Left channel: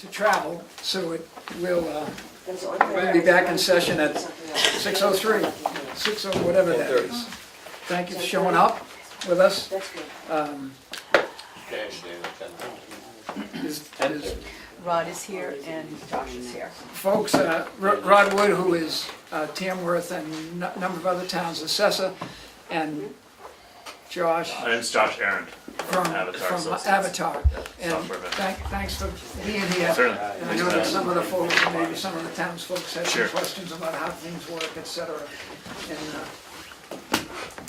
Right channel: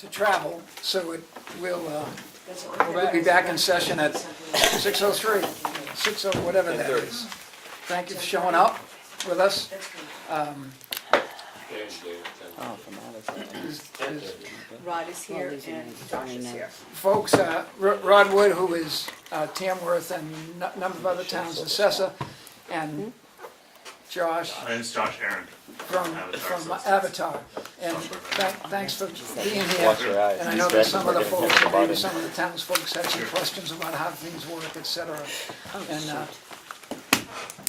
to travel, so we'll be back in session at 6:03, 60, whatever that is. Thank you for showing up with us. Rod is here and Josh is here. Folks, Rod Wood, who is Tamworth and a number of other towns' assessor, and Josh My name's Josh Aaron. from Associates. Avatar. And Software thanks for being here. Sure. And I know that some of the folks, maybe some of the towns folks had some Sure. questions about how things work, et cetera.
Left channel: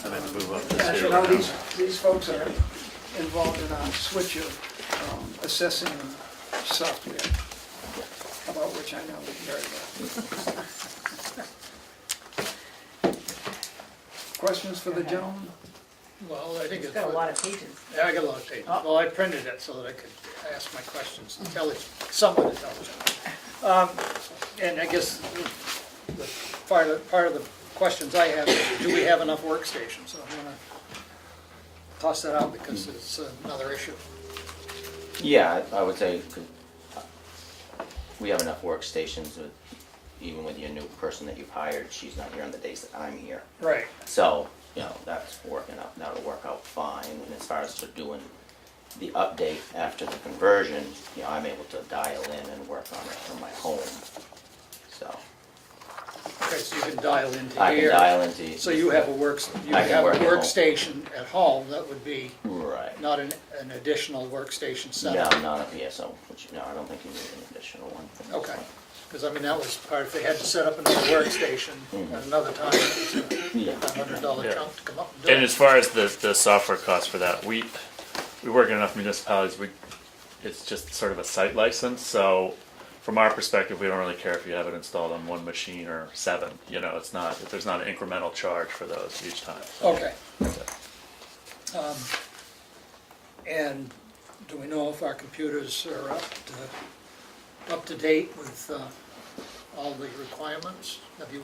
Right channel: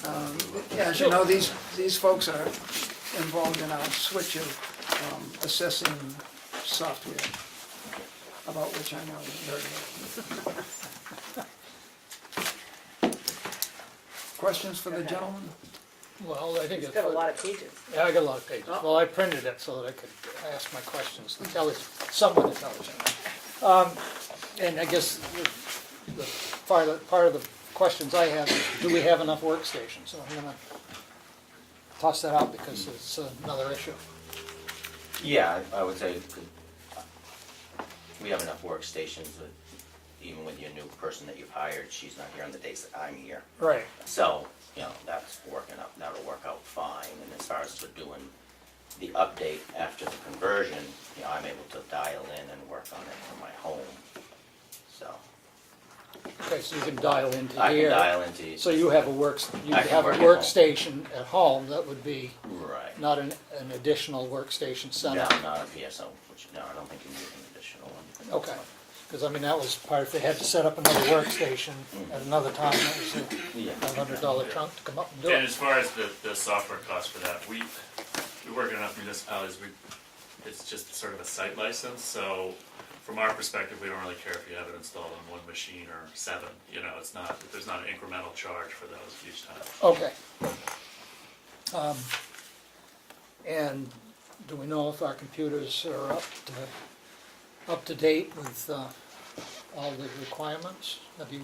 And as you know, these folks are involved in a switch of assessing software, about which I know very well. Questions for the gentleman? Well, I think It's it's, got a lot of pages. yeah, I got a lot of pages. Well, I printed it so that I could ask my questions somewhat intelligently. And I guess the part of the questions I have is, do we have enough workstations? So I'm gonna toss that out because it's another issue. Yeah, I would say we have enough workstations, even with your new person that you've hired, she's not here on the days that I'm here. Right. So, that's working out, that'll work out fine. And as far as for doing the update after the conversion, I'm able to dial in and work on it from my home. So, Okay, so you can dial into I can here. dial into. So you have a I can work at home. workstation at home that would be Right. not an additional workstation No, setup. not a PSO, which, no, I don't think you need an additional one. Okay, because I mean, that was part, if they had to set up another workstation at another time, it was a Yeah. $500 Yeah. chunk to come up and do And it. as far as the software cost for that, we work in enough municipalities, it's just sort of a site license, so from our perspective, we don't really care if you have it installed on one machine or 7, it's not, there's not an incremental charge for those each time. Okay. And do we know if our computers are up to date with all the requirements? Have you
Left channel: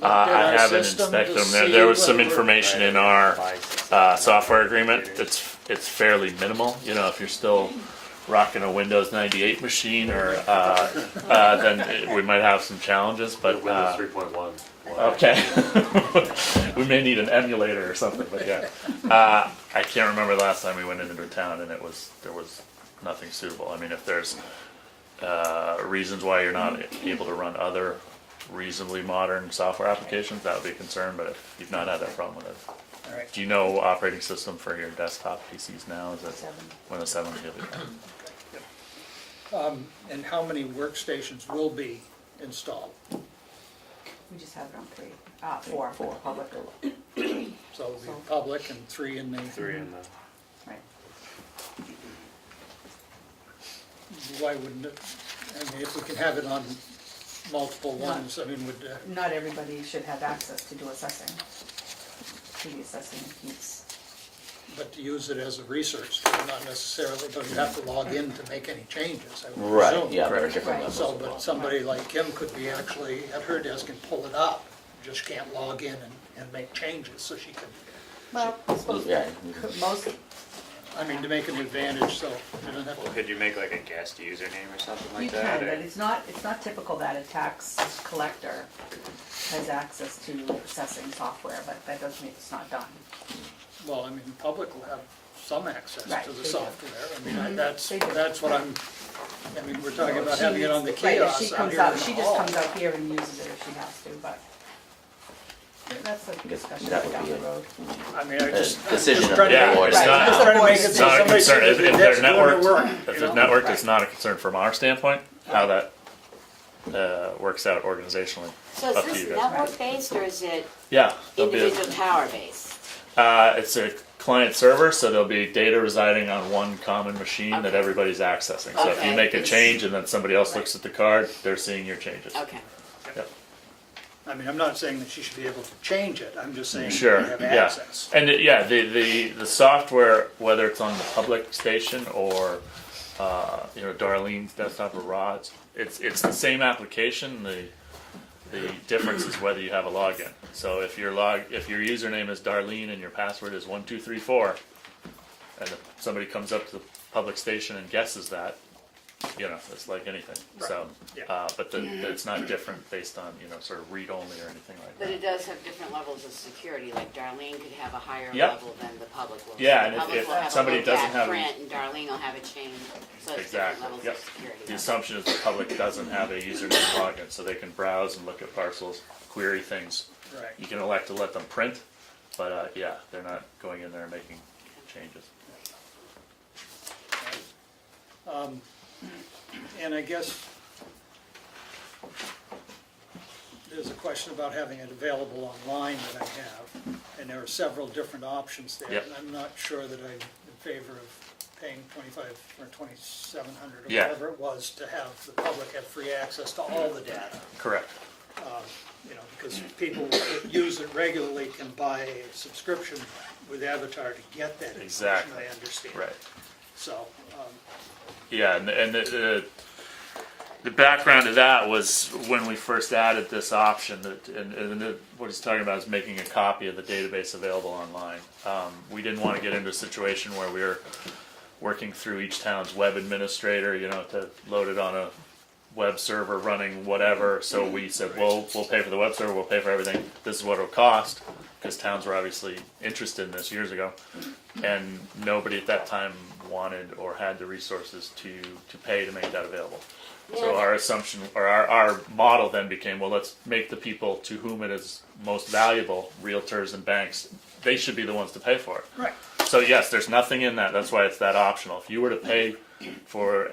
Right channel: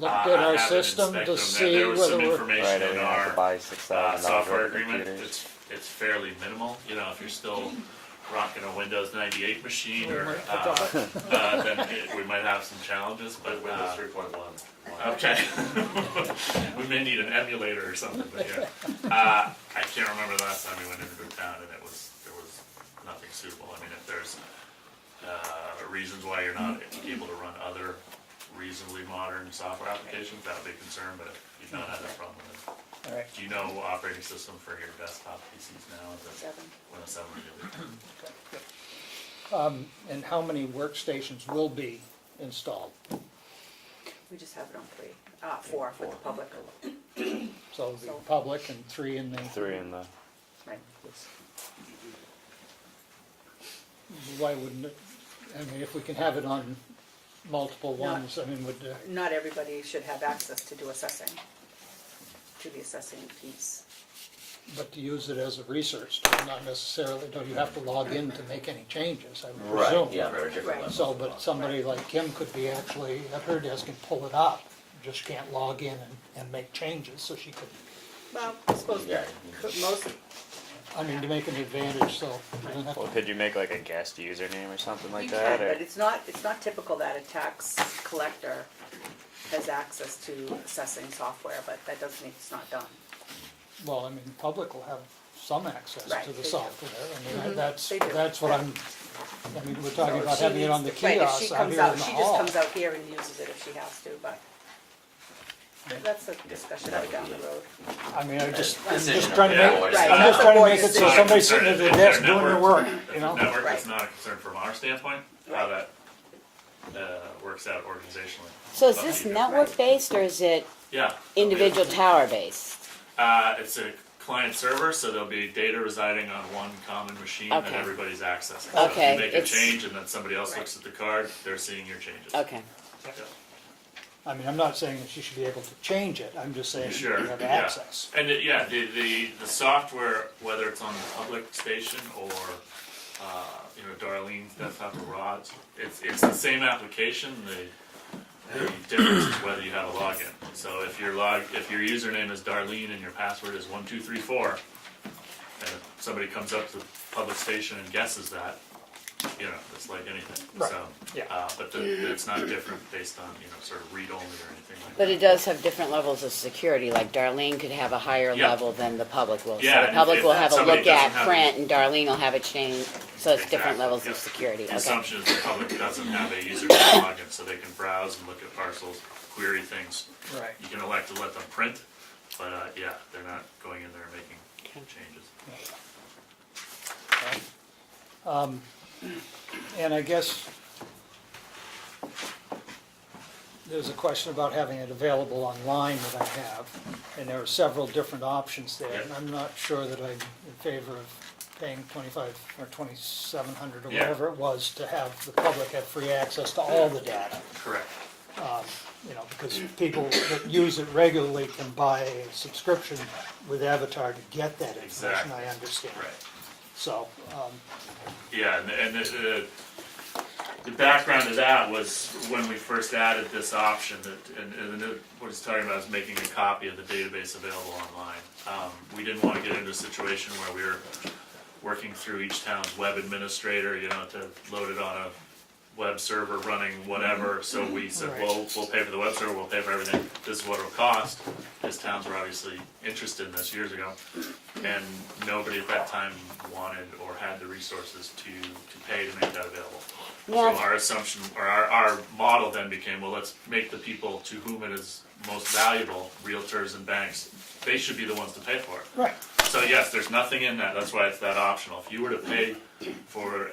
looked at I our haven't system to inspected see them, there was some whether we're- information in our software agreement, it's fairly minimal, if you're still rocking a Windows 98 machine, or then we might have some challenges, but Windows 3.1. okay. We may need an emulator or something, but yeah. I can't remember the last time we went into a town and there was nothing suitable. I mean, if there's reasons why you're not able to run other reasonably modern software applications, that would be a concern, but if you've not had that problem with it. All right. Do you know operating system for your desktop PCs now? Is it 7. Windows 7? And how many workstations will be installed? We just have it on 3, 4 for the public. So it'll be public and 3 in the, 3 in the. Right. why wouldn't it, I mean, if we can have it on multiple ones, I mean, would, Not everybody should have access to do assessing, to the assessing piece. but to use it as a research tool, not necessarily, but you have to log in to make any changes, I would Right, presume. yeah, there are Right. different levels. So, of but law. somebody like Kim could be actually at her desk and pull it up, just can't log in and make changes, so she could, Well, I suppose Yeah. most, I mean, to make an advantage, so I don't have Well, to. could you make like a guest username or something like you that? can, or- but it's not typical that a tax collector has access to assessing software, but that doesn't mean it's not done. Well, I mean, the public will have some access Right, to the they do. software, I mean, Mhm, that's they do. what I'm, I mean, we're talking about She having it on the needs- right, if kiosk she out comes here in out, the she just hall. comes out here and uses it if she has to, but that's a discussion that would down be the a- road. I mean, I just, I'm decision just of trying to the make, board. I'm Right. just trying to make it It's so not a somebody concern sitting at if their they're desk doing their networked. work, If you it's know? networked, Right. it's not a concern from our standpoint, how that works out organizationally. So is Up to this you guys. network-based or is it Yeah. there'll be a- individual tower-based? It's a client server, so there'll be data residing on one common machine that Okay. everybody's accessing. So if you Okay, make a it's- change and then somebody else looks at the card, they're seeing your changes. Okay. Yep. I mean, I'm not saying that she should be able to change it, I'm just saying Sure, have yeah. access. And the software, whether it's on the public station or Darlene's desktop or Rod's, it's the same application. The difference is whether you have a login. So if your username is Darlene and your password is 1234, and if somebody comes up to the public station and guesses that, you know, it's like anything, Right. so. Yeah. But it's not different based on, you know, sort of read-only or anything like that. But it does have different levels of security, like Darlene could have a higher Yep. level than the public will. Yeah, So and the public if will have a somebody look at doesn't have print and Darlene will have it changed, so it's different Exactly, levels yep. of security. The Okay. assumption is the public doesn't have a username login, so they can browse and look at parcels, query things. Right. You can elect to let them print, but, yeah, they're not going in there and making changes. And I guess there's a question about having it available online that I have, and there are several different options there. Yep. And I'm not sure that I'm in favor of paying 25 or 2,700 or Yeah. whatever it was to have the public have free access to all the data. Correct. You know, because people that use it regularly can buy a subscription with Avatar to get that information, Exactly. I understand. Right. So, Yeah, and the background to that was when we first added this option, what he's talking about is making a copy of the database available online. We didn't want to get into a situation where we were working through each town's web administrator, you know, to load it on a web server running whatever, so we said, well, we'll pay for the web server, we'll pay for everything, this is what it'll cost, because towns were obviously interested in this years ago, and nobody at that time wanted or had the resources to pay to make that available. So Yeah. our assumption, or our model then became, well, let's make the people to whom it is most valuable, realtors and banks, they should be the ones to pay for it. right, So yes, there's nothing in that, that's why it's that optional. If you were to pay for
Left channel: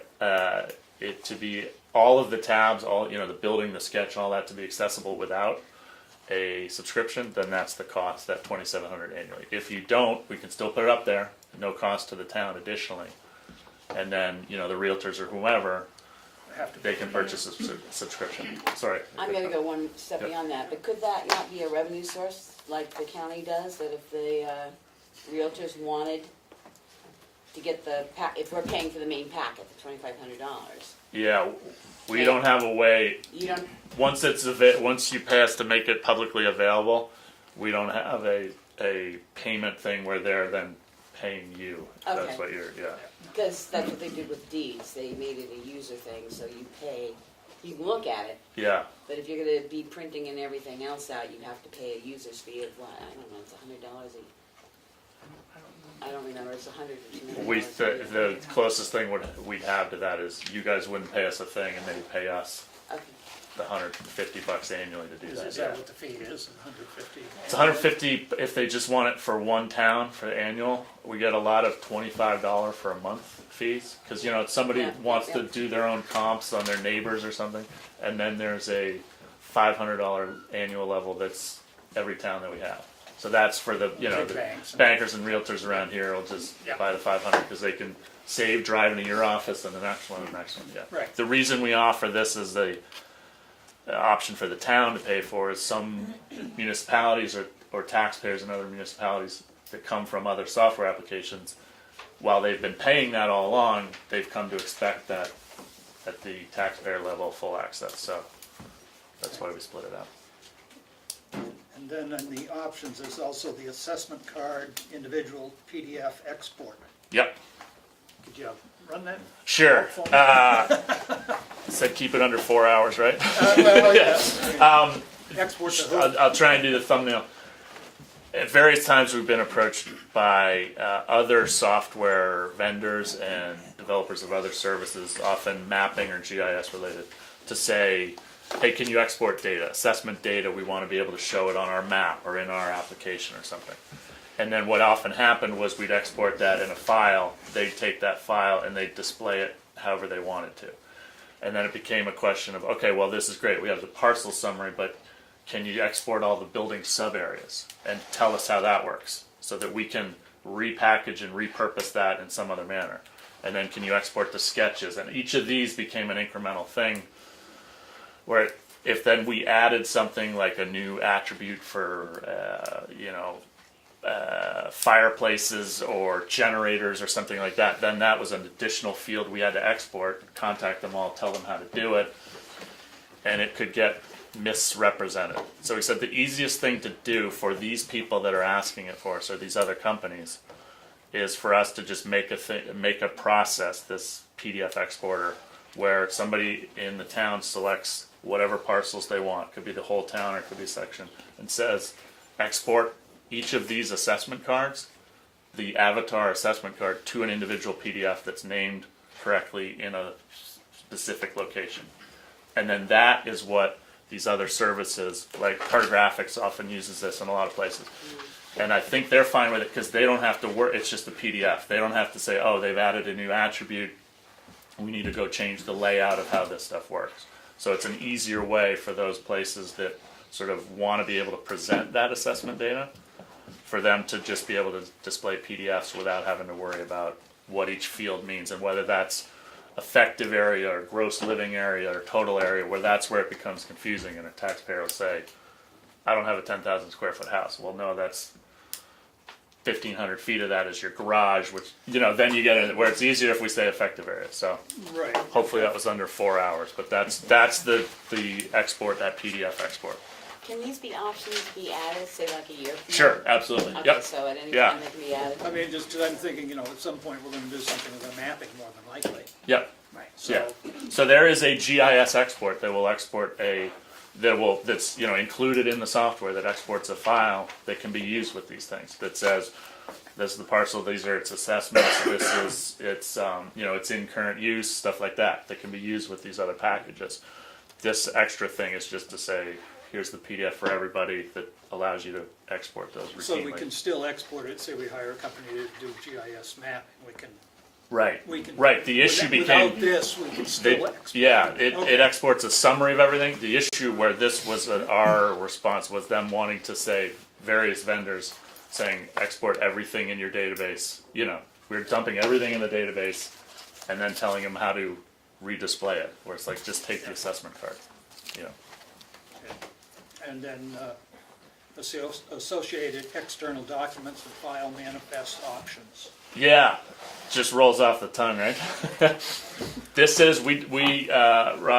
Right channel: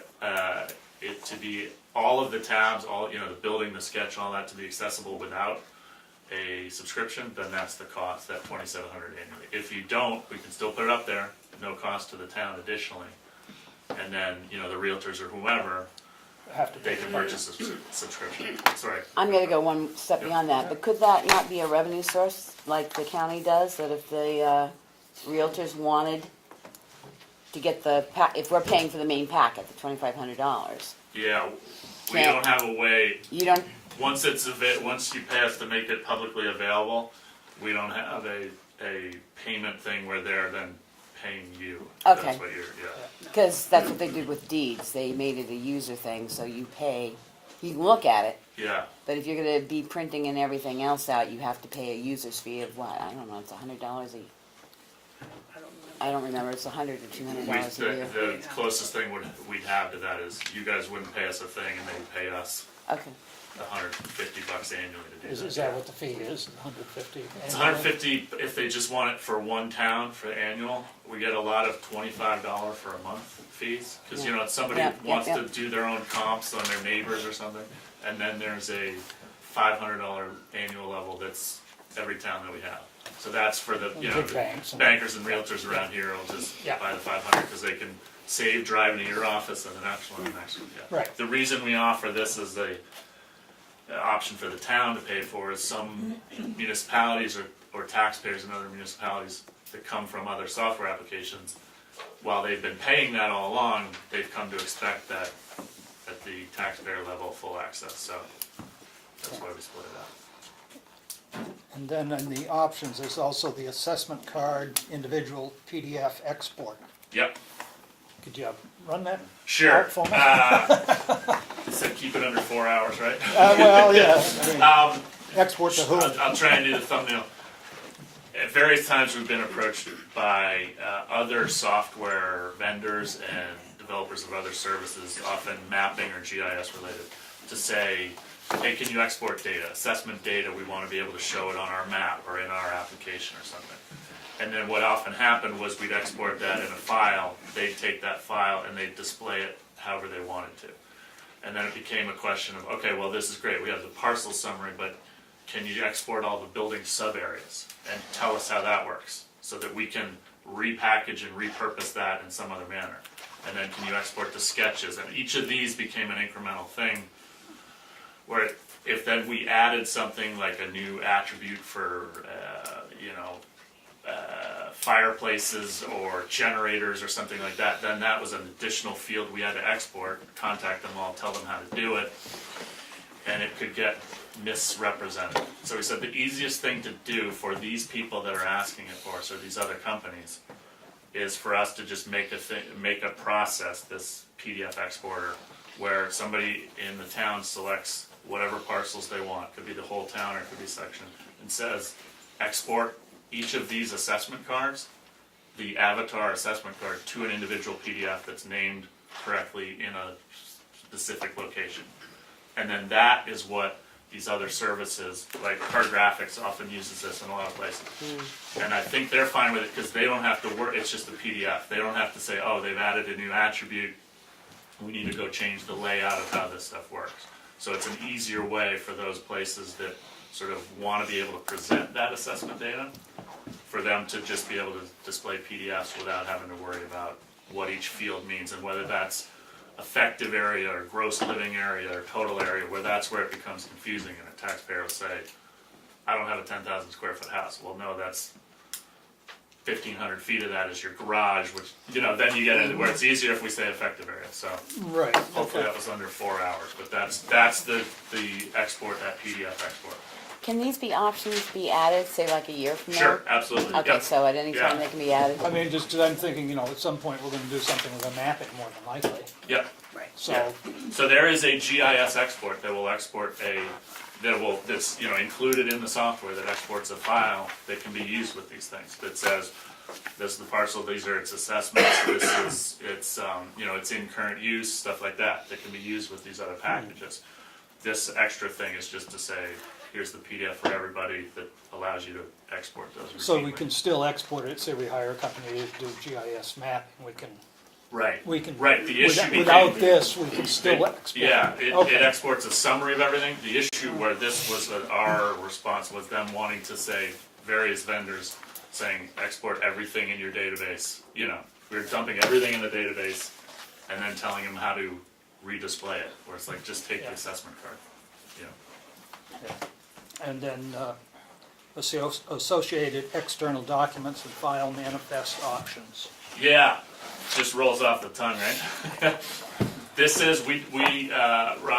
it to be, all of the tabs, all, you know, the building, the sketch, all that to be accessible without a subscription, then that's the cost, that $2,700 annually. If you don't, we can still put it up there, no cost to the town additionally. And then, you know, the realtors or whomever, have to they can purchase a subscription, sorry. I'm gonna go one step Yep. beyond that, but could that not be a revenue source, like the county does, that if the realtors wanted to get if we're paying for the main packet, the $2,500, Yeah, we Yeah. don't have a way, you don't, once once you pay us to make it publicly available, we don't have a payment thing where they're then paying you. Okay. That's what you're, yeah. because that's what they did with deeds, they made it a user thing, so you pay, you can look at it, Yeah, but if you're gonna be printing and everything else out, you have to pay a user's fee of what, I don't know, it's $100 I don't remember, it's $100 or $200 we, a year. the closest thing we'd have to that is you guys wouldn't pay us a thing and they would pay us Okay, the $150 annually to do that. is that what the fee is, 150? It's $150 if they just want it for one town for the annual. We get a lot of $25 for a month fees, because, you know, if somebody Yeah, wants yeah. to do their own comps on their neighbors or something, and then there's a $500 annual level that's every town that we have. So that's for the, you know, Big the banks. bankers and realtors around here will just Yeah. buy the 500 because they can save driving to your office and the next one and the next one, yeah. Right. The reason we offer this as the option for the town to pay for is some municipalities or taxpayers in other municipalities that come from other software applications, while they've been paying that all along, they've come to expect that at the taxpayer level, full access, so that's why we split it out. And then in the options, there's also the assessment card, individual PDF export. Yep, Could you run that? sure. Out for me? It said keep it under 4 hours, right? Well, yes, I mean, export to who? I'll try and do the thumbnail. At various times, we've been approached by other software vendors and developers of other services, often mapping or GIS related, to say, hey, can you export data, assessment data? We want to be able to show it on our map or in our application or something. And then what often happened was we'd export that in a file, they'd take that file and they'd display it however they wanted to. And then it became a question of, okay, well, this is great, we have the parcel summary, but can you export all the building sub-areas and tell us how that works so that we can repackage and repurpose that in some other manner? And then can you export the sketches? And each of these became an incremental thing where if then we added something like a new attribute for, fireplaces or generators or something like that, then that was an additional field we had to export, contact them all, tell them how to do it, and it could get misrepresented. So he said the easiest thing to do for these people that are asking it for us, or these other companies, is for us to just make a process, this PDF exporter, where somebody in the town selects whatever parcels they want, could be the whole town or it could be a section, and says, export each of these assessment cards, the avatar assessment card, to an individual PDF that's named correctly in a specific location. And then that is what these other services, like Cartographics often uses this in a lot of places. And I think they're fine with it because they don't have to work, it's just a PDF. They don't have to say, oh, they've added a new attribute, we need to go change the layout of how this stuff works. So it's an easier way for those places that sort of want to be able to present that assessment data, for them to just be able to display PDFs without having to worry about what each field means and whether that's effective area or gross living area or total area, where that's where it becomes confusing and a taxpayer will say, I don't have a 10,000 square foot house. Well, no, that's 1,500 feet of that is your garage, which, you know, then you get into where it's easier if we say effective area. So Right. hopefully that was under 4 hours, but that's the export, that PDF export. Can these options be added, say like a year from now? Sure, absolutely. Okay, Yep. so at any Yeah. time they can be added? I mean, just 'cause I'm thinking, you know, at some point we're gonna do something with a mapping more than likely, Yep. Right. so. Yeah. So there is a GIS export that will export that's you know included in the software that exports a file that can be used with these things. That says this is the parcel, these are its assessments, this is its you know it's in current use, stuff like that that can be used with these other packages. This extra thing is just to say here's the PDF for everybody that allows you to export those. So we routinely. can still export it, say we hire a company to do GIS mapping, we can. Right. The issue Without became this, we can still export. yeah, it Okay. exports a summary of everything. The issue where this was our response was them wanting to say, various vendors saying, export everything in your database. You know, we're dumping everything in the database and then telling them how to redisplay it, where it's like, just take the assessment card. Yeah. And then, associated external documents and file manifest options. Yeah, just rolls off the tongue, right? This is, Rod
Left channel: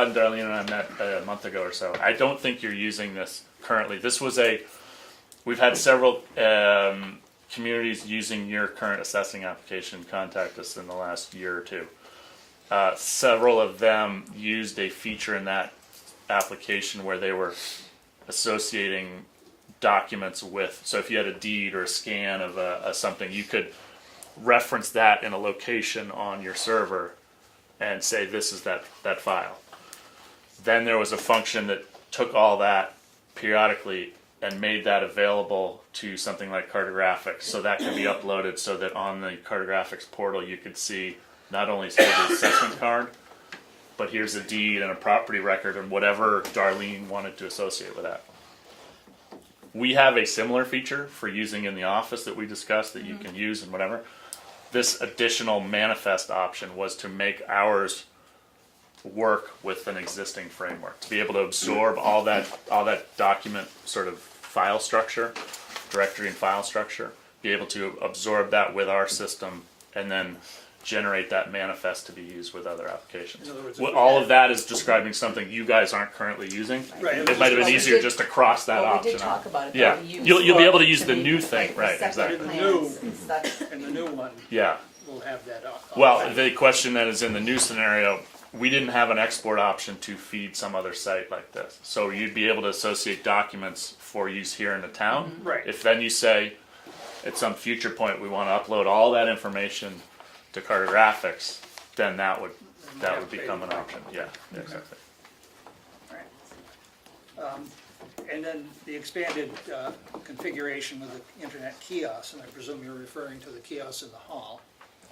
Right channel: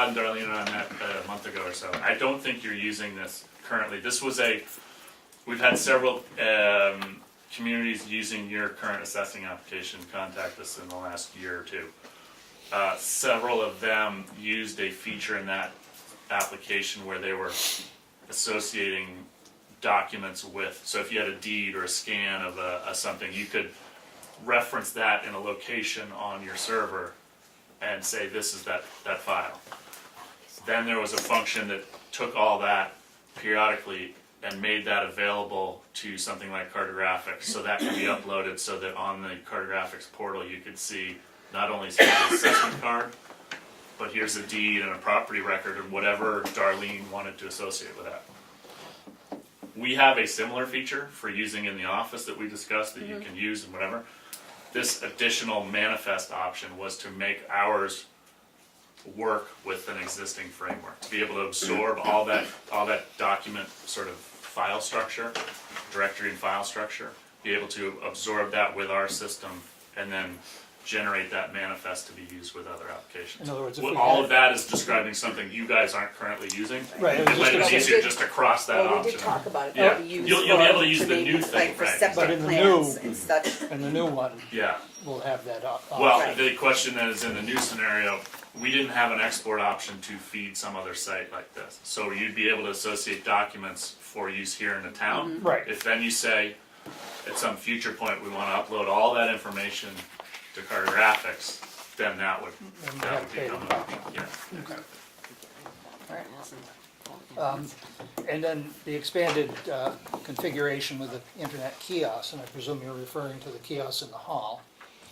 and Darlene and I met a month ago or so. I don't think you're using this currently. We've had several communities using your current assessing application contact us in the last year or two. Several of them used a feature in that application where they were associating documents with, so if you had a deed or a scan of something, you could reference that in a location on your server and say this is that file. Then there was a function that took all that periodically and made that available to something like Cartographics, so that could be uploaded so that on the Cartographics portal you could see not only the assessment card, but here's a deed and a property record and whatever Darlene wanted to associate with that. We have a similar feature for using in the office that we discussed that you can use and whatever. This additional manifest option was to make ours work with an existing framework, to be able to absorb all that document sort of file structure, directory and file structure, be able to absorb that with our system and then generate that manifest to be used with other applications. In other words, if What we all had- of that is describing something you guys aren't currently using. Right. It might have been easier just to cross that Well, we option did talk out. about it. Yeah, but we used you'll be able to use for the new thing, Like for right? separate In the plans new- and such. And the new one Yeah. will have that up. Well, the question then is in the new scenario, we didn't have an export option to feed some other site like this. So you'd be able to associate documents for use here in the town. Right. If then you say, at some future point, we want to upload all that information to Cartographics, then that would become an option. Yeah, exactly. And then the expanded configuration with the internet kiosk, and I presume you're referring to the kiosk in the hall.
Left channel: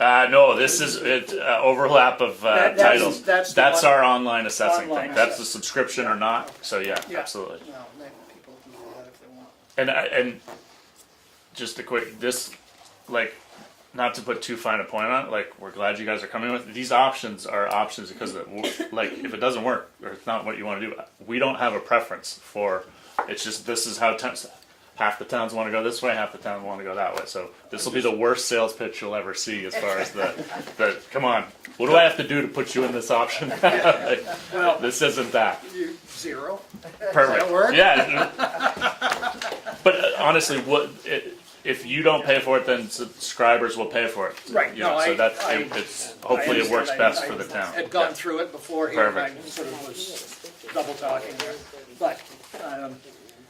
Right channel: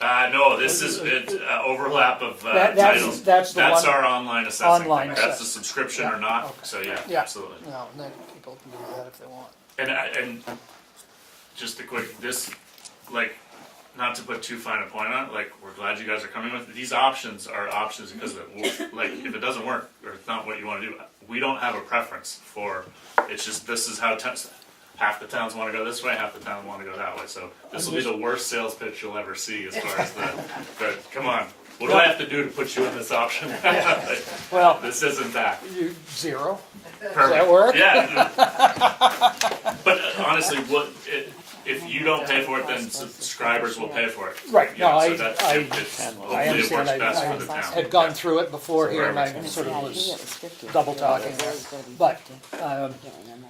No, this is overlap of titles. That's the one- our online assessing Online thing. That's the assessing. subscription or not. So yeah, Yeah. absolutely. No, and then people can do that if they want. And just a quick, this, like, not to put too fine a point on it, like, we're glad you guys are coming with, these options are options because, like, if it doesn't work, or it's not what you want to do, we don't have a preference for, it's just, this is how, half the towns want to go this way, half the towns want to go that way, so this will be the worst sales pitch you'll ever see as far as the come on, what do I have to do to put you in this option? Well, This isn't that. zero. Perfect. that work? Yeah. But honestly, if you don't pay for it, then subscribers will pay for it. Right, You know, no, so that's, I hopefully it works understand. best I for the town. had gone through it before here, and I Perfect. sort of Yeah, I knew it was was 50. double talking there. It's gotta be But, 50. um, I can't remember.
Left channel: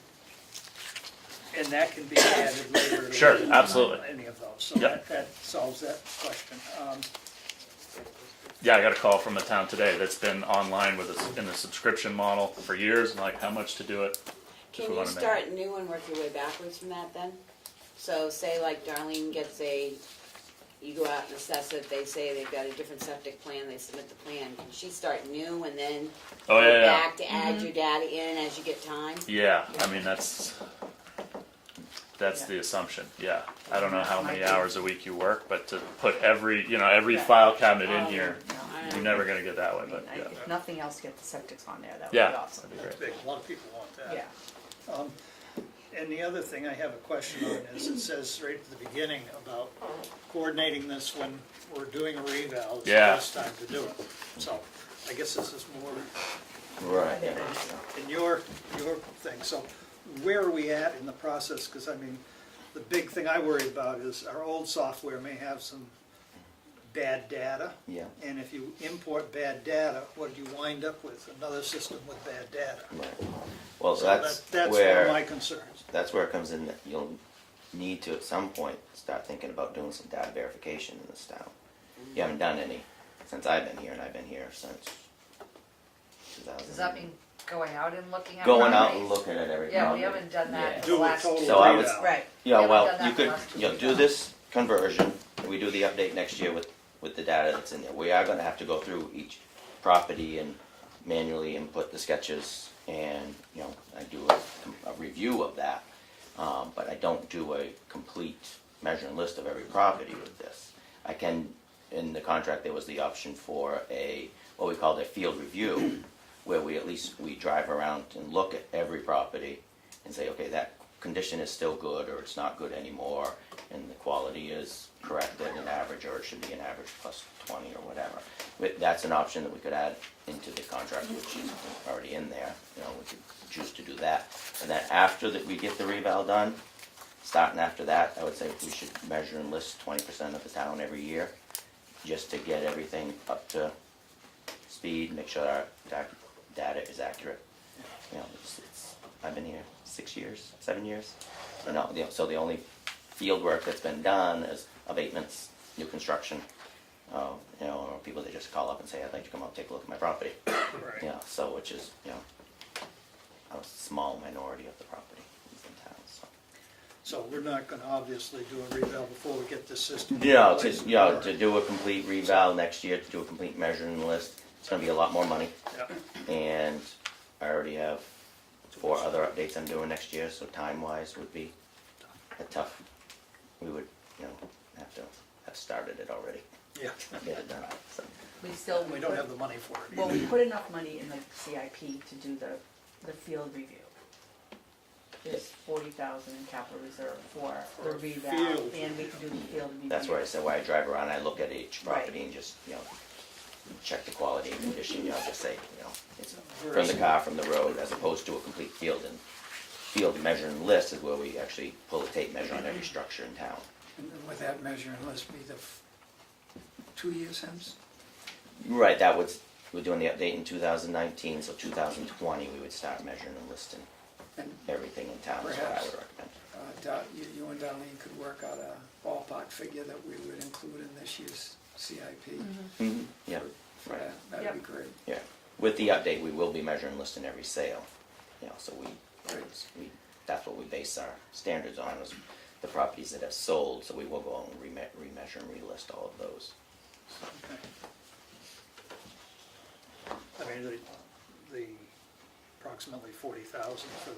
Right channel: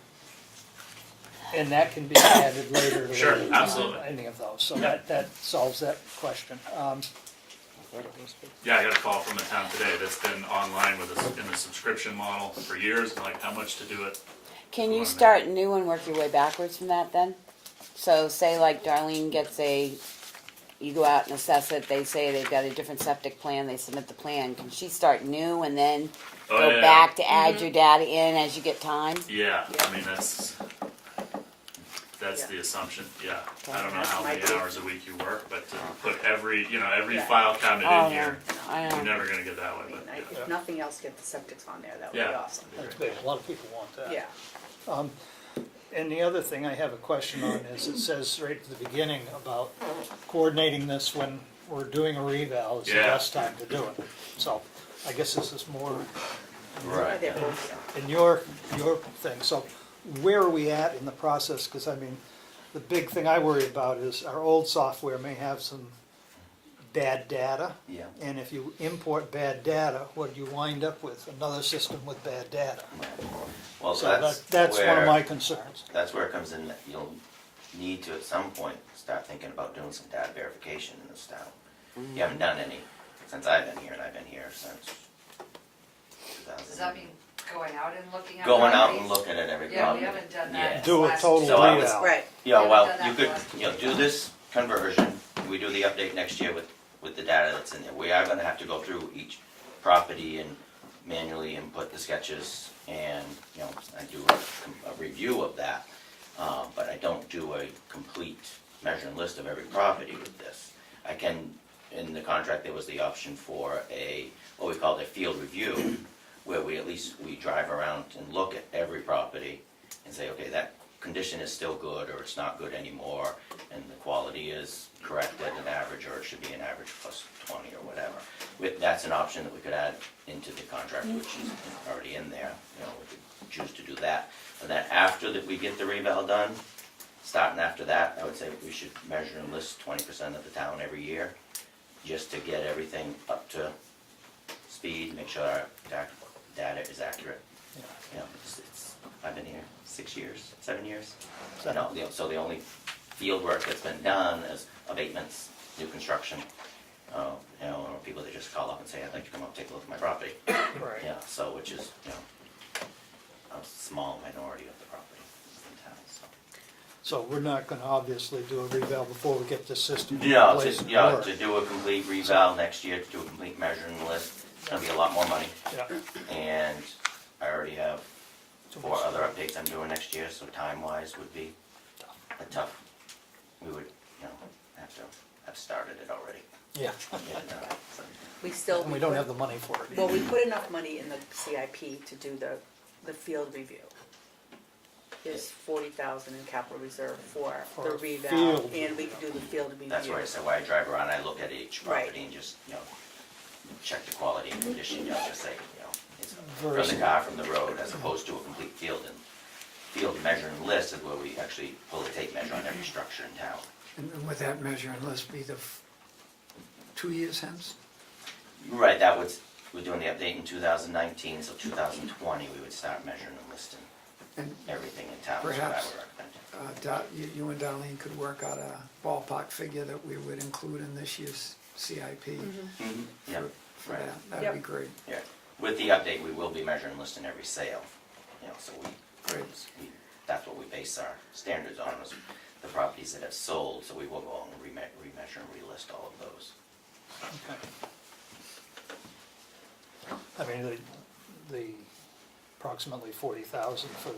and that can be added later to Sure, absolutely. any of those, so Yeah. that solves that question. Yeah, I got a call from a town today that's been online with us in the subscription model for years, and like how much to do it. Can We you wanna start new and work your way backwards from that then? So say like Darlene gets you go out and assess it, they say they've got a different septic plan, they submit the plan, can she start new and then Oh, go yeah. back to add your data in as you get time? Yeah, I mean, that's Yeah. the assumption, yeah. I don't know That's how my many idea. hours a week you work, but to put every Yeah. file cabinet Oh, in here, I you're know. never gonna get that way, but yeah. If nothing else, get the septics on there, that would Yeah. be awesome. That's big, a lot of people want that. Yeah, And the other thing I have a question on is, it says right at the beginning about coordinating this when we're doing a reval is the Yeah. best time to do it. So, I guess this is more Right. Yeah. in your thing, so where are we at in the process? Because I mean, the big thing I worry about is our old software may have some bad data. Yeah. And if you import bad data, what do you wind up with? Another system with bad data. Well, So that's one of where, my concerns. that's where it comes in, that you'll need to at some point start thinking about doing some data verification in this town. You haven't done any since I've been here, and I've been here since 2000. Does that mean going out and looking at Going out properties? and looking at every Yeah, property. we haven't done that. Yeah. in the Do a last total So I was- reval. right. Yeah, We well, haven't you done that could, the last 2 you know, do years. this conversion, and we do the update next year with the data that's in there. We are gonna have to go through each property and manually input the sketches, and, you know, I do a review of that. But I don't do a complete measure and list of every property with this. I can, in the contract, there was the option for what we called a field review, where we drive around and look at every property and say, okay, that condition is still good, or it's not good anymore, and the quality is corrected and average, or it should be an average plus 20 or whatever. That's an option that we could add into the contract, which is already in there. You know, we could choose to do that. And then after that, we get the reval done, starting after that, I would say we should measure and list 20% of the town every year, just to get everything up to speed, make sure our data is accurate. You know, I've been here 6 years, 7 years. So the only field work that's been done is abatements, new construction. You know, or people that just call up and say, I'd like to come out and take a look at my property. Right. You know, so which is, you know, a small minority of the property in town, so. So we're not gonna obviously do a reval before we get this system in Yeah, place to, and yeah, work. to do a complete reval next year, to do a complete measuring list, it's gonna be a lot more money. Yeah. And I already have 4 other updates I'm doing next year, so time-wise would be a tough, we would, you know, have to have started it already, Yeah, get it done, so. We still. and we don't have the money for it. Well, we put enough money in the CIP to do the field review. There's 40,000 in capital reserve for For the a reval, field and we can do the field review. That's where I said, when I drive around, I look at each Right. property and just, you know, check the quality and condition, you know, just say, you know, it's from Versus- the car, from the road, as opposed to a complete field measuring list is where we actually pull a tape measure on every structure in town. And with that measure, let's be 2 years hence? Right, we're doing the update in 2019, so 2020, we would start measuring and listing And everything in town, is what I Perhaps. would recommend. you and Darlene could work out a ballpark figure that we would include in this year's CIP. Yeah, For right. that, that'd be great. Yeah, with the update, we will be measuring and listing every sale, you know, so Great. that's what we base our standards on, is the properties that have sold, so we will go out and remeasure and relist all of those. Okay. I mean, the approximately 40,000 for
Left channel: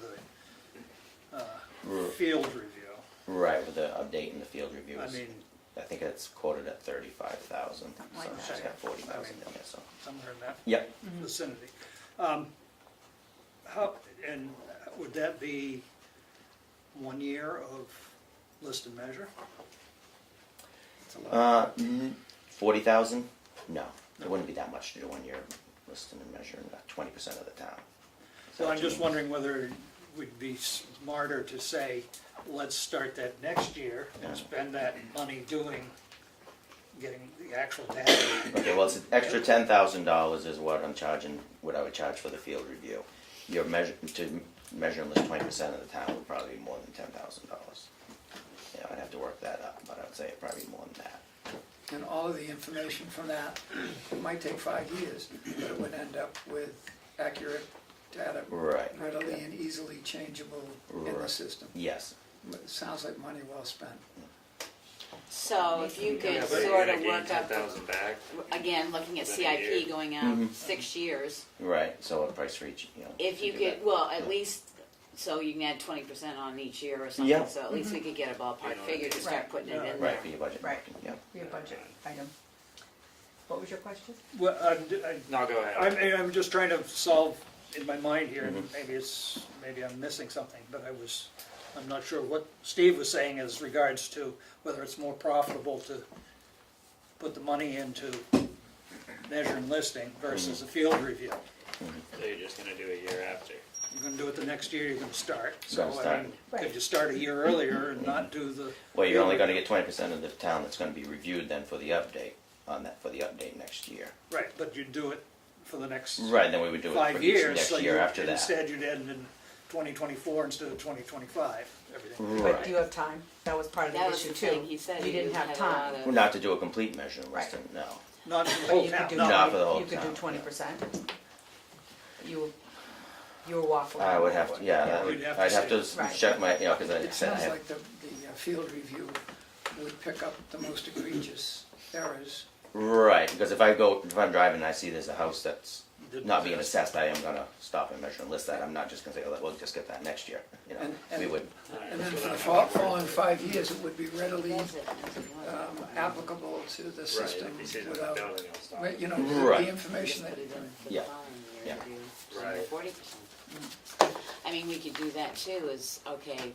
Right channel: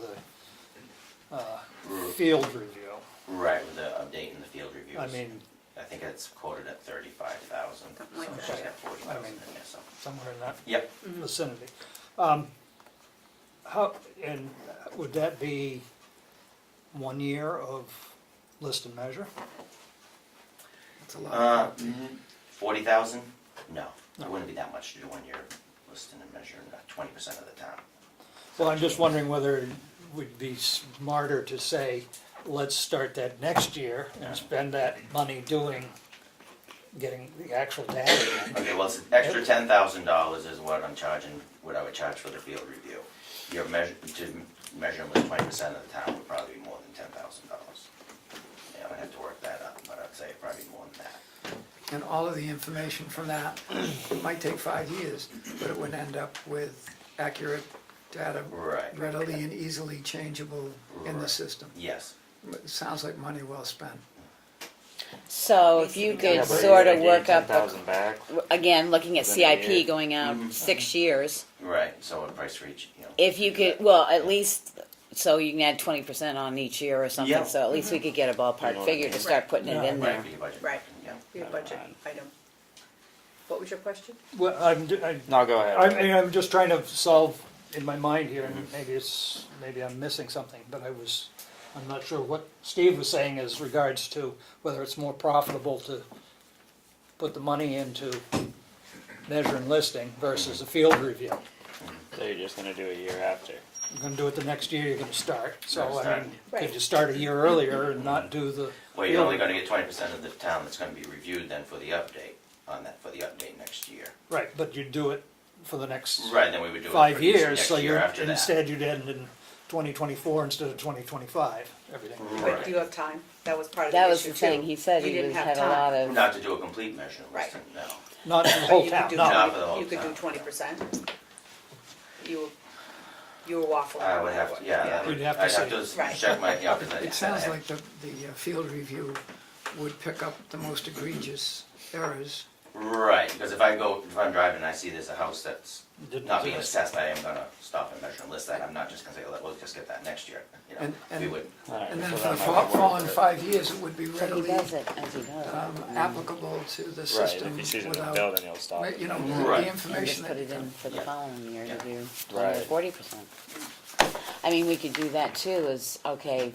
the field review. Right, with the update and the field reviews. I mean, I think it's quoted at 35,000, so Like she's that. got 40,000 I mean- in there, so. somewhere in that Yep, vicinity. And would that be 1 year of list and measure? It's a lot. 40,000? No, it wouldn't be that much to do 1 year listing and measuring, 20% of the town. Well, I'm just wondering whether it would be smarter to say, let's start that next year and spend that money getting the actual data. Okay, well, it's extra $10,000 is what I'm charging, what I would charge for the field review. Your measure, to measure them 20% of the town would probably be more than $10,000. Yeah, I'd have to work that up, but I'd say it'd probably be more than that. And all of the information from that might take 5 years, but it would end up with accurate data, Right. readily and easily changeable in the Right. system. Yes. It sounds like money well spent. So if you Yeah, could but sort they of gave work up, 10,000 back. again, looking at Within a CIP year. going out 6 years, Right, so a price for each, you know. if you could, well, at least, so you can add 20% on each year or something, Yeah. so at least we could get a You know ballpark what I figure to mean. start putting it in Right, there. for your budget. Right. Yeah. Your budget item. What was your question? Well, No, go ahead. I'm just trying to solve in my mind here, and maybe I'm missing something, but I'm not sure what Steve was saying as regards to whether it's more profitable to put the money into measure and listing versus a field review. So you're just gonna do a year after. You're gonna do it the next year, you're gonna start, so Gonna I start. mean, Right. could you start a year earlier and not do the? Well, you only gotta get 20% of the town that's gonna be reviewed then for the update, on that, for the update next year. Right, but you do it for the next Right, then we would do it for 5 the years, next so year you're, after that. instead you'd end in 2024 instead of 2025, everything. But do you have time? That was part of the That issue was the thing, too. he said You he didn't was, have had a time. lot of, Not to do a complete measure Right. listing, no. Not for the whole You town, could do, no. Not for the whole you could do town. 20%. You were waffling. I would have to, yeah, that would- You'd have to I'd have say- to Right. check my, yeah, because It sounds like the field review would pick up the most egregious errors. Right, because if I'm driving and I see there's a house that's Didn't not being exist. assessed, I am gonna stop and measure and list that. I'm not just gonna say, oh, we'll just get that next year, you know. And- We would, Alright, And then so for that the might be following worth it. 5 years, it would be he readily does it as he goes. applicable to the Right, system if you see it in the without, building, you'll stop. you know, Right. the And information just put it in for the Yeah. following year to Yeah. do 20 or Right. 40%. I mean, we could do that too, is, okay,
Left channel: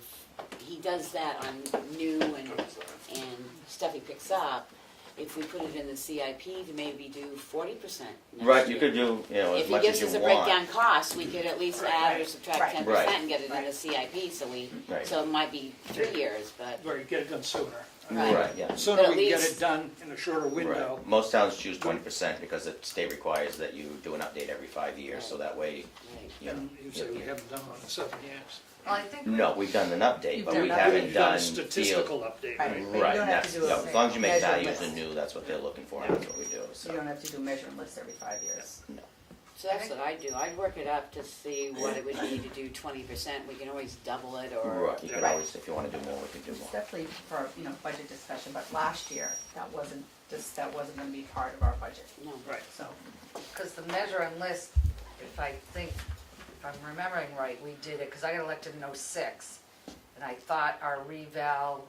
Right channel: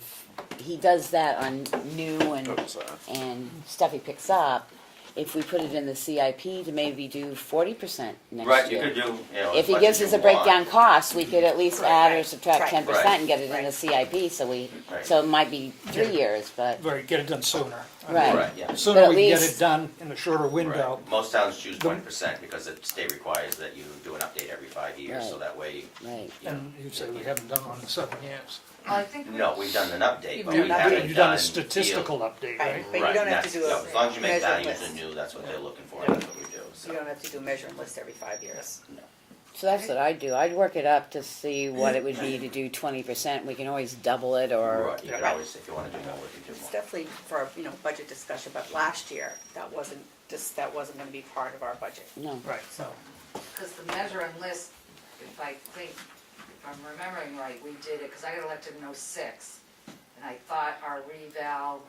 he does that on new Oops, and stuff he picks up. If we put it in the CIP to maybe do 40% next right, year. you could do, you know, If as he much gives as us you a want. breakdown cost, we could at least add or Right. subtract Right. 10% Right. and get it in the Right. CIP, so Right. so it might be 3 years, but, Very, get it done sooner. right. Right, yeah. Sooner But at we can get least- it done in a shorter window. Right. Most towns choose 20% because the state requires that you do an update every 5 years, so Right. that way, Right. you know. And you said we haven't done one in 7 years. I think. No, we've done an update, You've but done we an update. haven't You've done done a statistical update, Right. right? But you Right, don't have to that's, do a as long as you make measure values list. anew, that's what they're looking for, and that's what we do, so. You don't have to do measure and list every 5 years. So that's what I'd do. I'd work it up to see what it would be to do 20%. We can always double it or, Right, you could Right. always, if you wanna do more, we could do It's more. definitely for, budget discussion, but last year, that wasn't gonna be part of our budget, no. Right. so. Because the measure and list, if I'm remembering right, we did it, because I got elected in '06. And I thought our reval,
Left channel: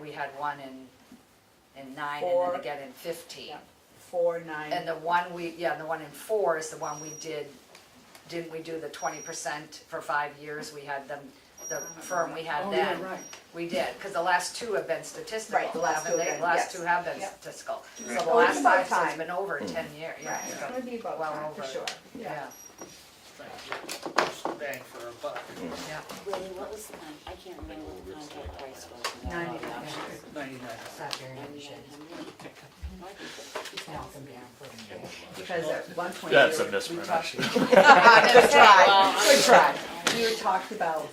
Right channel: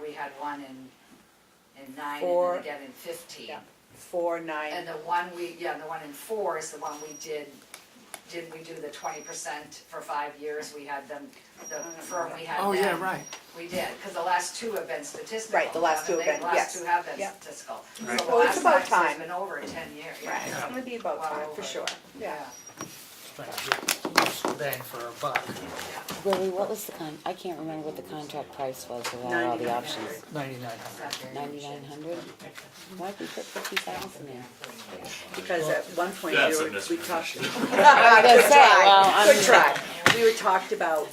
we had one in 9 and Four. then again in 15. Yeah. 4, 9. And the one the one in 4 is the one we didn't we do the 20% for 5 years? We had them, the firm we had then. Oh, yeah, right. We did, because the last 2 have been statistical. Right, the last 2 have haven't they? been, The last yes. 2 have been Yep. statistical. Right. So the Well, it's last about 5 has time. been over 10 years, yeah. Right, it's gonna be about Well time, for over. sure, yeah. Trying to get most bang for our buck. Yeah. Lily, what was I can't remember what the contract price was without all the options. 99. 9,900? Why did we put 50,000 there? Because at one point, That's a we talked. mismatch. Good That's it. try, Well, I'm- good try. We were talked about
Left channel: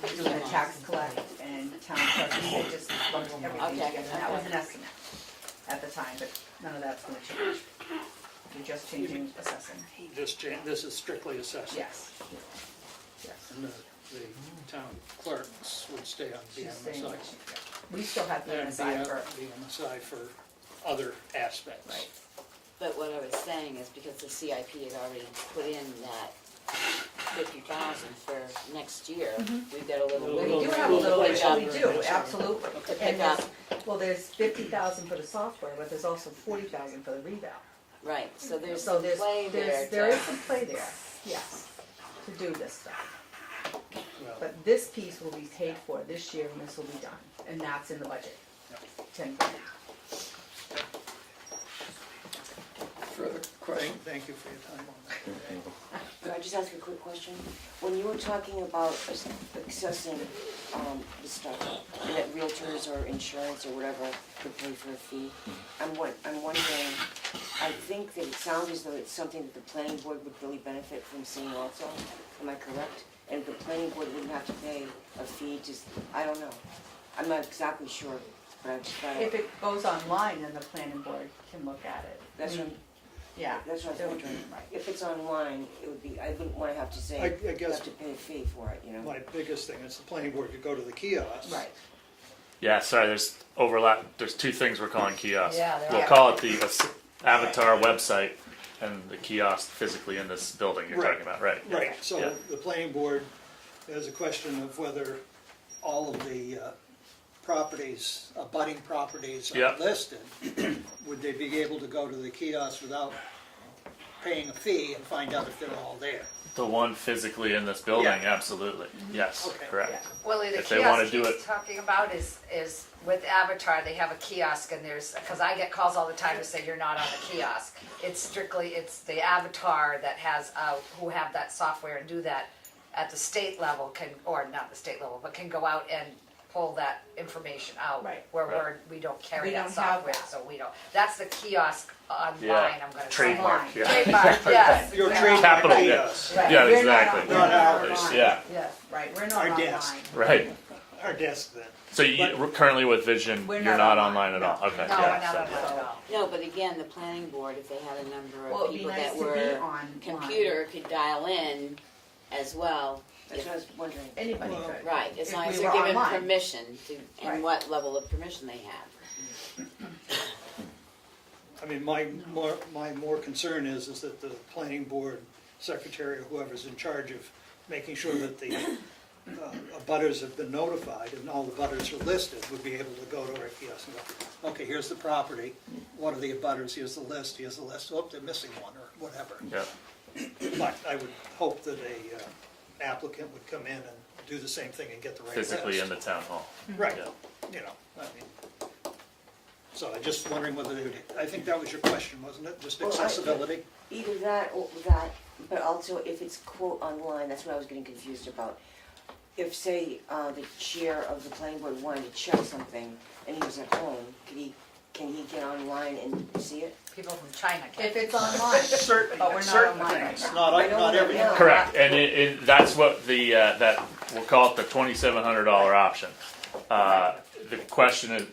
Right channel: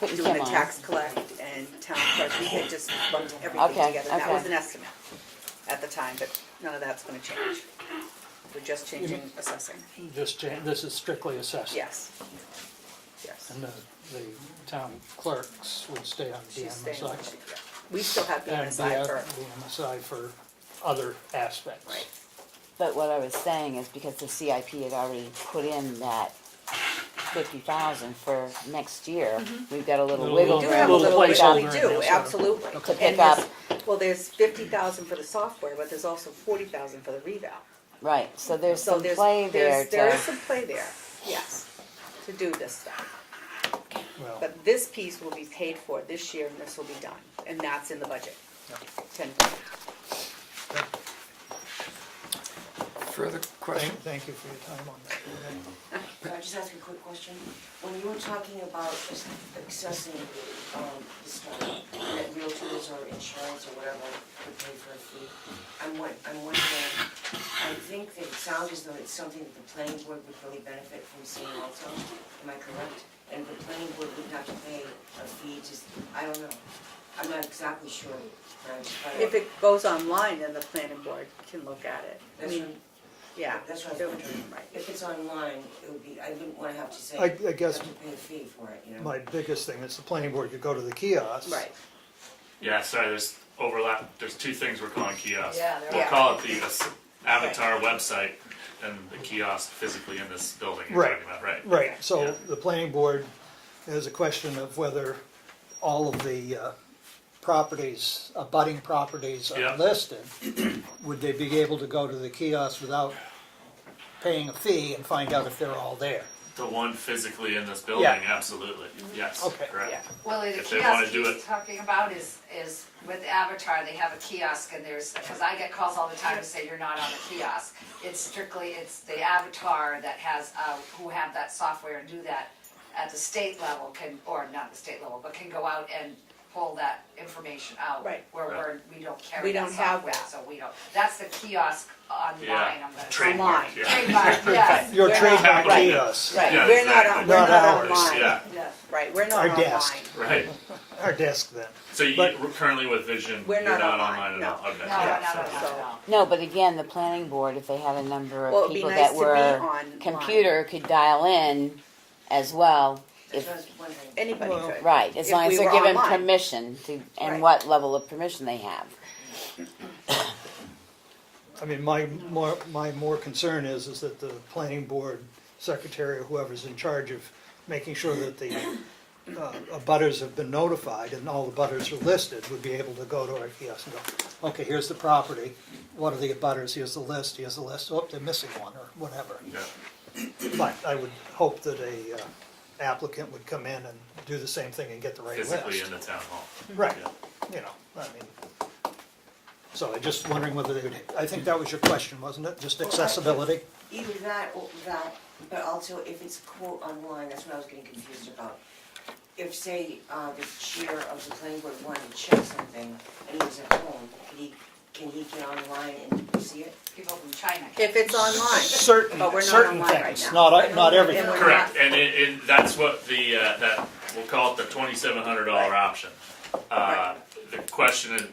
Putting doing some the on. tax collect and town clerk, and they just lumped everything Okay, together. That was okay. an estimate at the time, but none of that's gonna change. We're just changing assessing. Just change, this is strictly assessed. Yes. Yes. And the town clerks would stay on She's staying BMSI. on, we still have And BMSI for, BMSI for other aspects. right. But what I was saying is because the CIP had already put in that 50,000 for next year, we've got a little Little- wiggle We do room have a to little, pick bit, up. we do, absolutely. To pick And up. well, there's 50,000 for the software, but there's also 40,000 for the reval. Right, so there's So some play there there is to, some play there, yes, to do this stuff. Well, But this piece will be paid for this year, and this will be done, and that's in the budget. 10 Further question? thank you for your time on that. I just ask a quick question? When you were talking about accessing the stuff, and that realtors or insurance or whatever could pay for a fee, I'm wondering, I think that it sounds as though it's something that the planning board would really benefit from seeing also. Am I correct? And the planning board wouldn't have to pay a fee to, I don't know. I'm not exactly sure, but I just thought. If it goes online, then the planning board can look at it. That's what, Yeah. that's what I It was would- wondering. right. If it's online, it would be, I wouldn't wanna have to say, I you guess have to pay a fee for it, you know? my biggest thing is the planning board could go to the kiosk. Right. Yeah, sorry, there's overlap, there's two things we're calling kiosks. Yeah, there We'll are. call it the Avatar website and the kiosk physically in this building you're Right. talking about, right? Right, so Yeah. the planning board has a question of whether all of the properties, abutting properties are Yeah. listed. Would they be able to go to the kiosk without paying a fee and find out if they're all there? The one physically in this building, Yeah. absolutely, yes, Okay. correct. Yeah. Well, the If they wanna kiosk do he's it- talking about is with Avatar, they have a kiosk and there's, because I get calls all the time to say you're not on the kiosk. It's strictly, it's the Avatar that has, who have that software and do that at the state level can, or not the state level, but can go out and pull that information out. Right. Where we don't carry We that don't have software, that. so we don't, that's the kiosk online, Yeah, I'm gonna. trademark, Online. yeah. Trademark, yes. Your We're trademark Capital, yeah. kiosk, Right, Yeah, we're not exactly. on, Not we're not ours, online. Yeah, Yes. Right, we're not Our online. desk. right. our desk then. So you, But- currently with Vision, We're you're not not online, online at no. all, okay. No, yeah, no, so- no. No, but again, the planning board, if they had a number Well, of it'd be people nice that to be were online. computer could dial in as well. That's If, what I was wondering. Anybody Well, could. right, as If long we as they're were given online. permission to, and Right. what level of permission they have. I mean, my more concern is that the planning board secretary or whoever's in charge of making sure that the abutters have been notified and all the abutters are listed would be able to go to our kiosk and go, okay, here's the property, what are the abutters, here's the list, oh, they're missing one or whatever. Yeah, But I would hope that a applicant would come in and do the same thing and get the right list. physically in the town hall. Right, Yeah. you know, I mean, so I'm just wondering whether they would, I think that was your question, wasn't it? Just Well, accessibility? Either that or that, but also if it's quote online, that's what I was getting confused about. If, say, the chair of the planning board wanted to check something and he was at home, can he get online and see it? People from China can. If it's online. Certain, But we're not certain online right things, now. not, I know not we're everything. not. Correct, and that's what the, that, we'll call it the $2,700 option. The question is,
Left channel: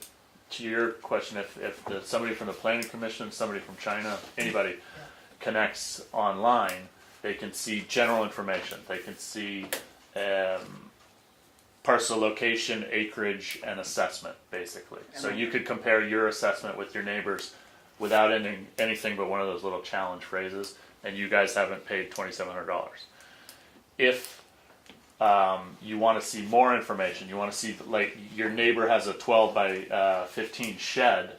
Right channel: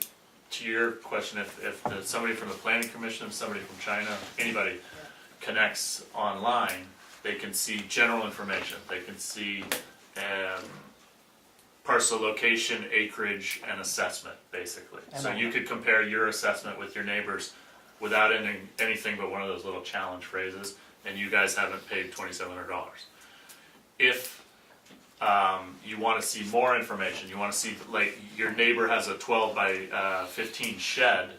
to your question, if somebody from the planning commission, somebody from China, anybody connects online, they can see general information, they can see, parcel location, acreage, and assessment, basically. So you could compare your assessment with your neighbors without anything but one of those little challenge phrases, and you guys haven't paid $2,700. If you want to see more information, you want to see, like, your neighbor has a 12 by 15 shed,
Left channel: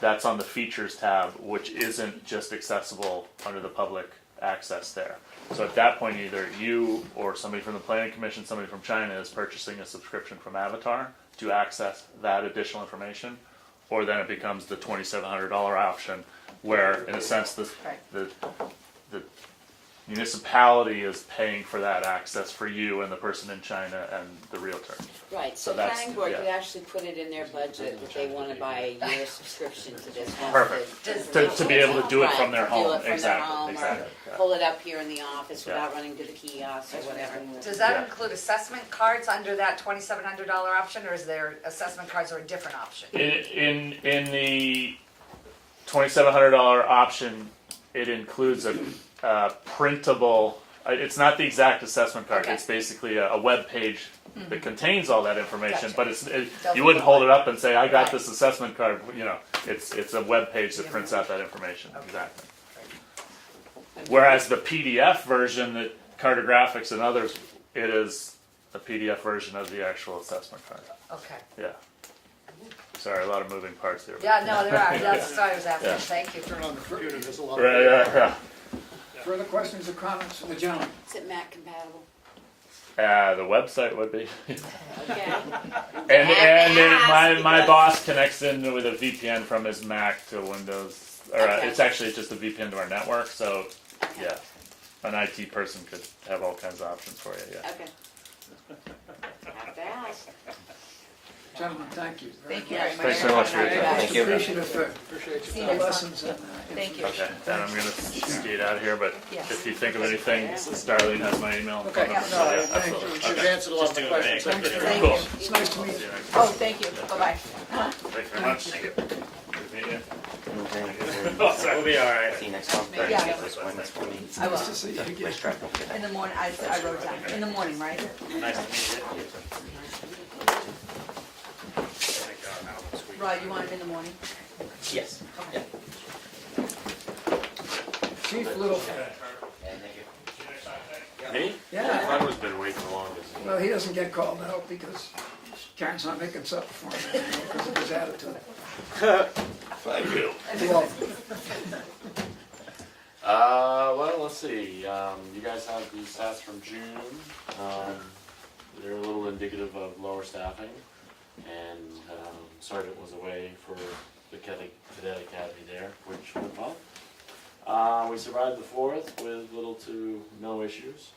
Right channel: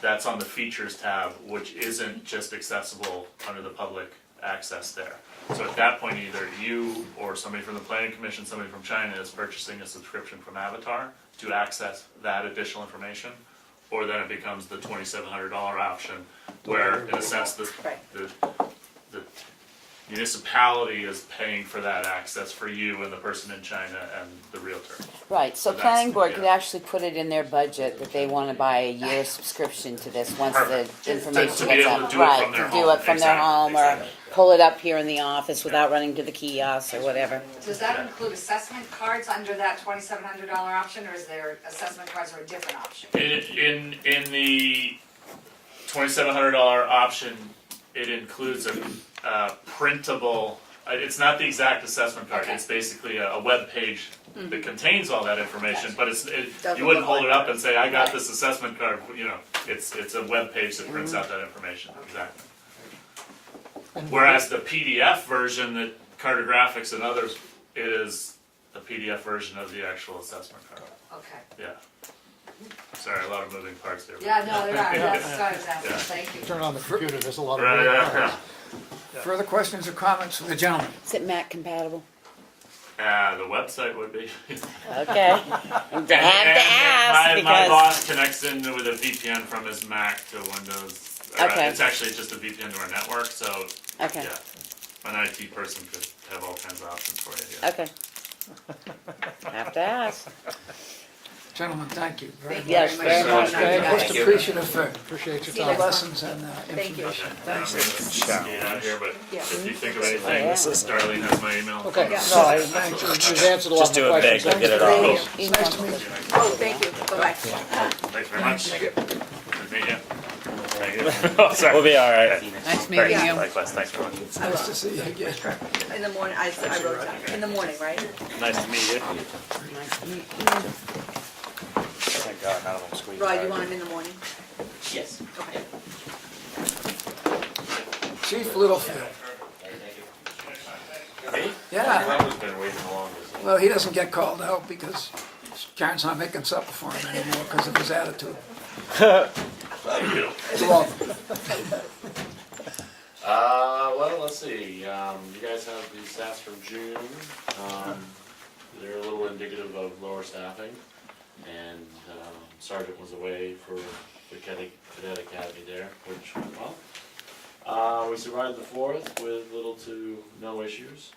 that's on the features tab, which isn't just accessible under the public access there. So at that point, either you or somebody from the planning commission, somebody from China is purchasing a subscription from Avatar to access that additional information, or then it becomes the $2,700 option, where in a sense the municipality is paying for that access for you and the person in China and the realtor. Right, so So that's- planning board could yeah. actually put it in their budget that they wanna buy a year subscription to this once Perfect. the To information be gets able to out. do it Right, from their to home. do it from their Exactly, home, exactly. or pull it up here in the office without running to the kiosk or whatever. Does that include assessment cards under that $2,700 option, or is there assessment cards are a different option? In the $2,700 option, it includes a printable. It's not the exact assessment card. Okay. It's basically a web page that contains all that information. Gotcha. But Doesn't you wouldn't look hold like it up and say, "I got Right. this assessment card." You know, it's a web page that prints out that information exactly. Whereas the PDF version, that cartographics and others, it is a PDF version of the actual assessment card. Okay. Yeah. Sorry, a lot of moving parts there. Yeah, no, there are, that's what I was asking, Yeah. thank you. Turn on the computer, there's a lot of. Yeah. Further questions or comments from the gentleman? Is it Mac compatible? The website would be. Okay. And my because- boss connects in with a VPN from his Mac to Windows. Or, Okay. It's actually just a VPN to our network, so Okay. yeah. an IT person could have all kinds of options for you, yeah. Okay. Have to ask. Gentlemen, thank you very much. Yes, very very much. much. Thank you. Most Thank you. appreciative for Appreciate your the time. lessons and Thank you. Okay, and I'm gonna speed out here, but Yeah. if you think of anything, Yeah. Darlene has my email. Okay, Yeah. no, you've answered a lot Just of do my it big, questions. we'll get it Thank on. you. It's nice to meet you. Oh, thank you, bye-bye. Thanks very much. Good to meet you. Thank you. Oh, sorry. We'll be alright. See you next Nice month. meeting Yeah. you. Likewise, thanks for watching. I will, Nice to see you again. in the morning, I wrote down, in the morning, right? Nice to meet you. Thank God, how I'm squeezed. Rod, you want him in the morning? Yes. Okay. Chief Littlefield. Me? Yeah, Robert's been waiting the longest. well, he doesn't get called out because Karen's not making supper for him anymore because of his attitude. Thank you. You're welcome. Well, let's see, you guys have the stats from June, they're a little indicative of lower staffing, and, Sergeant was away for the cadet academy there, which went well. We survived the 4th with little to no issues.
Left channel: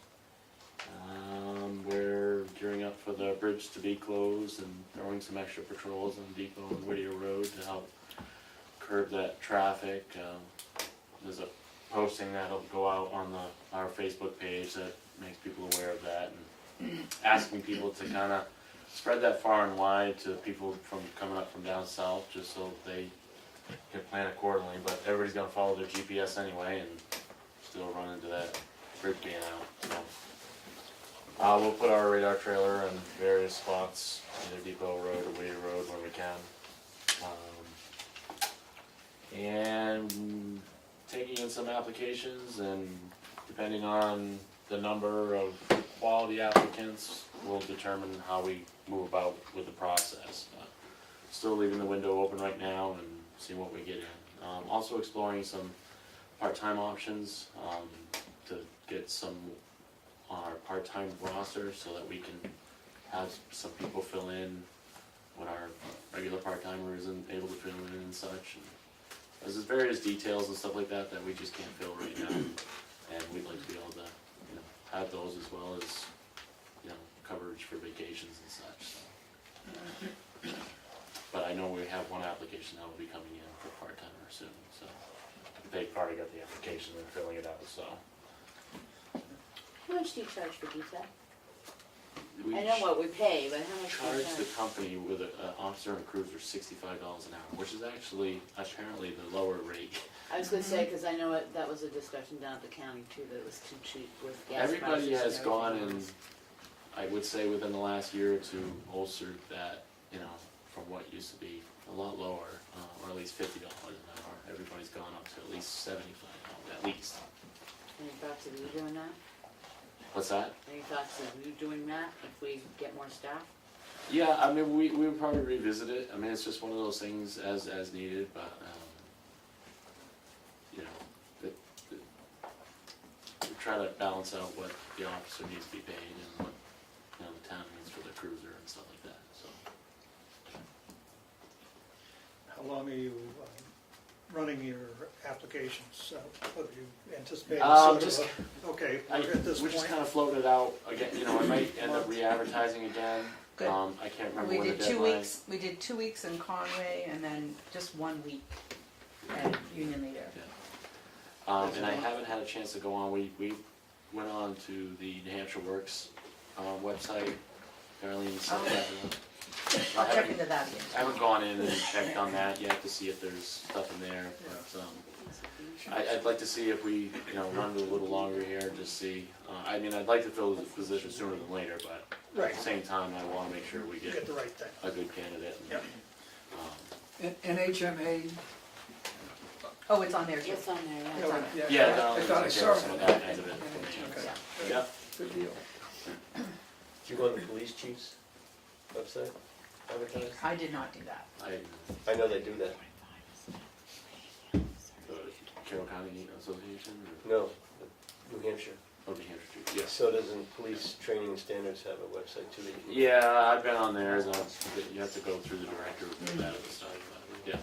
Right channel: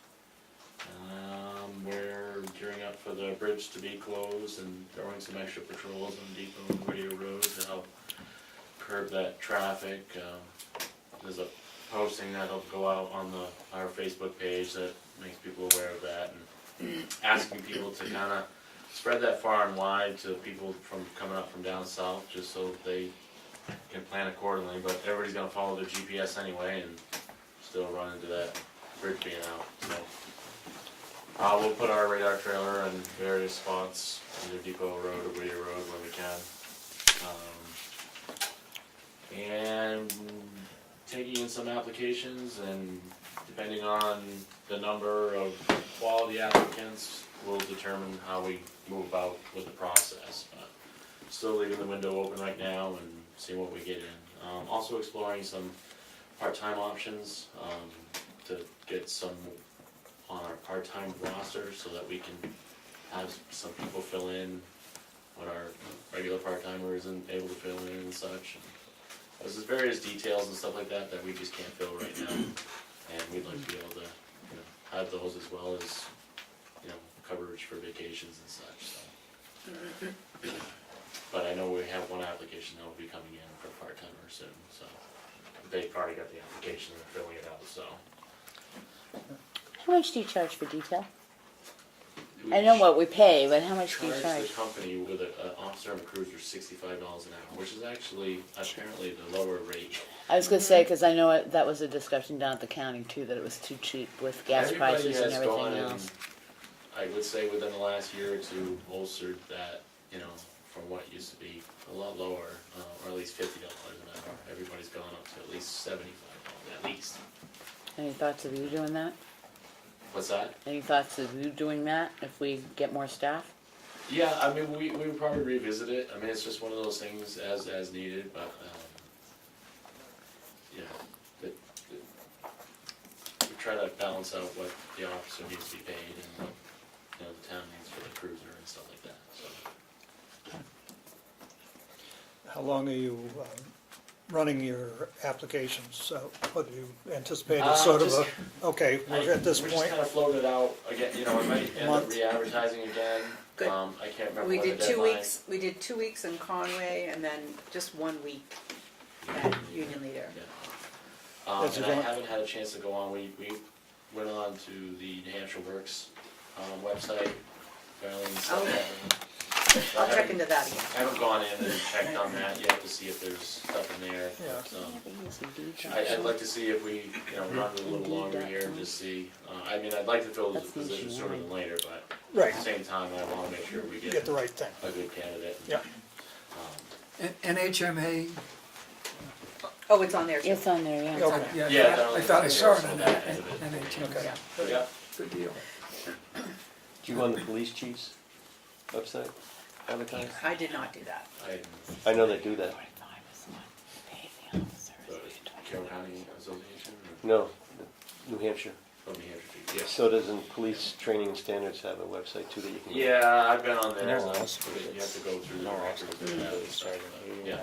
We're gearing up for the bridge to be closed and throwing some extra patrols on Depot and Whittier Road to help curb that traffic. There's a posting that'll go out on our Facebook page that makes people aware of that, and asking people to kind of spread that far and wide to people from coming up from down south, just so they can plan accordingly. But everybody's gonna follow their GPS anyway and still run into that bridge being out. So we'll put our radar trailer in various spots, either Depot Road or Whittier Road when we can. And taking in some applications, and depending on the number of quality applicants, will determine how we move about with the process. Still leaving the window open right now and seeing what we get in. Also exploring some part-time options to get some on our part-time roster so that we can have some people fill in when our regular part-timer isn't able to fill in and such. There's just various details and stuff like that that we just can't fill right now, and we'd like to be able to, have those as well as, coverage for vacations and such, so. But I know we have one application that will be coming in for part-timer soon, so they've already got the application and filling it out, so. How much do you charge for detail? I know what we pay, but how much do you Charge charge? the company with an officer and a cruiser $65 an hour, which is actually apparently the lower rate. I was gonna say, cause I know that was a discussion down at the county too, that it was too cheap with gas Everybody prices and has gone everything and, else. I would say within the last year or two, bolstered that, from what used to be a lot lower, or at least $50 an hour. Everybody's gone up to at least $75, at least. Any thoughts of you doing that? What's that? Any thoughts of you doing that if we get more staff? Yeah, I mean, we would probably revisit it. I mean, it's just one of those things as needed, but, we try to balance out what the officer needs to be paid and what, the town needs for the cruiser and stuff like that, so. How long are you running your applications? What do you anticipate Just- okay, we're at this We just point? kind of floated out again, I might end up Month. re-advertising again. Good. I can't remember We when the did 2 deadline. weeks, we did 2 weeks in Conway and then just 1 week at Union Leader. That's And your I going- haven't had a chance to go on, we went on to the New Hampshire Works, website, apparently. I'll check into that again. I haven't gone in and checked on that yet to see if there's stuff in there, but, I'd like to see if we, run it a little longer here and just see. I mean, I'd like to fill the position sooner than later, but Right, at the same time, I wanna make sure we get get the right thing. a good candidate. Yep. Um, And NHMA, Oh, it's on there too. It's on there, yeah. Okay. yeah, Yeah, that I was thought I saw it some on of that, that end of it. NHMA, Okay. Yeah, good deal. Do you go on the police chief's website, advertise? I did not do that. I, I know they do that. the Carroll County Association, or, No, New Hampshire. New Hampshire Chief, yes. So doesn't police training standards have a website too that you can? Yeah, I've been on there, No, but that's- you have to go through the director with that. Yeah.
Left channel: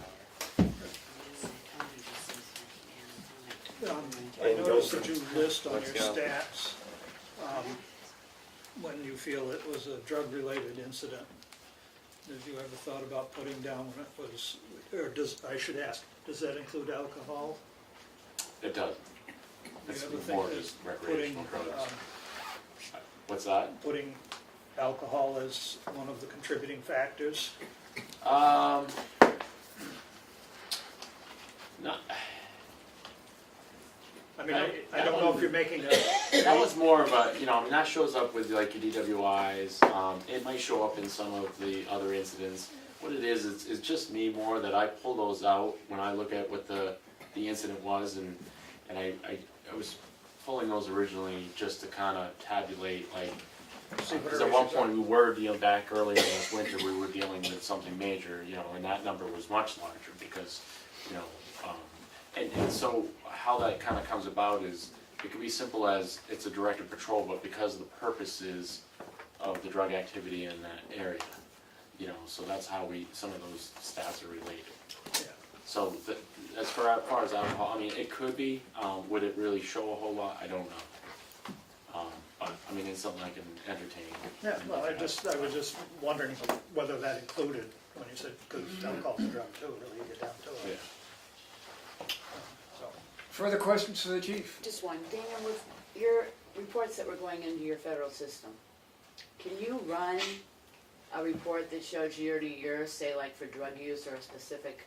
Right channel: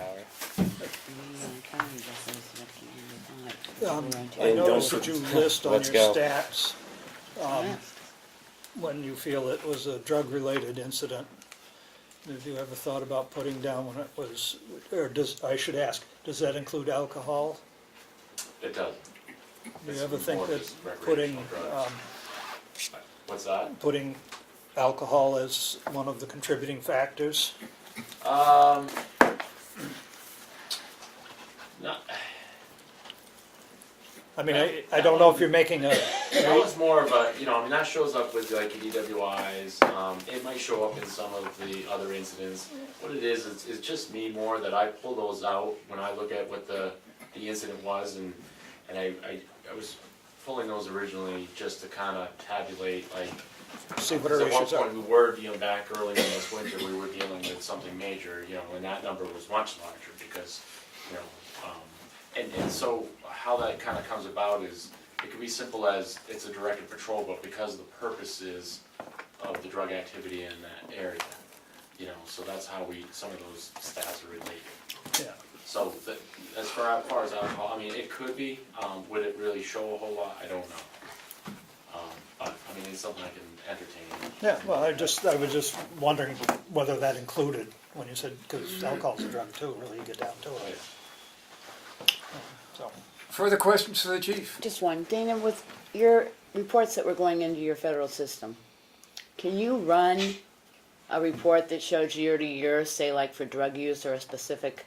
I And noticed don't that you list on Let's your go. stats, when you feel it was a drug-related incident. Have you ever thought about putting down when it was, or I should ask, does that include alcohol? It does. Do It's you ever think more that just putting, recreational drugs. What's that? putting alcohol as one of the contributing factors? Not, I mean, I don't know if you're making a, that was more of a, I mean, that shows up with like your DWIs. It might show up in some of the other incidents. What it is, it's just me more that I pull those out when I look at what the incident was, and I was pulling those originally just to kind of tabulate, like, see what because our at one issues are. point we were dealing back earlier this winter, we were dealing with something major, and that number was much larger because, and so how that kind of comes about is, it could be simple as it's a directed patrol, but because of the purposes of the drug activity in that area, so that's how some of those stats are related. Yeah. So as far as alcohol, I mean, it could be, would it really show a whole lot? I don't know. But, I mean, it's something I can entertain. Yeah, well, I was just wondering whether that included, when you said, because alcohol's a drug too, really, you get down to Oh, it. yeah. So, Further questions for the chief? Just one. Dana, with your reports that were going into your federal system, can you run a report that shows year to year, say like for drug use or a specific?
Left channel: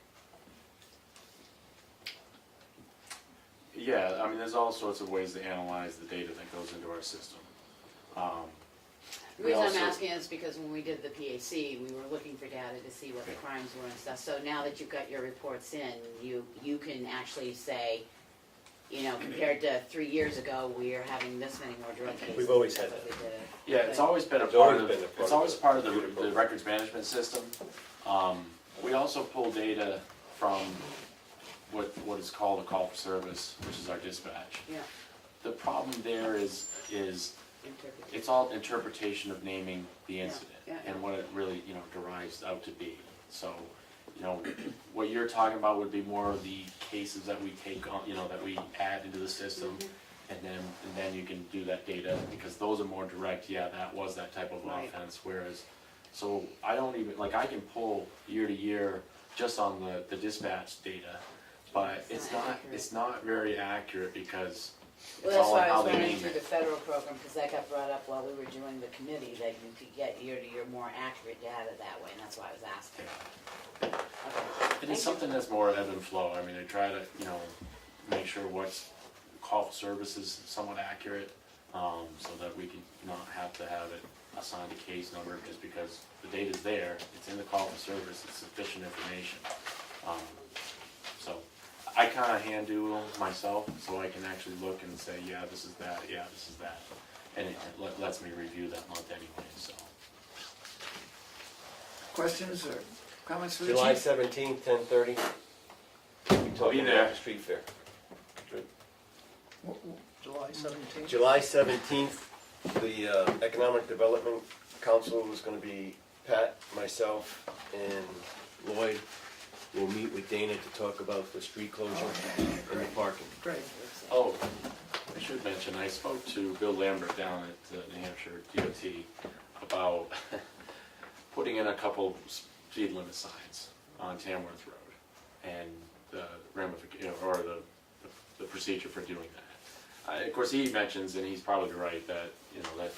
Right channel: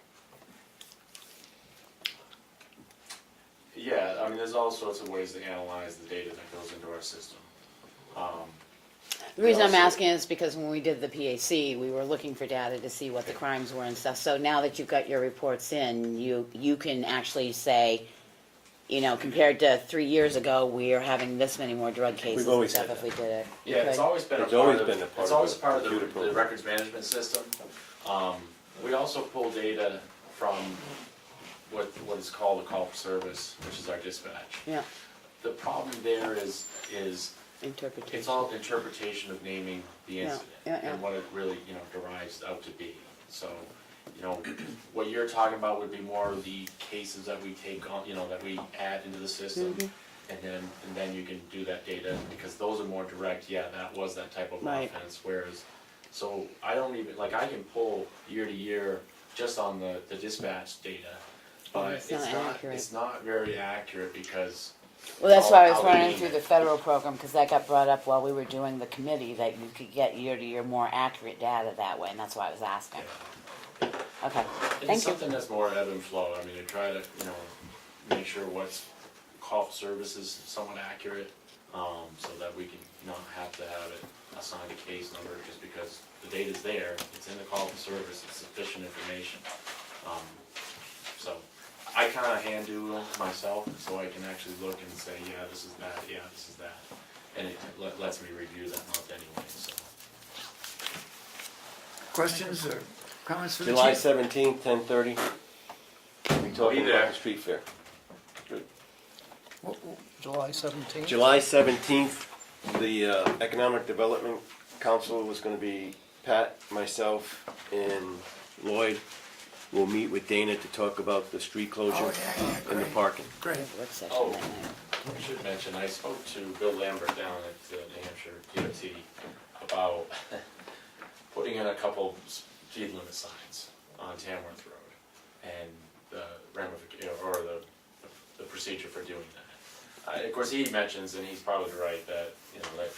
Yeah, I mean, there's all sorts of ways to analyze the data that goes into our system. The reason I'm also- asking is because when we did the PAC, we were looking for data to see what the crimes were and stuff. So now that you've got your reports in, you can actually say, compared to 3 years ago, we are having this many more drug cases and always stuff had if we did it. Yeah, it's Okay. always been a It's part always of, been a part it's of always the part of computer the program. records management system. We also pull data from what is called a call for service, which is our dispatch. Yeah, The problem there is interpretation. it's all interpretation of naming the Yeah, incident yeah, yeah. and what it really, derives out to be. So, what you're talking about would be more of the cases that we take on, that we add into the system. Mm-hmm. And then you can do that data, because those are more direct, yeah, that was that type of Right. offense, whereas, so I don't even, like, I can pull year to year just on the dispatch data, but It's not accurate. it's not very accurate because. Well, that's it's why I all was how we running name through it. the federal program, because that got brought up while we were doing the committee, that you could get year to year more accurate data that way, and that's why I was asking. Okay, It's thank you. something that's more ebb and flow. I mean, I try to, make sure what's call for service is somewhat accurate, so that we can not have to have it assigned a case number just because the data's there, it's in the call for service, it's sufficient information. So I kinda hand do myself, so I can actually look and say, yeah, this is that, yeah, this is that. And it lets me review that month anyway, so. Questions or comments for the July chief? 17th, 10:30. We talking there. about the street fair. July 17th? July 17th, the Economic Development Council was going to be Pat, myself, and Lloyd. We'll meet with Dana to talk about the street closure Oh, yeah, and the parking. Great. Work session Oh. that night. I should mention, I spoke to Bill Lambert down at New Hampshire DOT about putting in a couple speed limit signs on Tamworth Road and the ramification, or the procedure for doing that. Of course, he mentions, and he's probably right, that, that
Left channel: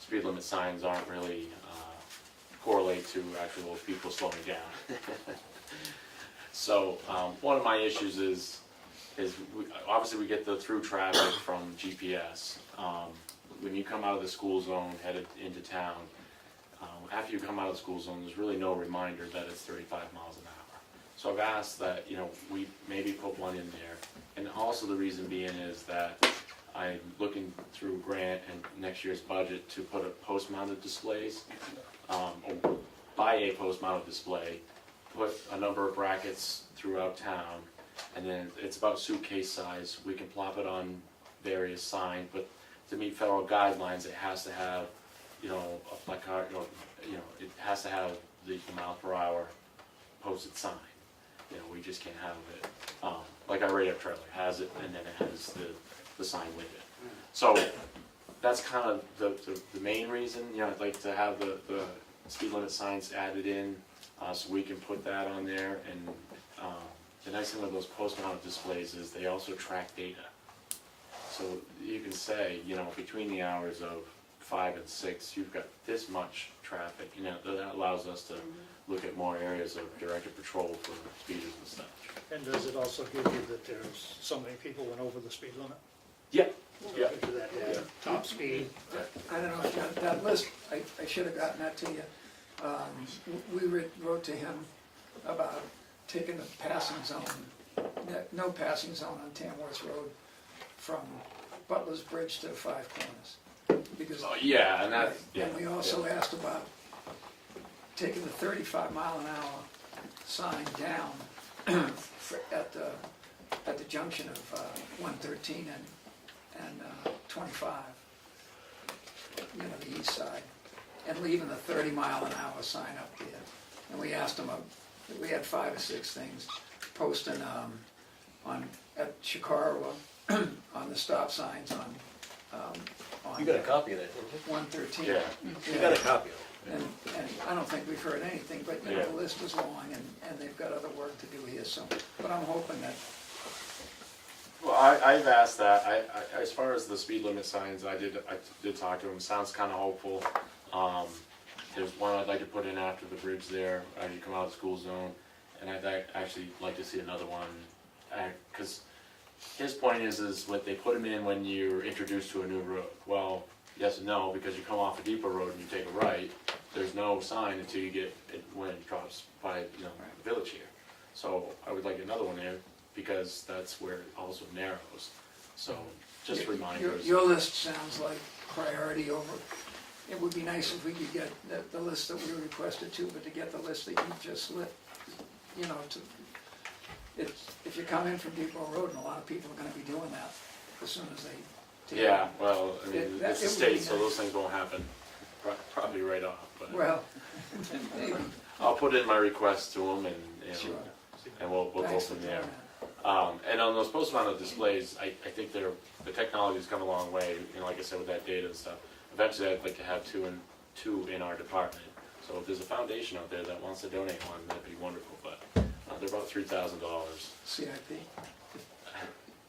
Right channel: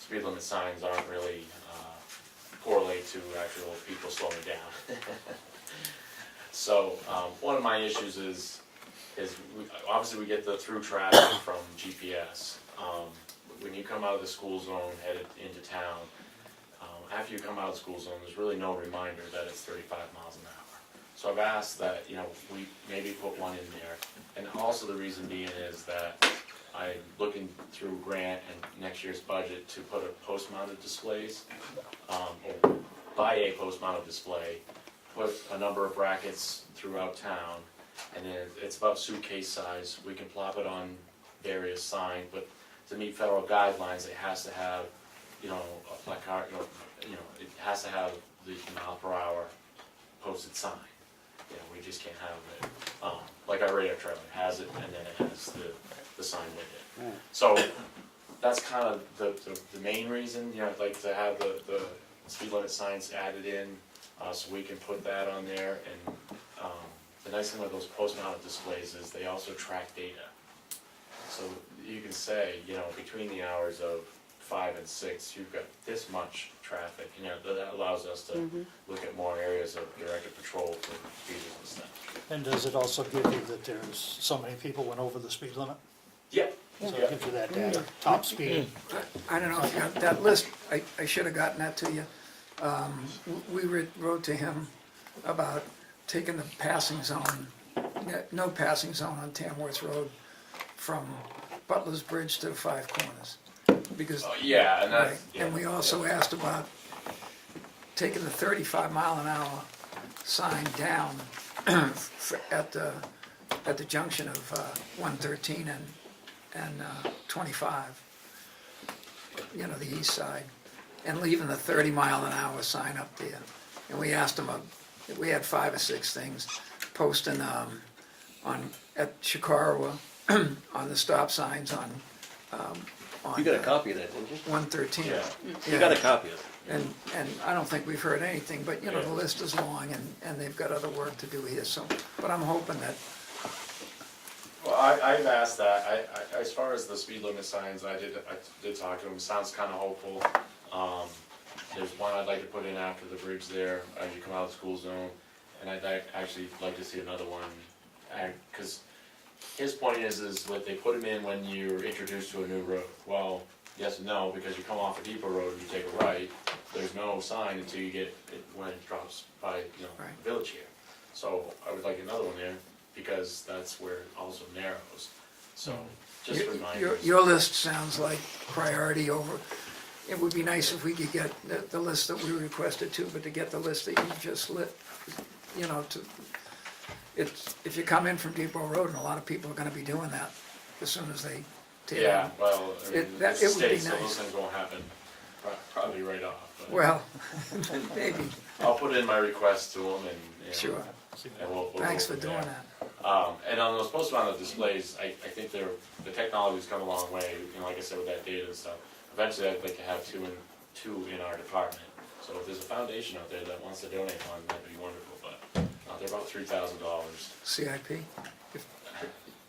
speed limit signs aren't really correlate to actual people slowing down. So, one of my issues is obviously we get the through traffic from GPS. When you come out of the school zone headed into town, after you come out of the school zone, there's really no reminder that it's 35 miles an hour. So I've asked that, we maybe put one in there. And also the reason being is that I'm looking through grant and next year's budget to put a post-mounted displays, or buy a post-mounted display, put a number of brackets throughout town, and then it's about suitcase size. We can plop it on various signs, but to meet federal guidelines, it has to have, a placard, it has to have the mile per hour posted sign. We just can't have it. like our radio trailer has it, and then it has the sign with it. So that's kind of the main reason, you know, I'd like to have the speed limit signs added in, so we can put that on there. And the nice thing with those post-mounted displays is they also track data. So you can say, you know, between the hours of 5 and 6, you've got this much traffic. You know, that allows us to look at more areas of directed patrol for speeders and stuff. And does it also give you that there's so many people went over the speed limit? Yeah. So it gives you that data, top speed. I don't know if you got that list, I should have gotten that to you. We wrote to him about taking the passing zone, no passing zone on Tamworth Road from Butler's Bridge to Five Corners. Because, Yeah, and right, that's, yeah, and we also asked about taking the 35-mile-an-hour sign down at the junction of 113 and 25, you know, the east side, and leaving the 30-mile-an-hour sign up there. And we asked them, we had 5 or 6 things, posting at Chikarwa on the stop signs on You got a copy of that, didn't you? 113. yeah. You got a copy of it. And I don't think we've heard anything, but, you know, the list is long, and they've got other work to do here, so, but I'm hoping that, Well, I've asked that. I as far as the speed limit signs, I did talk to him. Sounds kind of hopeful. There's one I'd like to put in after the bridge there as you come out of the school zone, and I'd actually like to see another one, because his point is what they put them in when you're introduced to a new road. Well, yes and no, because you come off a Depot Road and you take a right, there's no sign until you get it when it drops by, you know, Right. the village here. So I would like another one there, because that's where it also narrows. So just reminders. your list sounds like priority over, it would be nice if we could get the list that we requested too, but to get the list that you just lit, you know, if you come in from Depot Road, and a lot of people are gonna be doing that as soon as they take it. Yeah, well, I mean, It- that- it's it a would be state, so nice. those things won't happen probably right off. But Well, maybe, I'll put in my request to them, and sure, and we'll go thanks for from doing there. that. And on those post-mounted displays, I think the technology's come a long way, you know, like I said, with that data and stuff. Eventually, I'd like to have two in our department. So if there's a foundation out there that wants to donate one, that'd be wonderful, but they're about $3,000. CIP,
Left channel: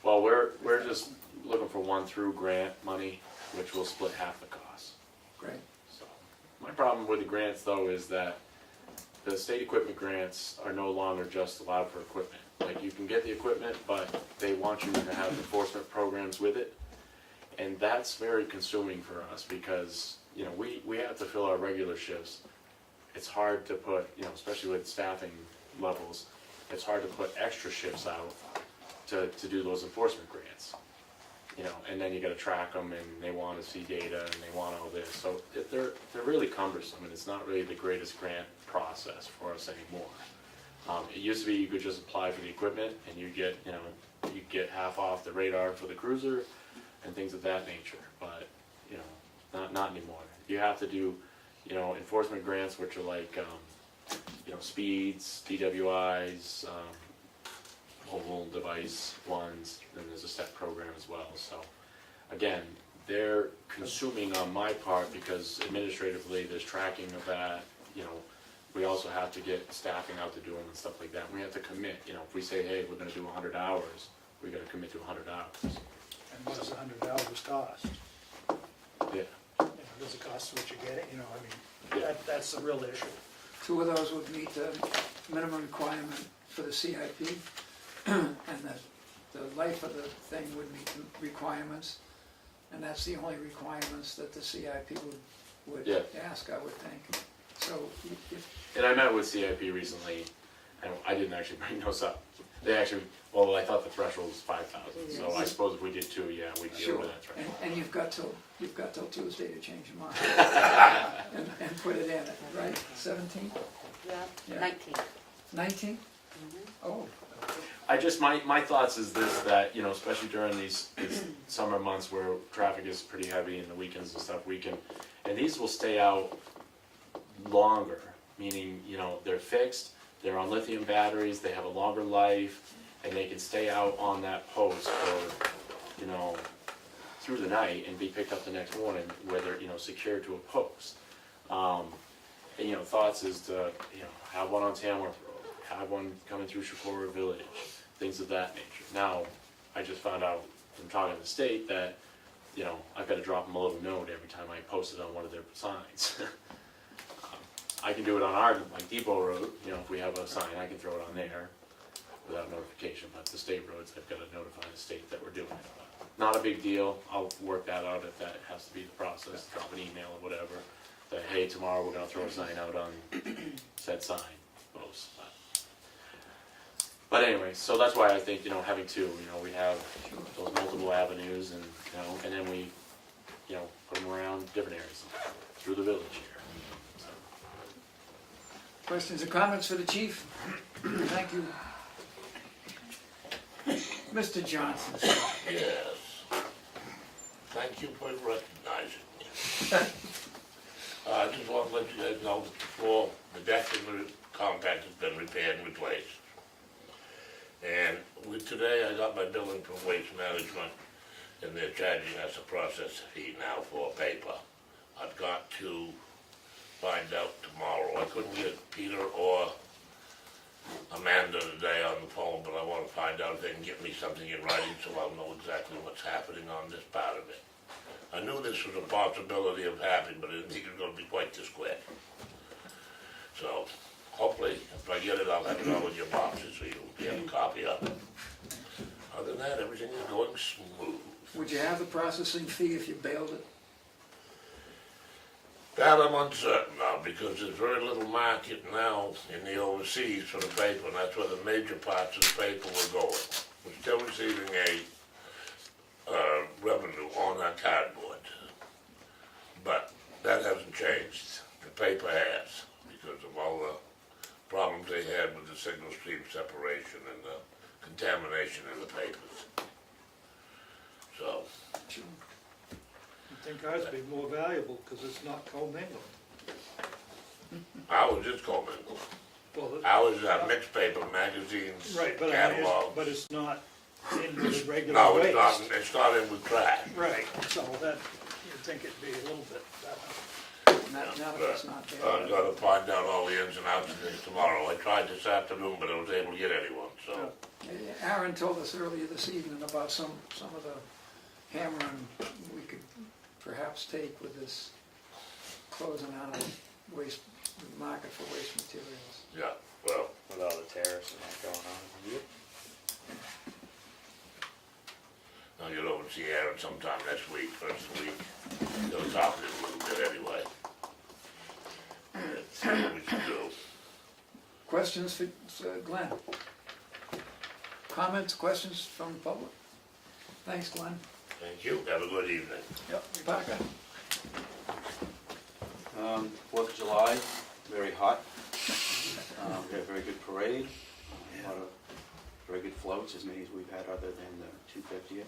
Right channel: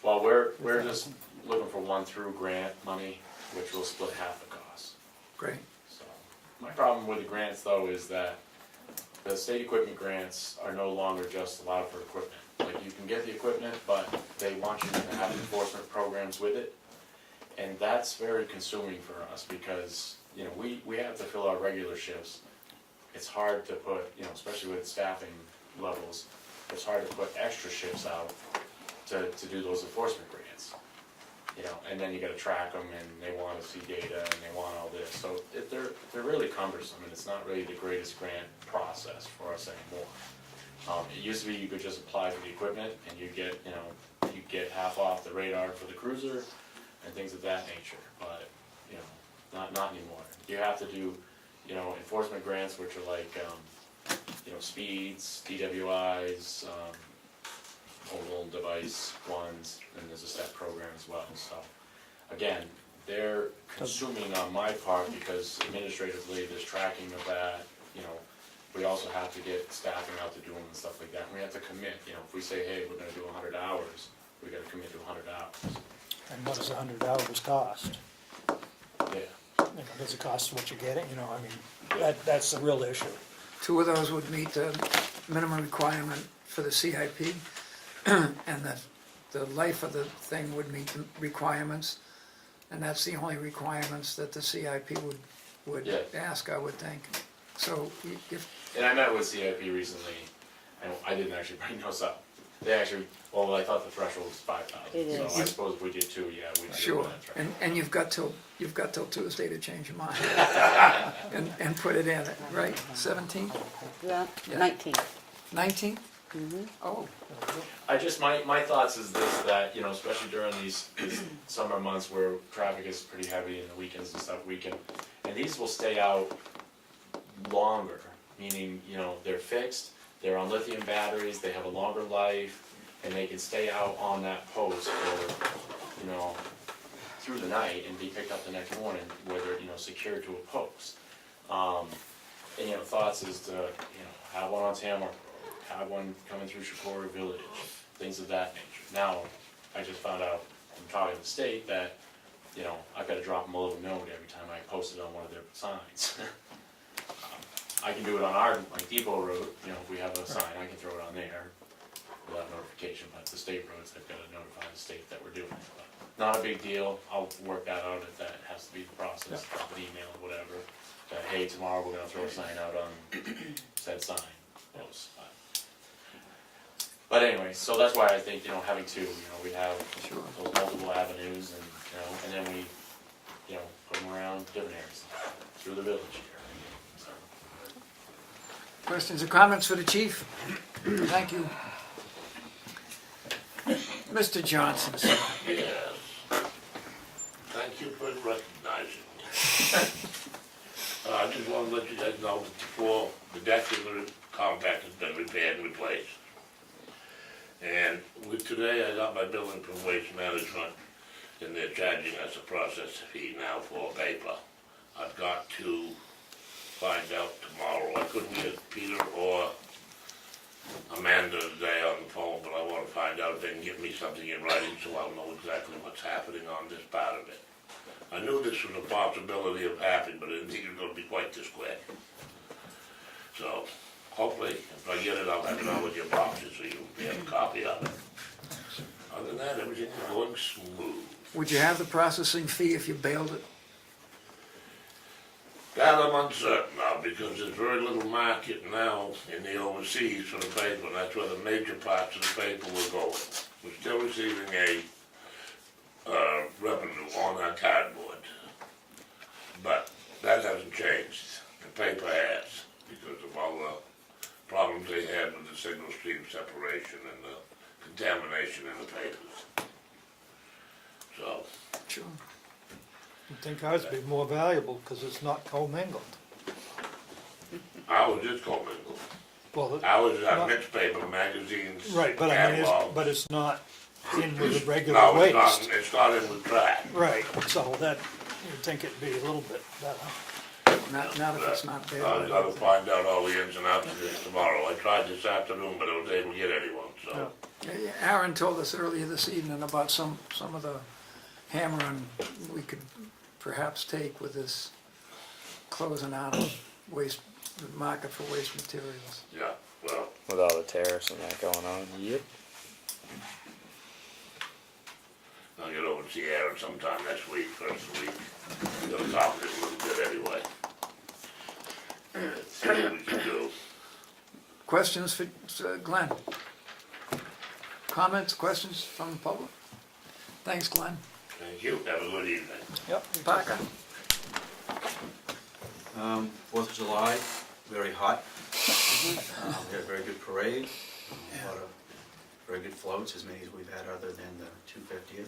Well, we're just looking for one through grant money, which will split half the cost. great, So, my problem with the grants though is that the state equipment grants are no longer just allowed for equipment. Like, you can get the equipment, but they want you to have enforcement programs with it. And that's very consuming for us, because, you know, we have to fill our regular shifts. It's hard to put, you know, especially with staffing levels, it's hard to put extra shifts out to do those enforcement grants. You know, and then you gotta track them, and they wanna see data, and they want all this. So they're really cumbersome, and it's not really the greatest grant process for us anymore. It used to be you could just apply for the equipment, and you get half off the radar for the cruiser, and things of that nature, but, you know, not anymore. You have to do, you know, enforcement grants, which are like, you know, speeds, DWIs, mobile device ones, and there's a step program as well, so. Again, they're consuming on my part, because administratively, there's tracking of that, you know. We also have to get staffing out to do them and stuff like that, and we have to commit, you know, if we say, hey, we're gonna do 100 hours, we gotta commit to 100 hours. And what does 100 hours cost? Yeah. You know, does it cost what you're getting? You know, I mean, that's the real issue. 2 of those would meet the minimum requirement for the CIP, and the life of the thing would meet the requirements, and that's the only requirements that the CIP would Yeah. ask, I would think. So if, And I met with CIP recently, and I didn't actually bring those up. They actually, well, I thought the threshold was 5,000, It so is. I suppose if we did 2, yeah, we'd do sure, that threshold. and you've got till Tuesday to change your mind, and put it in, right, 17, Yeah, Yeah. 19. 19? Oh, I just, my thoughts is this, that, you know, especially during these summer months where traffic is pretty heavy and the weekends and stuff, and these will stay out longer, meaning, you know, they're fixed, they're on lithium batteries, they have a longer life, and they can stay out on that post for, you know, through the night and be picked up the next morning where they're, you know, secured to a post. And, you know, thoughts is to, you know, have one on Tamworth, have one coming through Shakora Village, things of that nature. Now, I just found out from talking to the state that, you know, I've got to drop them a little note every time I post it on one of their signs. I can do it on our, like Depot Road, you know, if we have a sign, I can throw it on there without notification, but the state roads, I've got to notify the state that we're doing it. But not a big deal, I'll work that out if that has to be the process, drop an email or whatever, that, hey, tomorrow we're gonna throw a sign out on said sign post. But anyway, so that's why I think, you know, having two, you know, we have Sure. those multiple avenues and, you know, and then we, you know, put them around different areas through the village here. So. Questions or comments for the chief? Thank you. Mr. Johnson, sir. Yes. Thank you for recognizing me. I just want to let you guys know that the floor, the deck in the compact has been repaired and replaced. And today I got my billing from Waste Management, and they're charging us a process fee now for paper. I've got to find out tomorrow. I couldn't get Peter or Amanda today on the phone, but I want to find out if they can get me something in writing so I'll know exactly what's happening on this part of it. I knew this was a possibility of happening, but I didn't think it was going to be quite this quick. So, hopefully, if I get it, I'll have it all in your boxes so you'll be able to copy of it. Other than that, everything is going smooth. Would you have the processing fee if you bailed it? That I'm uncertain of, because there's very little market now in the overseas for the paper, and that's where the major parts of the paper were going. We're still receiving a revenue on our cardboard, but that hasn't changed. The paper has, because of all the problems they had with the single stream separation and the contamination in the papers. So, Sure. I think ours would be more valuable because it's not commingled. ours is commingled. Well, Ours is our mixed paper, magazines, right, but I mean, catalogs. but it's not in with the regular No, it's waste. not, it's not in with trash. Right, so that, you'd think it'd be a little bit better. Not if it's not I've bailed. gotta find out all the ins and outs of this tomorrow. I tried this afternoon, but I was able to get anyone, so. Aaron told us earlier this evening about some of the hammering we could perhaps take with this closing out of waste, the market for waste materials. Yeah, well, With all the tariffs and that going on. Yep. I'll get over to see Aaron sometime next week, first of the week. He'll talk to us a little bit anyway. See what we can do. Questions for Glenn? Comments, questions from the public? Thanks, Glenn. Thank you. Have a good evening. Yep. Parker? 4th of July, very hot. We had a very good parade, a lot of very good floats, as many as we've had other than the 250th.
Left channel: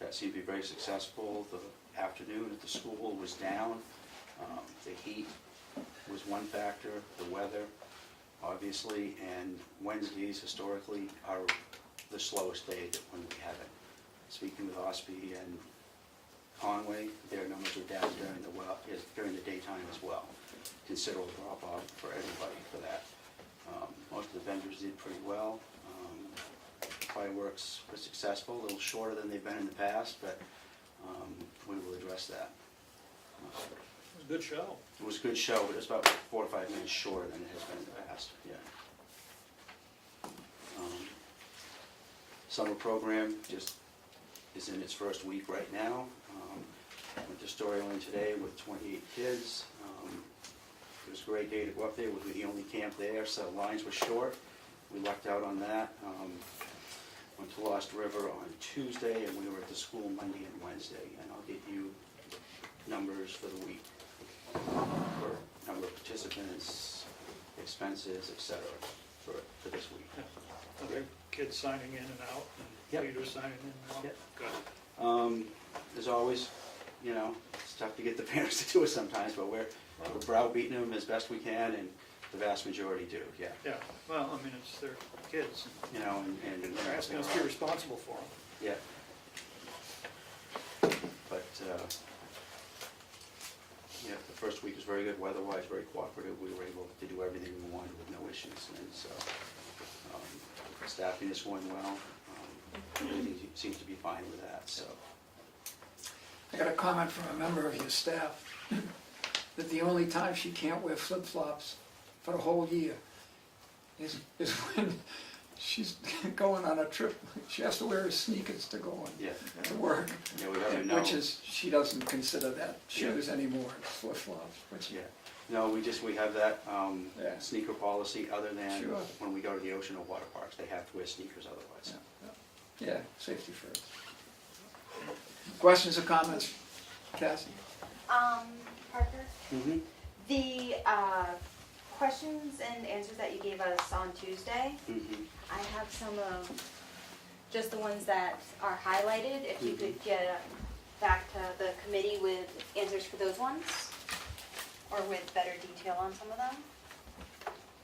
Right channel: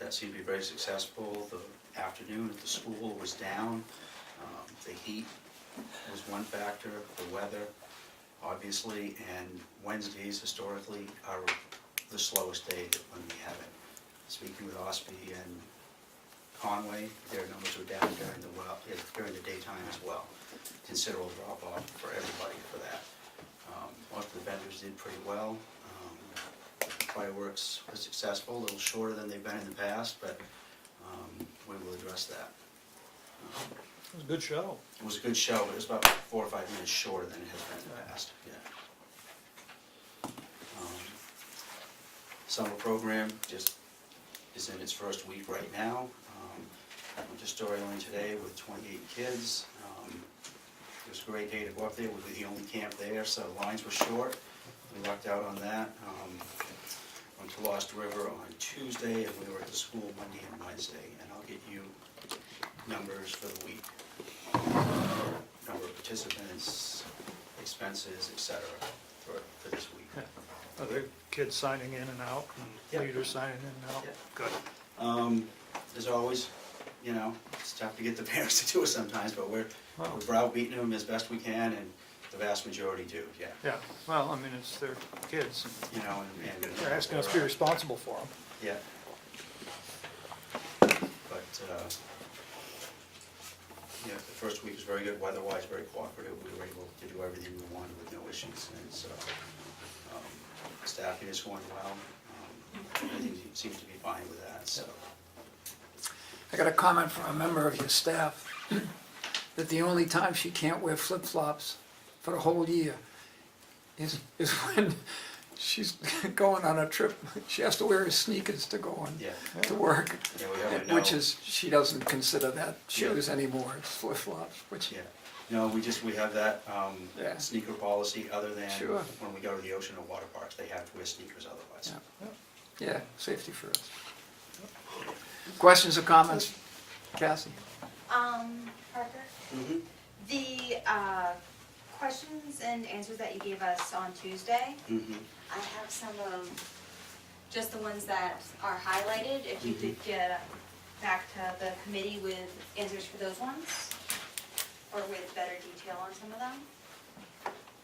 That seemed to be very successful. The afternoon at the school was down. The heat was one factor, the weather, obviously, and Wednesdays historically are the slowest day when we have it. Speaking with Ospey and Conway, their numbers were down during the daytime as well. Considerable drop off for everybody for that. Most of the vendors did pretty well. Fireworks were successful, a little shorter than they've been in the past, but we will address that. It was a good show. It was a good show, but it was about 4 or 5 minutes shorter than it has been in the past, yeah. Summer program just is in its first week right now. I went to Storyline today with 28 kids. It was a great day to go up there. We were the only camp there, so lines were short. We lucked out on that. Went to Lost River on Tuesday, and we were at the school Monday and Wednesday, and I'll get you numbers for the week. Number of participants, expenses, etc. for this week. Are the kids signing in and out, and Yep. leaders signing in and out? Yep. Good. As always, you know, it's tough to get the parents to do it sometimes, but we're browbeating them as best we can, and The vast majority do, yeah. Yeah, well, I mean, it's their kids, You know, and. they're asking us to be responsible for them. Yeah. But, yeah, the first week was very good, weather-wise, very cooperative, we were able to do everything we wanted with no issues, and so, staffing is going well, everything seems to be fine with that, so. I got a comment from a member of your staff that the only time she can't wear flip-flops for the whole year is when she's going on a trip. She has to wear her sneakers to go on Yeah, to work, yeah, we have to know. which is, she doesn't consider that Yeah. shoes anymore, it's flip-flops, which, Yeah, no, we have that, Yeah. sneaker policy, other than Sure. when we go to the ocean or water parks, they have to wear sneakers otherwise. yeah, safety first. Questions or comments? Cassie? Parker, Mm-hmm. the questions and answers that you gave us on Tuesday, Mm-hmm. I have some of just the ones that are highlighted. If you could get back to the committee with answers for those ones, or with better detail on some of them,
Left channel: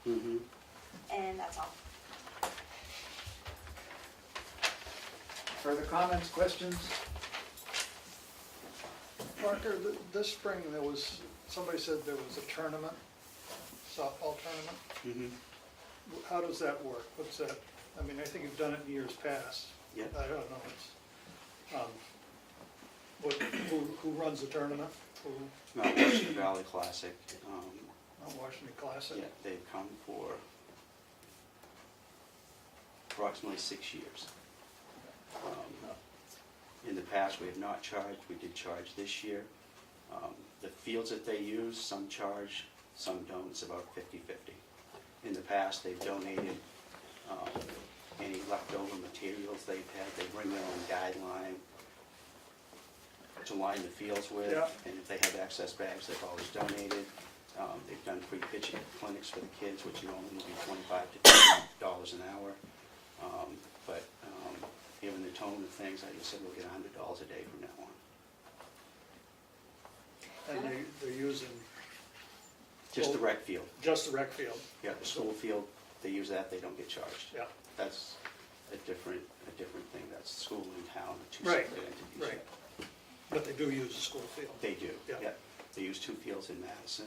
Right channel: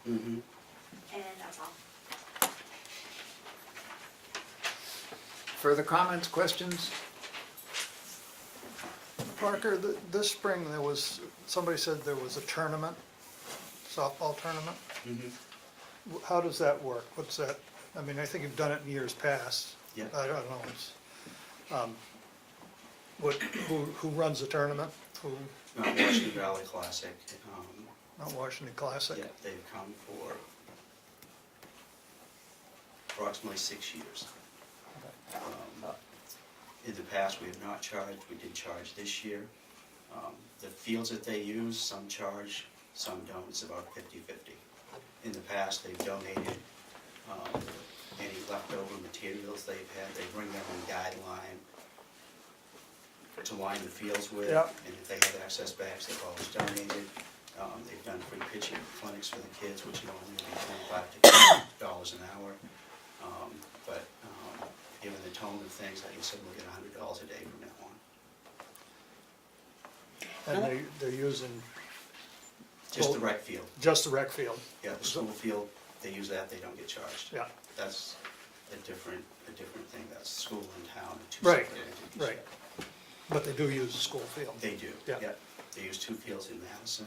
Mm-hmm. and that's all. Further comments, questions? Parker, this spring, there was, somebody said there was a tournament, softball tournament. Mm-hmm. How does that work? What's that? I mean, I think you've done it in years past. Yeah. I don't know, it's, who runs the tournament? Who, Mount Washington Valley Classic, Mount Washington Classic? yeah, they've come for approximately 6 years. In the past, we have not charged, we did charge this year. The fields that they use, some charge, some don't, it's about 50-50. In the past, they've donated any leftover materials they've had, they bring their own guideline to line the fields with, Yeah. and if they have excess bags, they've always donated. They've done free pitching clinics for the kids, which normally would be $25 to $50 an hour. But given the tone of things, I guess we'll get $100 a day from now on. And they're using Just the rec field. just the rec field? Yeah, the school field, they use that, they don't get charged. Yeah, That's a different thing, that's school and town, two Right, separate entities. right. But they do use the school field? They do, Yeah. yeah. They use 2 fields in Madison,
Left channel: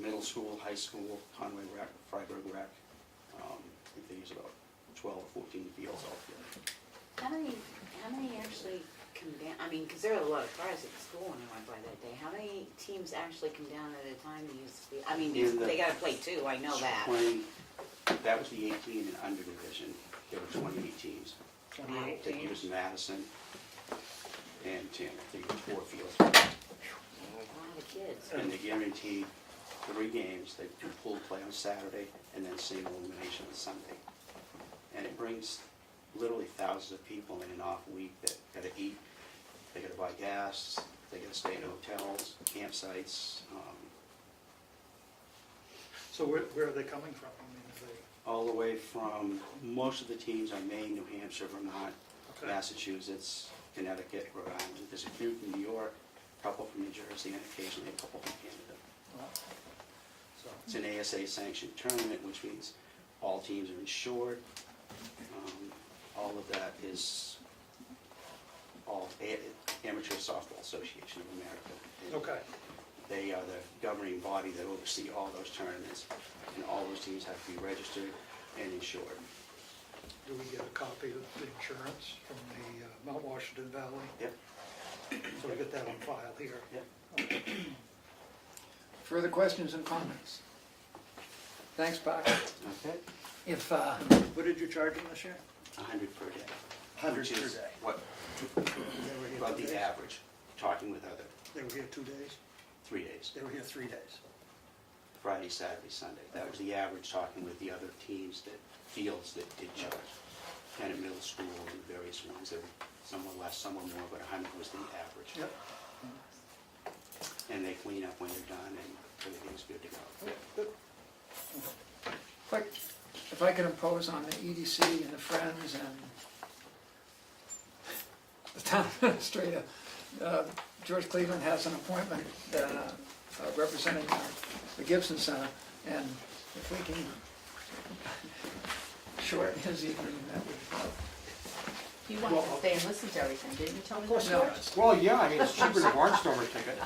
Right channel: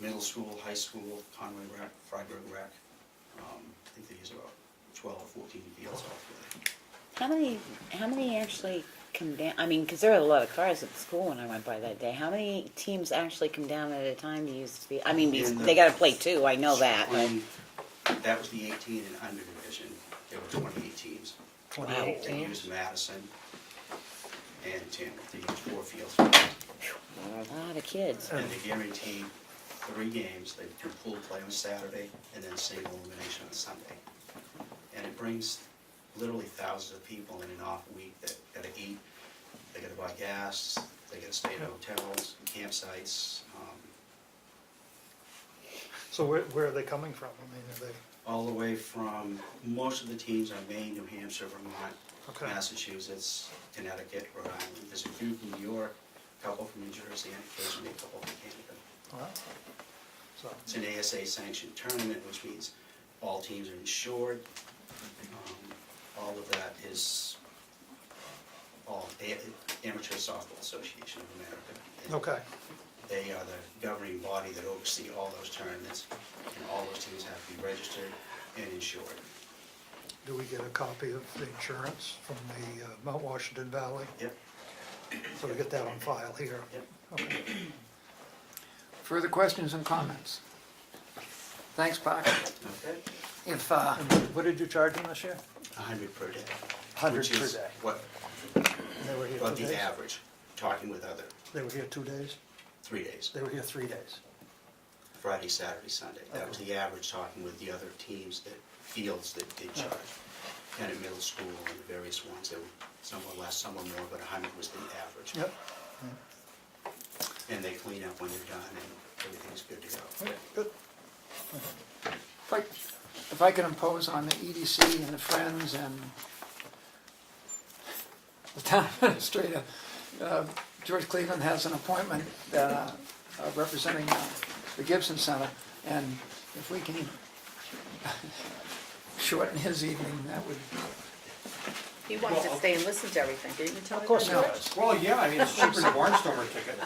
middle school, high school, Conway Rec, Freiburg Rec. I think they use about 12 or 14 fields altogether. How many actually come down? I mean, because there were a lot of cars at the school when I went by that day. How many teams actually come down at a time to use the field? I mean, In the they got to play too. I know that. But Spring, that was the 18 and under division, there were 28 teams. 28 They teams? used Madison and Tamworth, they used 4 fields. a lot of kids. And they guaranteed 3 games, they do pool play on Saturday, and then single elimination on Sunday. And it brings literally thousands of people in an off week that gotta eat, they gotta buy gas, they gotta stay in hotels, campsites, So where are they coming from? I mean, are they, all the way from, most of the teams are Maine, New Hampshire, Vermont, okay, Massachusetts, Connecticut, Rhode Island. There's a few from New York, a couple from New Jersey, and occasionally a couple from Canada. well, so, It's an ASA sanctioned tournament, which means all teams are insured. All of that is all Amateur Softball Association of America. okay, They are the governing body that oversee all those tournaments, and all those teams have to be registered and insured. do we get a copy of the insurance from the Mount Washington Valley? Yep. So we get that on file here? Yep. Okay. Further questions and comments? Thanks, Parker. Okay. If, What did you charge them this year? 100 per day. 100 which per is day. What, And they were here about 2 the days? average, talking with other, They were here 2 days? 3 days. They were here 3 days? Friday, Saturday, Sunday. That was the average, talking with the other teams that, fields that did charge. And at middle school and the various ones, there were some were less, some were more, but 100 was the average. Yep. And they clean up when they're done and everything's good to go. Okay, good. if I could impose on the EDC and the Friends and the town administrator, George Cleveland has an appointment representing the Gibson Center, and if we can shorten his evening, that would, He wants to stay and listen to everything, didn't you tell him? Of course, No. not. Well, yeah, I mean, it's cheaper than Barnstormer ticket.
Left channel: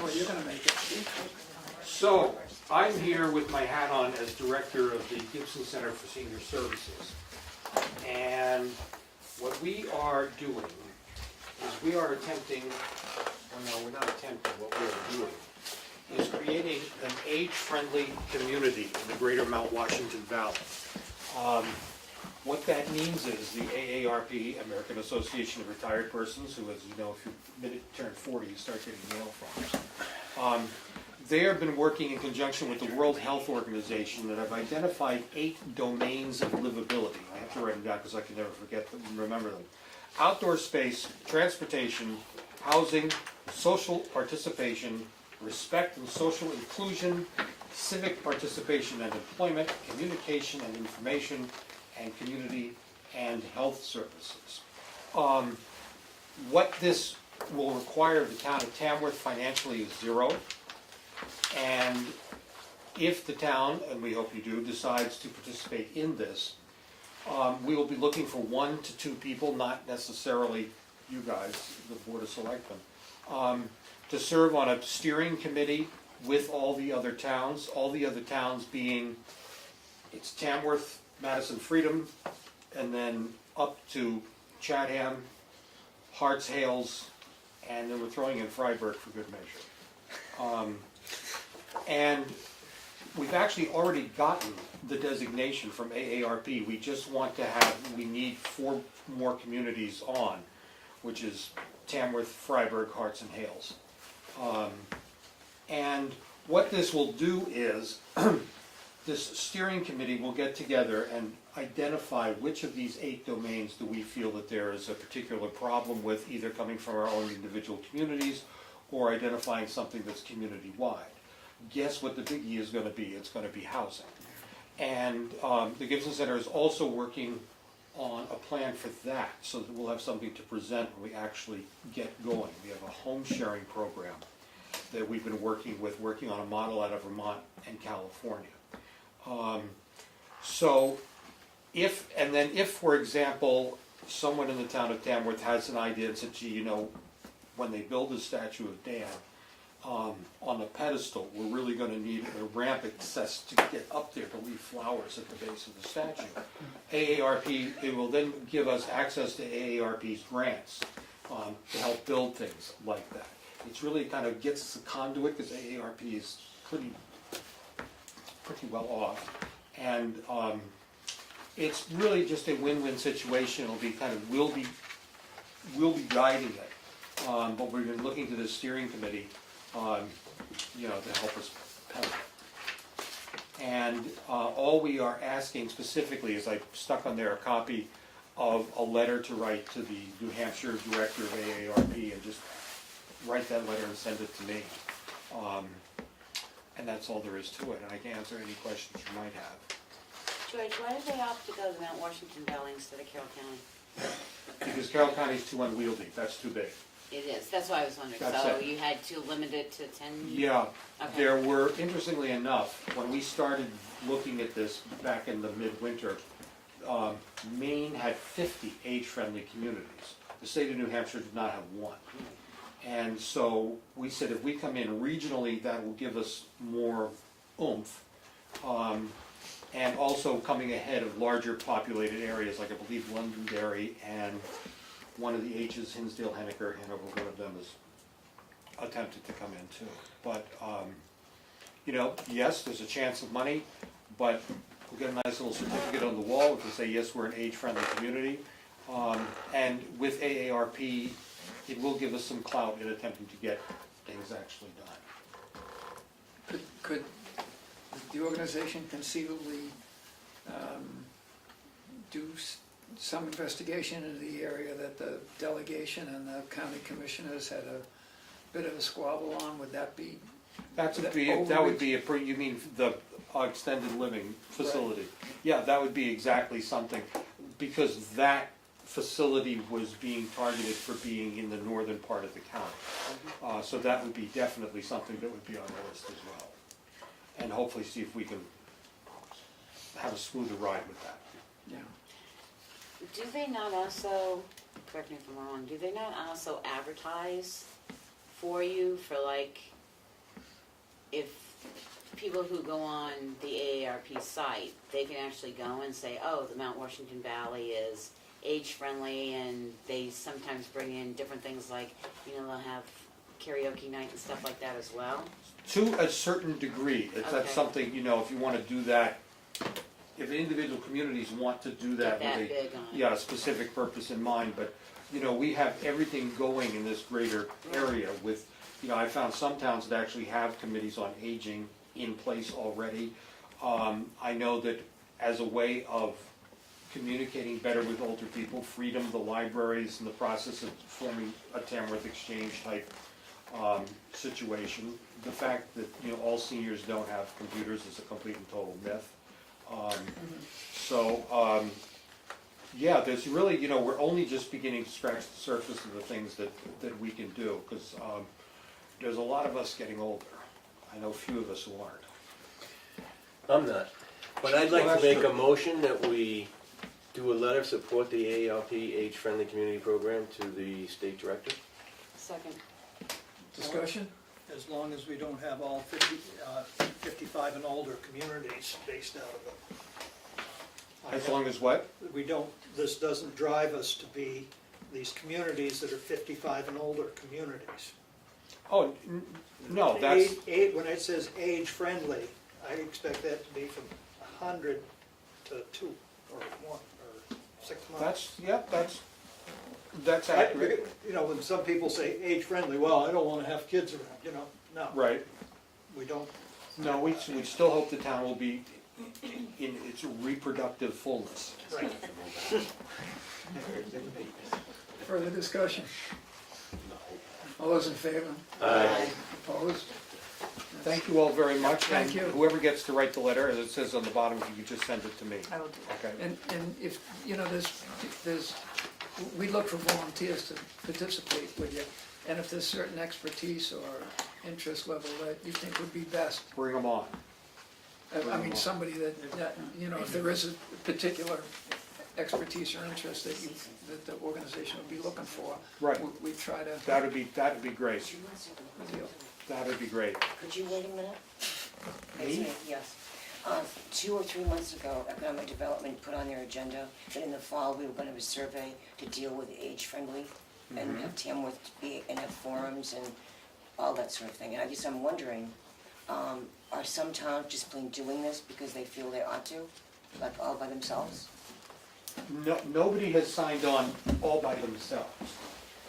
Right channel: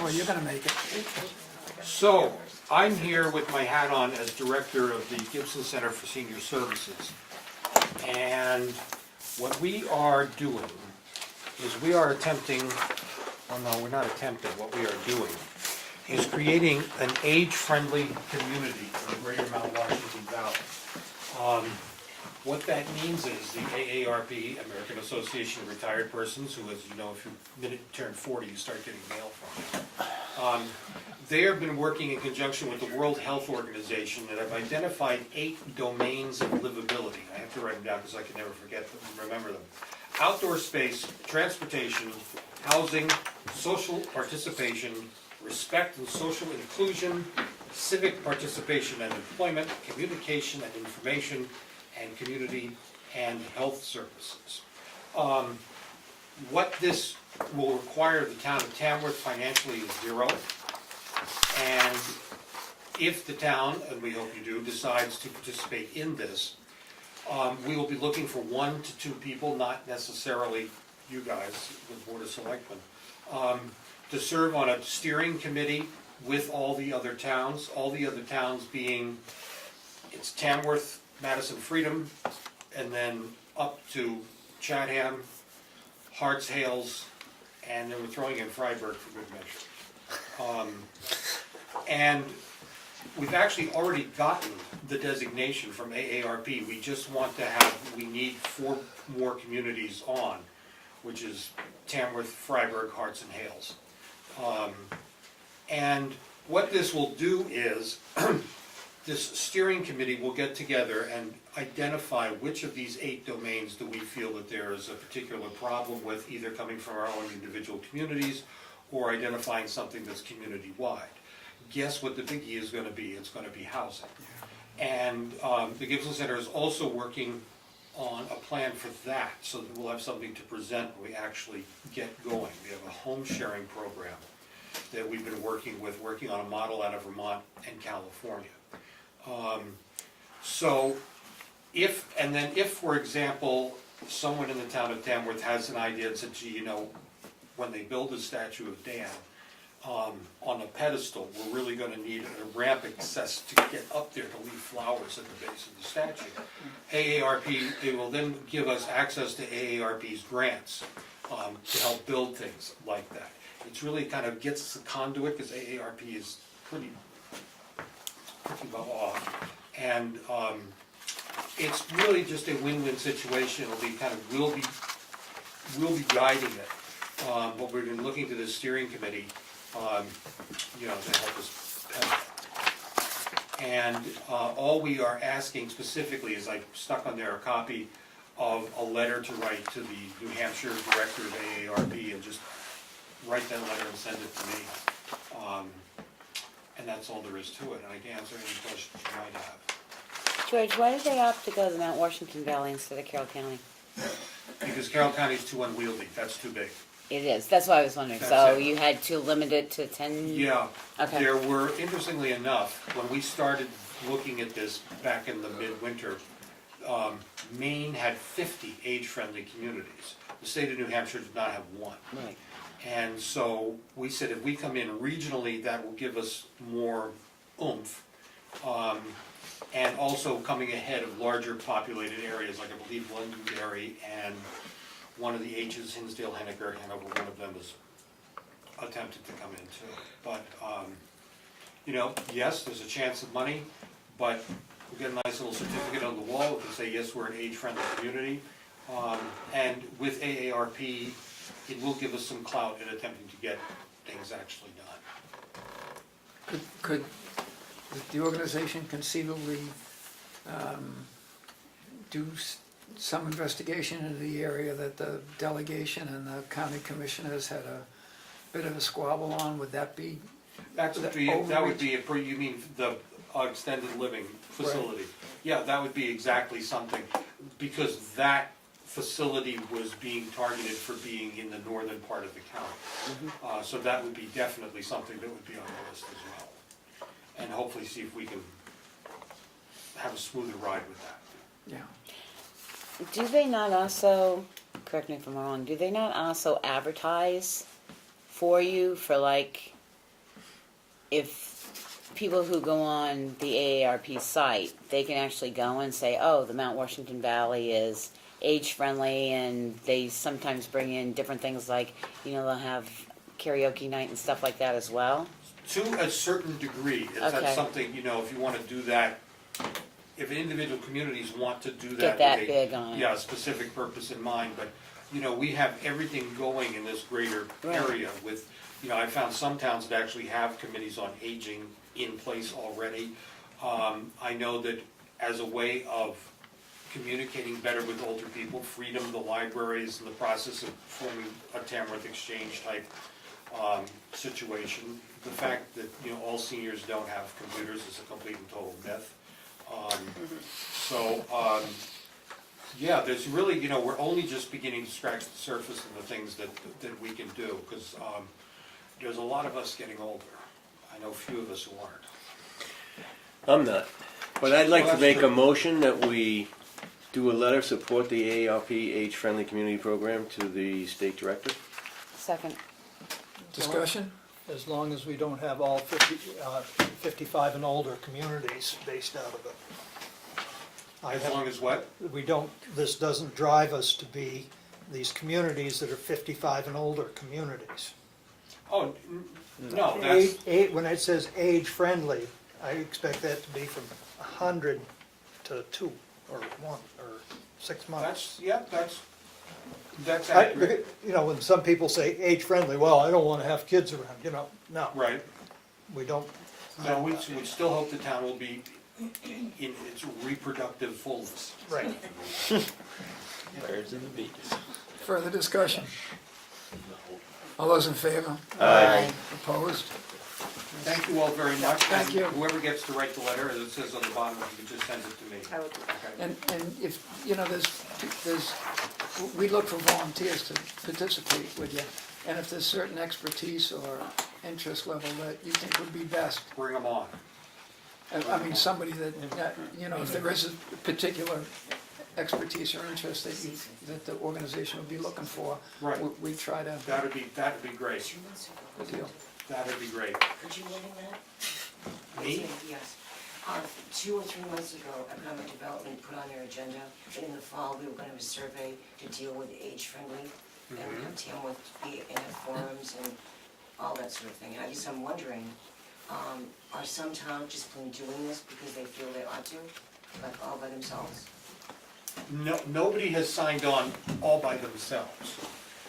oh, you're gonna make it. So, I'm here with my hat on as director of the Gibson Center for Senior Services. And what we are doing is we are attempting, oh no, we're not attempting, what we are doing is creating an age-friendly community in the greater Mount Washington Valley. What that means is the AARP, American Association of Retired Persons, who, as you know, if you turn 40, you start getting mail from. They have been working in conjunction with the World Health Organization and have identified 8 domains of livability. I have to write them down because I can never forget them and remember them. Outdoor space, transportation, housing, social participation, respect and social inclusion, civic participation and employment, communication and information, and community and health services. What this will require the town of Tamworth financially is zero. And if the town, and we hope you do, decides to participate in this, we will be looking for 1 to 2 people, not necessarily you guys, the Board of Selectmen, to serve on a steering committee with all the other towns being, it's Tamworth, Madison Freedom, and then up to Chatham, Harts Hales, and then we're throwing in Freiburg for good measure. And we've actually already gotten the designation from AARP. We just want to we need 4 more communities on, which is Tamworth, Freiburg, Harts, and Hales. And what this will do is, this steering committee will get together and identify which of these 8 domains do we feel that there is a particular problem with, either coming from our own individual communities or identifying something that's community-wide. Guess what the biggie is going to be? It's going to be housing. And the Gibson Center is also working on a plan for that, so that we'll have something to present when we actually get going. We have a home sharing program that we've been working on a model out of Vermont and California. So if, for example, someone in the town of Tamworth has an idea and said, gee, you know, when they build a statue of Dan, on a pedestal, we're really going to need a ramp access to get up there to leave flowers at the base of the statue. AARP, they will then give us access to AARP's grants to help build things like that. It's really kind of gets us a conduit because AARP is pretty well off. And it's really just a win-win situation. It'll be kind of, we'll be guiding it. But we've been looking to the steering committee to help us pedal. And all we are asking specifically is, I stuck on there a copy of a letter to write to the New Hampshire director of AARP, and just write that letter and send it to me. And that's all there is to it, and I can answer any questions you might have. George, why did they opt to go to Mount Washington Valley instead of Carroll County? Because Carroll County is too unwieldy, that's too big. It is, that's why I was wondering, That's so it. you had to limit it to 10? Yeah, Okay. there were, interestingly enough, when we started looking at this back in the midwinter, Maine had 50 age-friendly communities. The state of New Hampshire did not have one. Right. And so we said if we come in regionally, that will give us more oomph. And also coming ahead of larger populated areas, like I believe Londonderry and one of the H's, Hinsdale, Henniker, Hanover, one of them is attempted to come in too. But, yes, there's a chance of money, but we'll get a nice little certificate on the wall to say, yes, we're an age-friendly community. And with AARP, it will give us some clout in attempting to get things actually done. Could the organization conceivably do some investigation into the area that the delegation and the county commissioners had a bit of a squabble on? Would that be? That would be you mean the extended living facility? Right. Yeah, that would be exactly something, because that facility was being targeted for being in the northern part of the county. So that would be definitely something that would be on the list as well. And hopefully see if we can have a smoother ride with that. Yeah. Do they not also, correct me if I'm wrong, do they not also advertise for you for like, if people who go on the AARP site, they can actually go and say, oh, the Mount Washington Valley is age-friendly, and they sometimes bring in different things like, you know, they'll have karaoke night and stuff like that as well? To a certain degree, it's Okay. that's something, you know, if you want to do that, if individual communities want to do Get that. that with a- big on. Yeah, a specific purpose in mind, but, you know, we have everything going in this greater Right. area with, you know, I found some towns that actually have committees on aging in place already. I know that as a way of communicating better with older people, Freedom, the library is in the process of forming a Tamworth Exchange type situation. The fact that, you know, all seniors don't have computers is a complete and total myth. Yeah, there's really, you know, we're only just beginning to scratch the surface of the things that we can do, because there's a lot of us getting older. I know a few of us who aren't. I'm not. But I'd like to make a motion that we do a letter support the AARP Age-Friendly Community Program to the state director. Second. Discussion? As long as we don't have all 55 and older communities based out of it. As long as what? We don't, this doesn't drive us to be these communities that are 55 and older communities. Oh, no, that's, When it says age-friendly, I expect that to be from 100 to 2, or 1, or 6 months. that's accurate. You know, when some people say age-friendly, well, I don't want to have kids around, you know, no, Right. we don't. No, we still hope the town will be in its reproductive fullness. Right. Further discussion? All those in favor? Aye. Opposed? Thank you all very much. Thank you. Whoever gets to write the letter, as it says on the bottom, you just send it to me. I will do that. Okay. And if, you know, we look for volunteers to participate with you. And if there's certain expertise or interest level that you think would be best, Bring them on. I mean, somebody that, you know, if there is a particular expertise or interest that the organization would be looking for, Right. we try to, That'd be great. good deal. That'd be great. Could you wait a minute? Me? Yes. 2 or 3 months ago, Economic Development put on their agenda that in the fall we were gonna have a survey to deal with age-friendly and have Tamworth be and have forums and all that sort of thing. And I'm wondering, are some towns just plain doing this because they feel they ought to, like all by themselves? No, nobody has signed on all by themselves.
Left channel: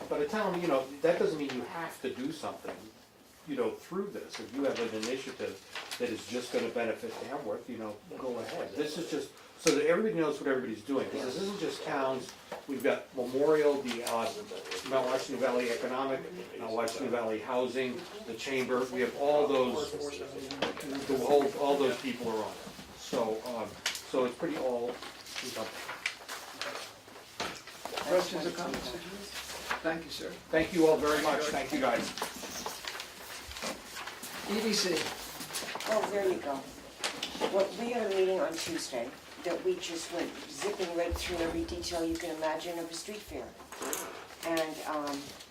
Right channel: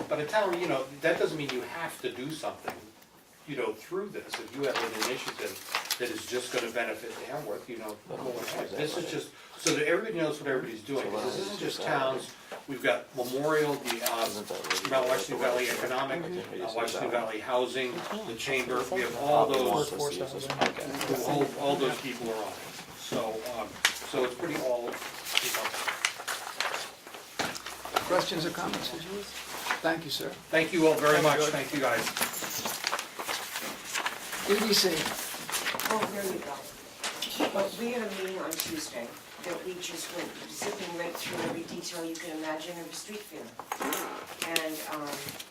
But a town, you know, that doesn't mean you have to do something, you know, through this. If you have an initiative that is just gonna benefit Tamworth, you know, go ahead. This is just, so that everybody knows what everybody's doing. This isn't just towns, we've got Memorial, the Mount Washington Valley Economic, Mount Washington Valley Housing, the Chamber, we have all those, all those people are on it. So it's pretty all, you know. Questions or comments? Thank you, sir. Thank you all very much, thank you guys. EDC, Oh, there you go. Well, we had a meeting on Tuesday that we just went zipping right through every detail you can imagine of a street fair. And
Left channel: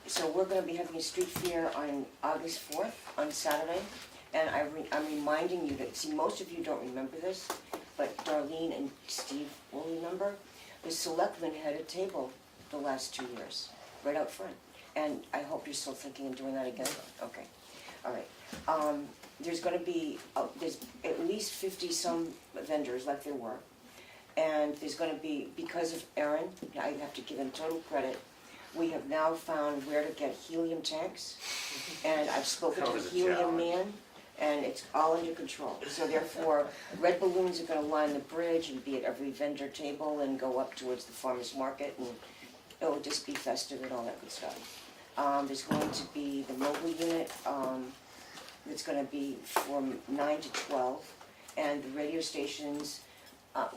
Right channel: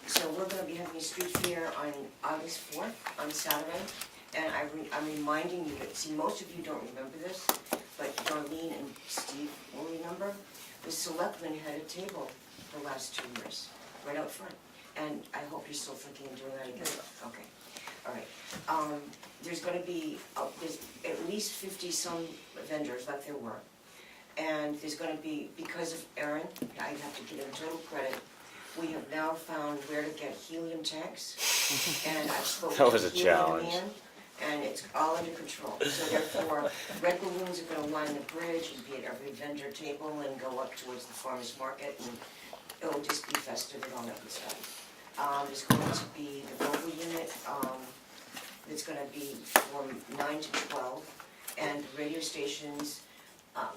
so we're gonna be having a street fair on August 4th, on Saturday. And I'm reminding you that, see, most of you don't remember this, but Darlene and Steve will remember. The selectmen had a table the last 2 years, right out front. And I hope you're still thinking of doing that again? Okay, all right. There's gonna be, there's at least 50-some vendors like there were. And there's gonna be, because of Aaron, I have to give him total credit, we have now found where to get helium tanks. And I've spoken That was to a Helium challenge. Man, and it's all under control. So therefore, red balloons are gonna line the bridge and be at every vendor table and go up towards the farmer's market, and it'll just be festive and all that good stuff. There's going to be the mobile unit, it's gonna be from 9 to 12, and the radio stations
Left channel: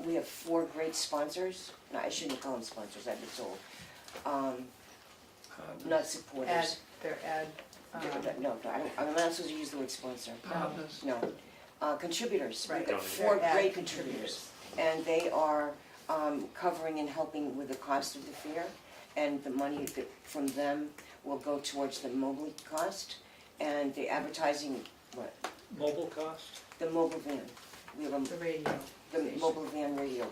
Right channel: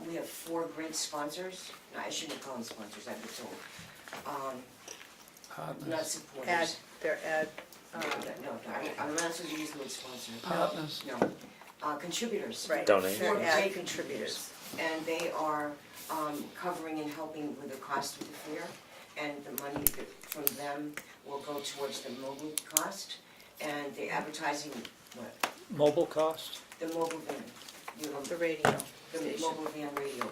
we have 4 great sponsors. No, I shouldn't call them sponsors, I'd be told. Not supporters. They're No, I'm not supposed to use the word sponsor. Partners. No. Contributors. right. Donate. Four They're ad great contributors. And they are covering and helping with the cost of the fair, and the money from them will go towards the mobile cost, and the advertising, what? Mobile cost? The mobile van. We have The radio. the station. mobile van radio,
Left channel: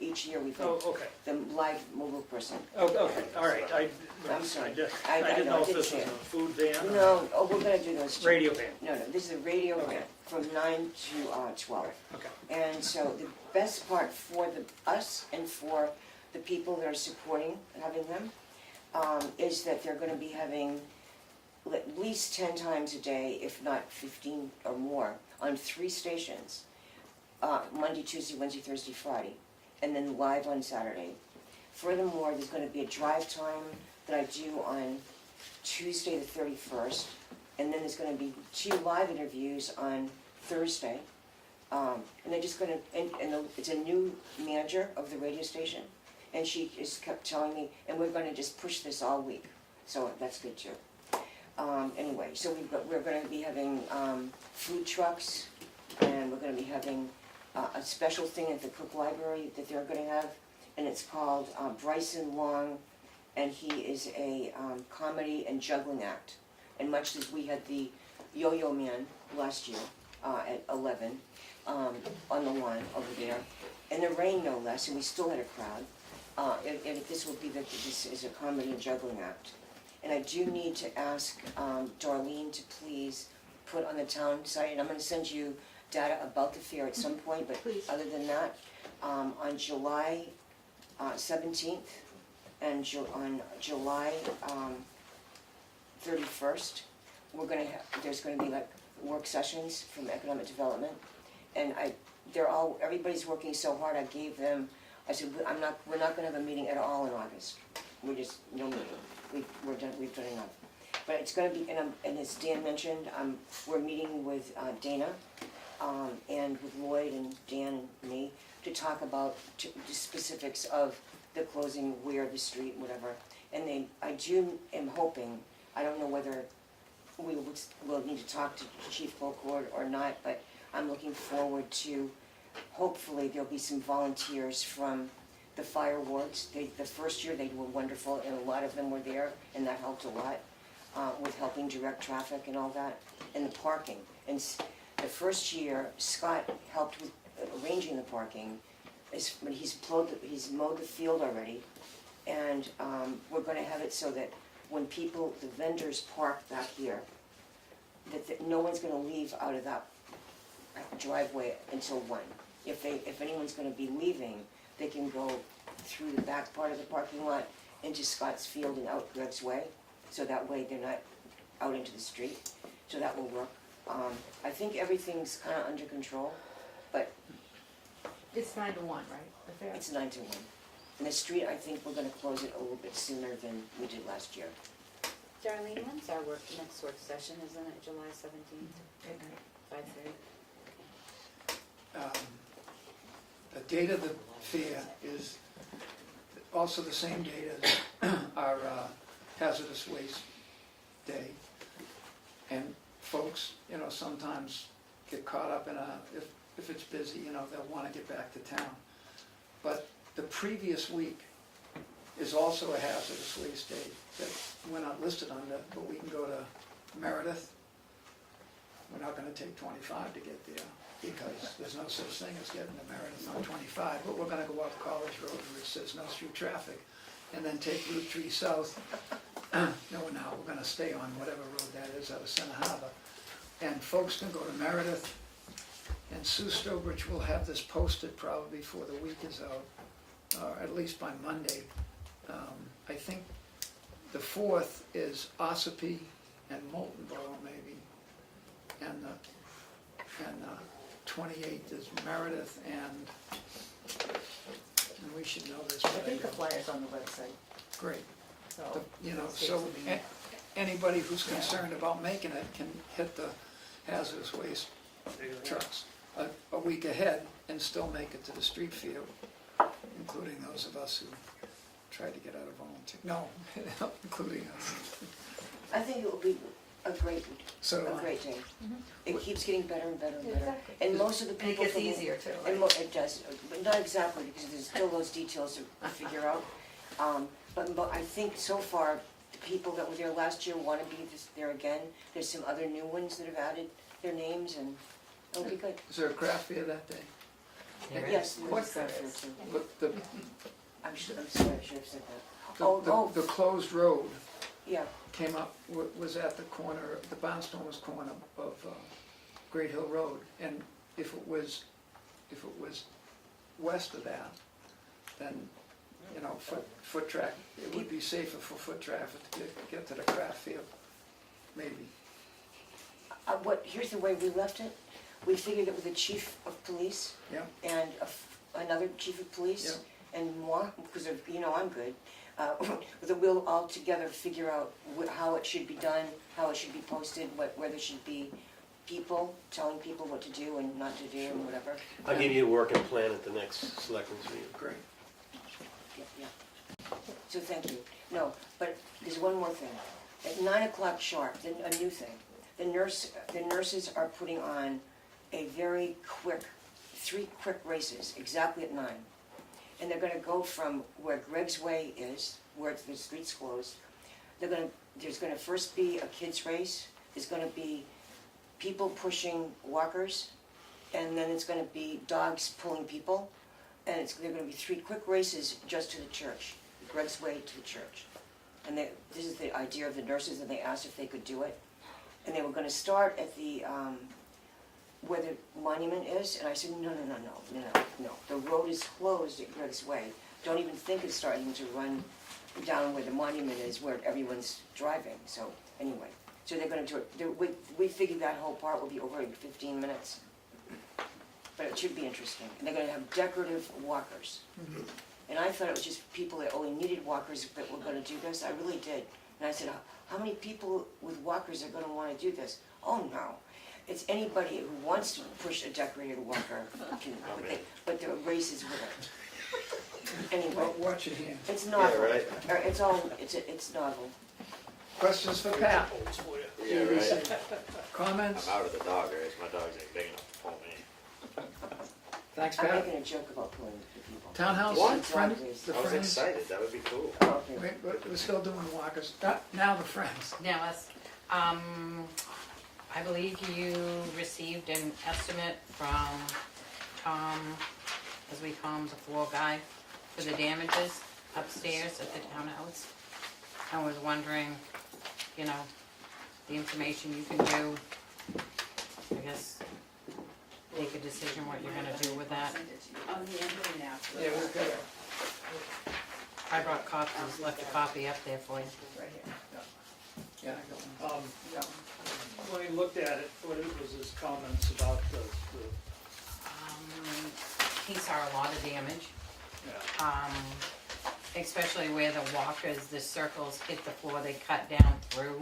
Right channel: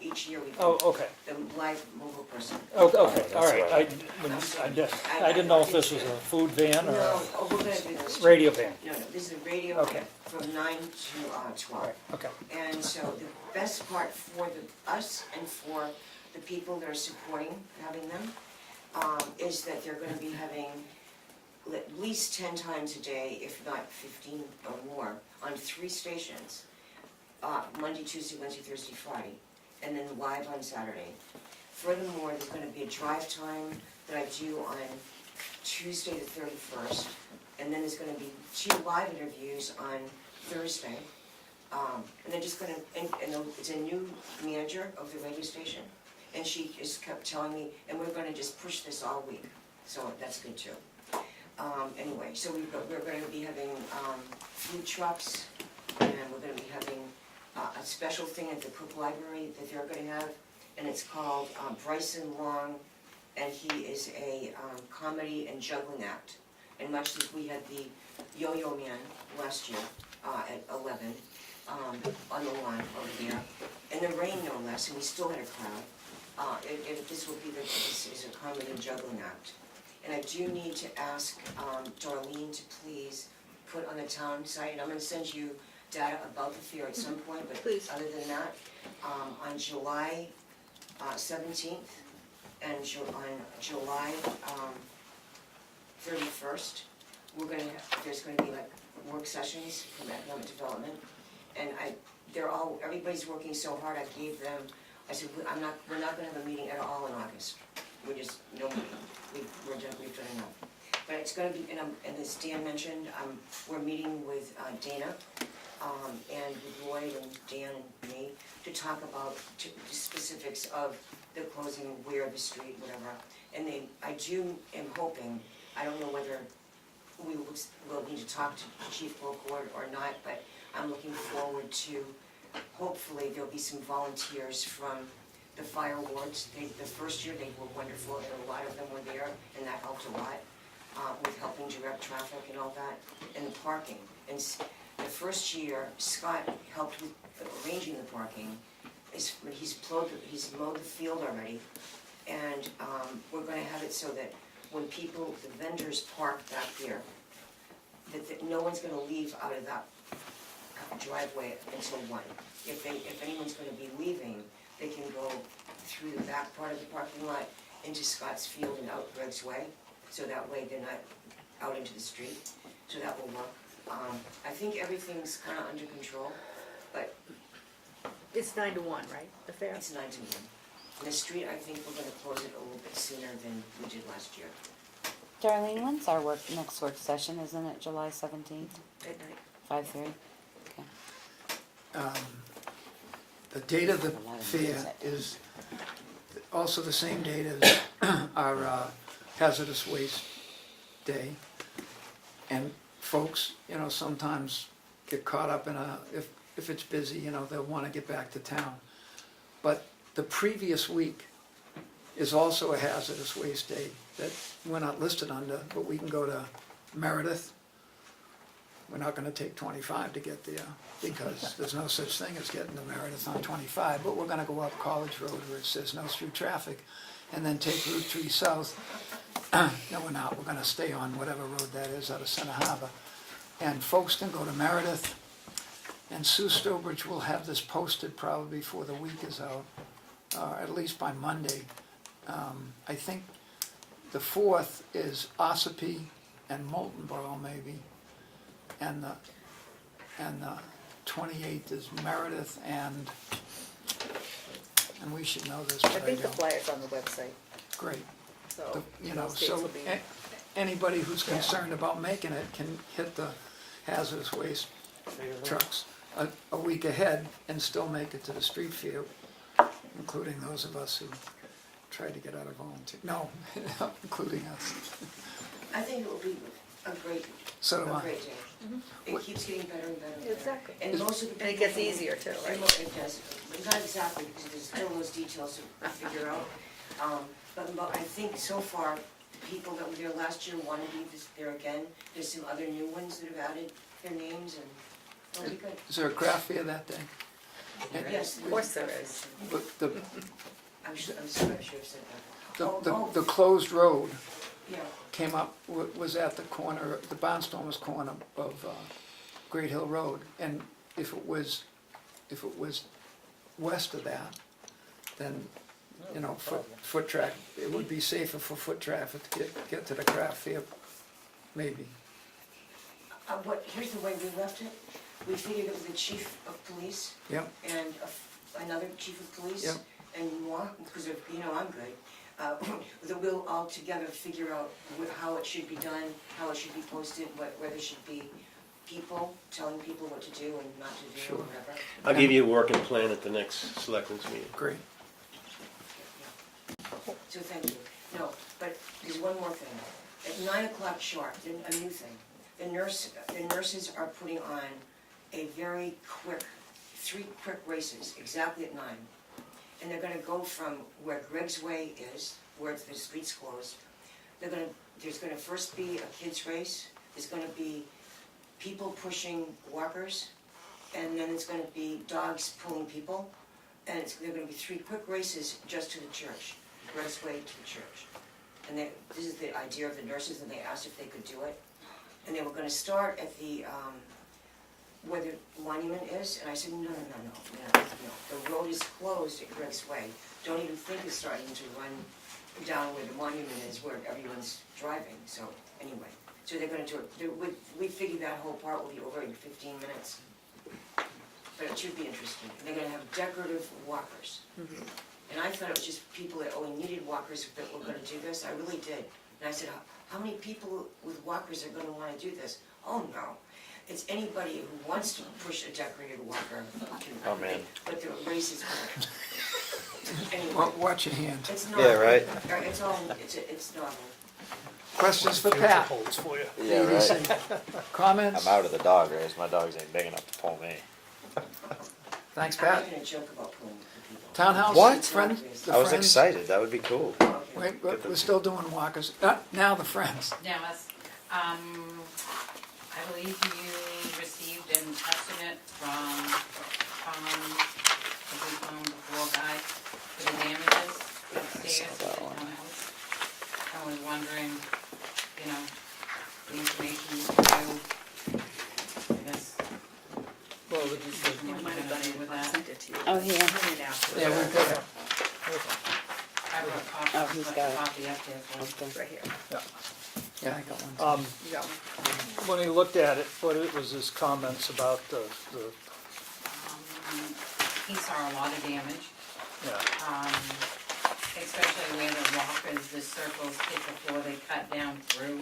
each year we Oh, have okay. the live mobile person. Oh, okay, all right. I'm sorry. I didn't know if this was a food van or No, we're gonna do those. a two. radio van. No, this is a radio Okay. from 9 to 12. Okay. And so the best part for us and for the people that are supporting having them is that they're gonna be having at least 10 times a day, if not 15 or more, on 3 stations. Monday, Tuesday, Wednesday, Thursday, Friday, and then live on Saturday. Furthermore, there's gonna be a drive time that I do on Tuesday the 31st, and then there's gonna be 2 live interviews on Thursday. And they're just gonna, and it's a new manager of the radio station, and she just kept telling me, and we're gonna just push this all week, so that's good too. Anyway, so we're gonna be having food trucks, and we're gonna be having a special thing at the Cook Library that they're gonna have, and it's called Bryson Long, and he is a comedy and juggling act. And much as we had the Yo-Yo Man last year at 11 on the lawn over there, in the rain no less, and we still had a crowd. And this will be this is a comedy and juggling act. And I do need to ask Darlene to please put on the town site, and I'm gonna send you data about the fair at some point, but Please. other than that, on July 17th and on July 31st, there's gonna be like work sessions from economic development, and everybody's working so hard, I gave them, I said, we're not gonna have a meeting at all in August. We're just, no meeting, we've done enough. But it's gonna be, and as Dan mentioned, we're meeting with Dana, and with Lloyd and Dan and me, to talk about the specifics of the closing, where the street, whatever. And am hoping, I don't know whether we'll need to talk to Chief Bocourt or not, but I'm looking forward to, hopefully there'll be some volunteers from the fire wards. The first year they were wonderful, and a lot of them were there, and that helped a lot with helping direct traffic and all that, and the parking. And the first year, Scott helped with arranging the parking. He's mowed the field already, and we're gonna have it so that when the vendors park back there, that no one's gonna leave out of that driveway until 1. If anyone's gonna be leaving, they can go through the back part of the parking lot into Scott's Field and out Greg's Way, so that way they're not out into the street, so that will work. I think everything's kinda under control, but It's 9 to 1, right, the fair? it's 9 to 1. And the street, I think we're gonna close it a little bit sooner than we did last year. Darlene, when's our next work session? Isn't it July 17th, Good night. 5:30? The date of the fair is also the same date as our hazardous waste day. And folks, sometimes get caught up in if it's busy, they'll want to get back to town. But the previous week is also a hazardous waste day that we're not listed under, but we can go to Meredith. We're not gonna take 25 to get there, because there's no such thing as getting to Meredith on 25, but we're gonna go up College Road where it says no through traffic, and then take Route 3 south. No, we're not, we're gonna stay on whatever road that is out of Center Harbor. And folks can go to Meredith, and Sue Stobridge will have this posted probably before the week is out, or at least by Monday. I think the 4th is Ossipee and Moltenboro maybe, and the 28th is Meredith, and we should know this, I but I think the don't. flyer's on the website, Great. so. So those dates will be- anybody who's concerned about making it can hit the hazardous waste trucks. a week ahead and still make it to the street view, including those of us who tried to get out of volunteer, no, including us. I think it will be a great, So do a I. great day. It keeps getting better and better and better. Exactly. And most of the And it people. gets from the- easier too, and right? It does, not exactly, because there's still those details to figure out. But I think so far, the people that were there last year want to be there again. There's some other new ones that have added their names, and it'll be good. Is there a craft fair that day? Yes. Of course there is. But the, I'm sorry, I should have said that. the closed road Yeah, came up, was at the corner, the Barnstormers corner of Great Hill Road, and if it was west of that, then, you know, foot traffic, it would be safer for foot traffic to get to the craft fair, maybe. here's the way we left it. We figured it was the chief of police Yep, and another chief of police Yep. and moi, because of, I'm good. That we'll all together figure out how it should be done, how it should be posted, whether it should be people, telling people what to do and not to do, Sure. or whatever. I'll give you a working plan at the next selectmen's meeting. great. Yeah. So thank you. No, but there's one more thing. At 9 o'clock sharp, then a new thing. The nurses are putting on a very quick, 3 quick races, exactly at 9. And they're gonna go from where Greg's Way is, where the street's closed. There's gonna first be a kids race, there's gonna be people pushing walkers, and then it's gonna be dogs pulling people. And they're gonna be 3 quick races just to the church, Greg's Way to the church. And this is the idea of the nurses, and they asked if they could do it. And they were gonna start at the, where the monument is, and I said, no. The road is closed at Greg's Way. Don't even think of starting to run down where the monument is, where everyone's driving, so, anyway. So they're gonna do it, we figured that whole part will be over in 15 minutes. But it should be interesting. And they're gonna have decorative walkers. And I thought it was just people that only needed walkers that were gonna do this, I really did. And I said, how many people with walkers are gonna wanna do this? Oh, no. It's anybody who wants to push a decorated walker. Oh, man. But there are races with it. Anyway, Watch your hand. it's novel. Yeah, right. It's all, it's novel. Questions for Pat? Holds for you. Yeah, right. Comments? I'm out of the dog race. My dogs ain't big enough to pull me. Thanks, I'm Pat. making a joke about pulling the people. Townhouse? What? Friends? The I was Friends? excited. That would be cool. Okay. Wait, but we're still doing walkers. Now the Friends. Now, I believe you received an estimate from the floor guy for the damages upstairs at the townhouse. I was wondering, the information you can do, I guess, make a decision what you're gonna do with that. Oh, here. Yeah, we've got it. I brought a copy, Oh, he's left got a it. copy up there for you. Right here. Yeah, I got one. When he looked at it, what it was his comments about the He saw a lot of damage. yeah. Especially where the walkers, the circles hit the floor, they cut down through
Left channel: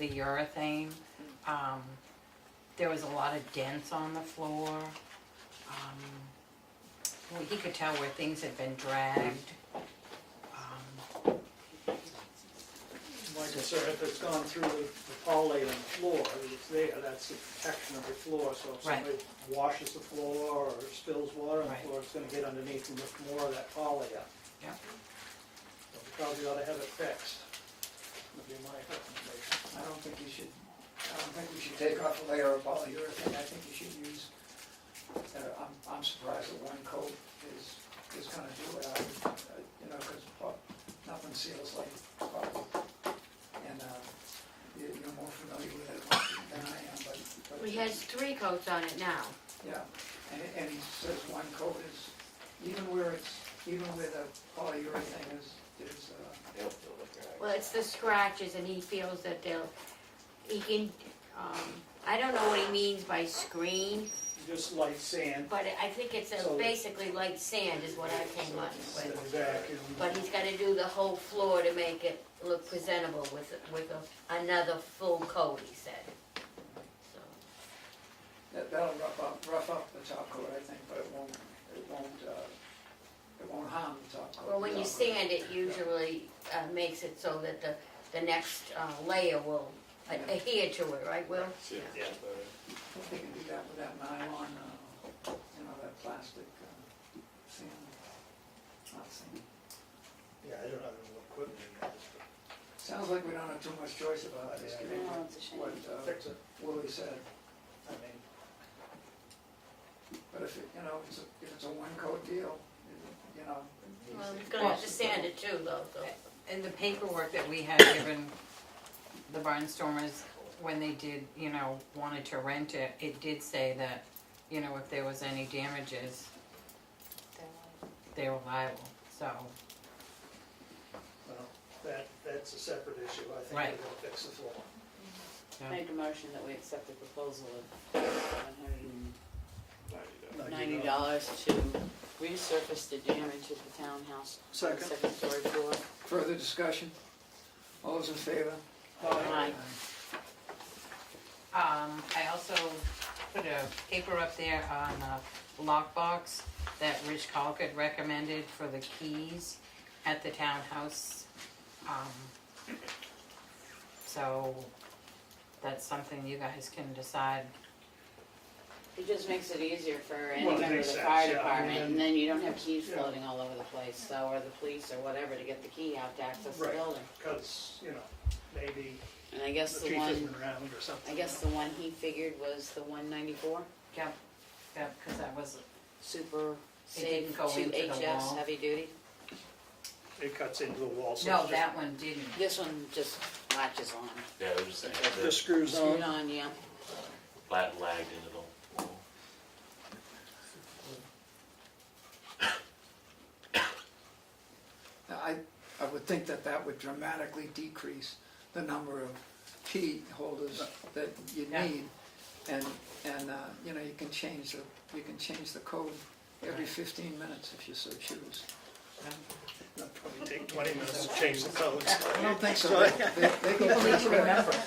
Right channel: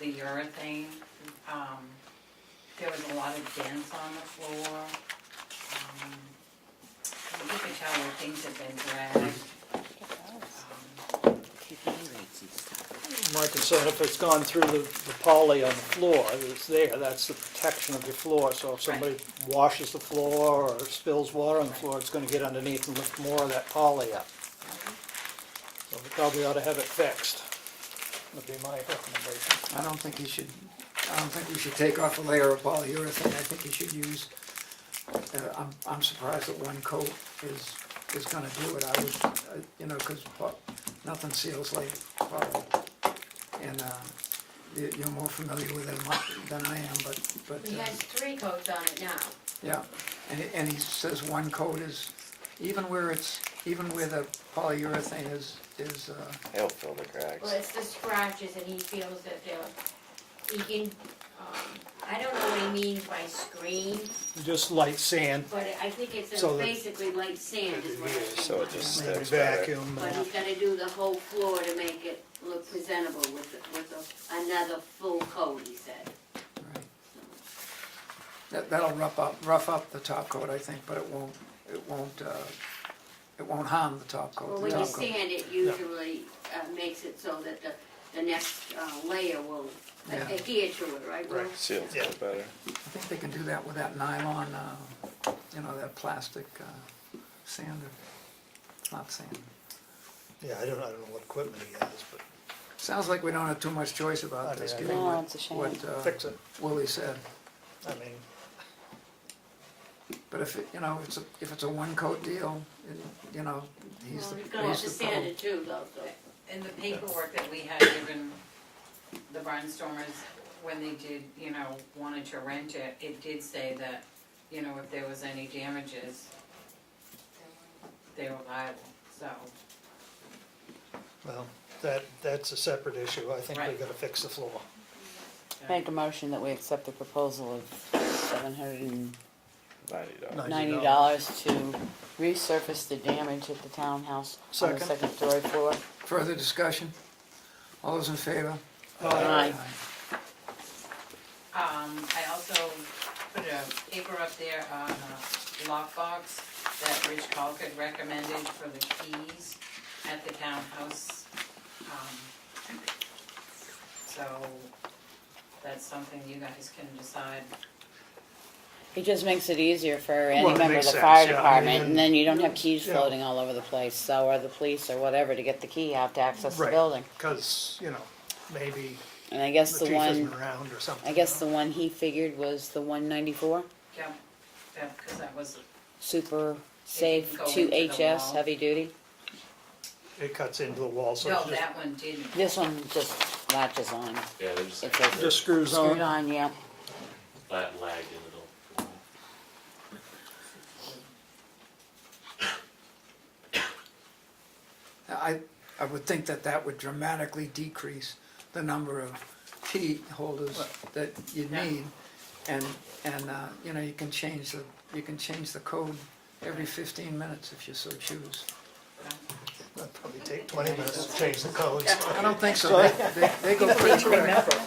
the urethane. There was a lot of dents on the floor. Well, you could tell where things had been dragged. My concern, if it's gone through the poly on the floor, it's there, that's the protection of your floor. So if somebody washes the floor or spills water on the floor, it's gonna get underneath and lift more of that poly up. So we probably ought to have it fixed, would be my recommendation. I don't think we should take off a layer of polyurethane. I think you should use, I'm surprised that one coat is gonna do it. I would, cause nothing seals like poly. And, you're more familiar with it than I am, but. We had 3 coats on it now. Yeah, and he says one coat is, even where the polyurethane is, He'll fill the cracks. Well, it's the scratches, and he feels that he can, I don't know what he means by screen, Just light sand, but I think it's So that- basically light sand is what I think. So it just maybe sticks better. vacuum. But he's gotta do the whole floor to make it look presentable with another full coat, he said. That'll rough up the top coat, I think, but it won't harm the top coat. Well, The when you top coat- sand it, usually makes it so that the next layer will Yeah. adhere to it, right, Will? Seals Yeah. it better. I think they can do that with that nylon, that plastic sander, not sand. Yeah, I don't know what equipment he has, but Sounds like we don't have too much choice about I this, mean, given No, what, it's a shame. what fix it. Willie said. I mean, But if it's a one coat deal, he's the. Well, he's gonna have to he's the sand pro. it too, though, so. In the paperwork that we had given the barnstormers, when they did, wanted to rent it, it did say that, if there was any damages, they were liable, so. well, that's a separate issue. I think we Right. gotta fix the floor. Make a motion that we accept the proposal of $790 $90. to resurface the damage at the townhouse on the Second. second story floor. Further discussion? All those in favor? Aye. I also put a paper up there on a lockbox that Rich Colquitt recommended for the keys at the townhouse. So that's something you guys can decide. It just makes it easier for any Well, it member of makes the fire sense, yeah, I department, mean, and then you don't have keys yeah. floating all over the place, so, or the police or whatever, to get the key out to access the Right. building. Because, maybe And I guess the the chief isn't one, around or something. I guess the one he figured was the 194, Yeah, because that was, super didn't safe, go 2 into the HS, wall. heavy duty. It cuts into the wall, so no, it's just, that one didn't. This one just latches on. Yeah, there's It's a just screws screwed on. on, yeah. lagged into the wall. I would think that would dramatically decrease the number of key holders that you Yeah. need. And you can change the code every 15 minutes if you so choose. it'll probably take 20 minutes to change the codes. I don't think so, they go pretty quick.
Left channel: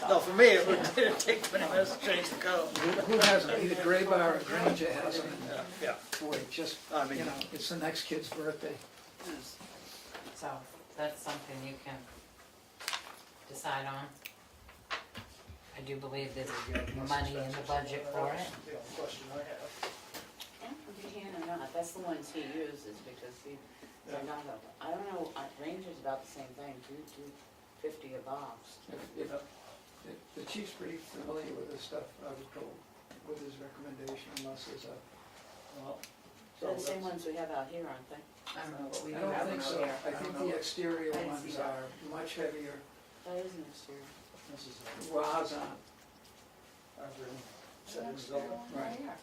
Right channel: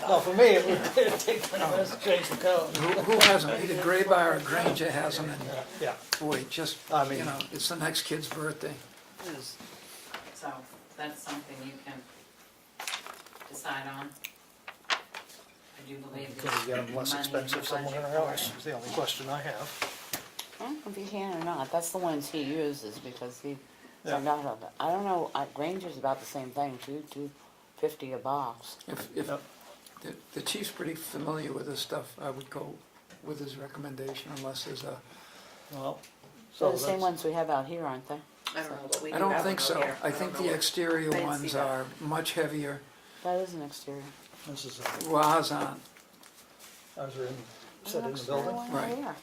No, for me, it would take 20 minutes to change the code. Who has them? Either Graybar or Granger has them, and Yeah. boy, just, I mean- it's the next kid's birthday. So that's something you can decide on. I do believe Can there's we get them less money in the expensive budget somewhere for else, it. is the only question I have. If you can or not, that's the ones he uses, because he, Yeah. I don't know, Granger's about the same thing, $250 a box. If the chief's pretty familiar with this stuff, I would go with his recommendation unless there's a, Well, They're so the same that's, ones we have out here, aren't they? I don't know, but we do I don't have think one so. here. I don't think know the what- exterior I didn't ones see that. are much heavier. That is an exterior. this is, Well, ours aren't. ours are set in the Exterior building. one Right. right here.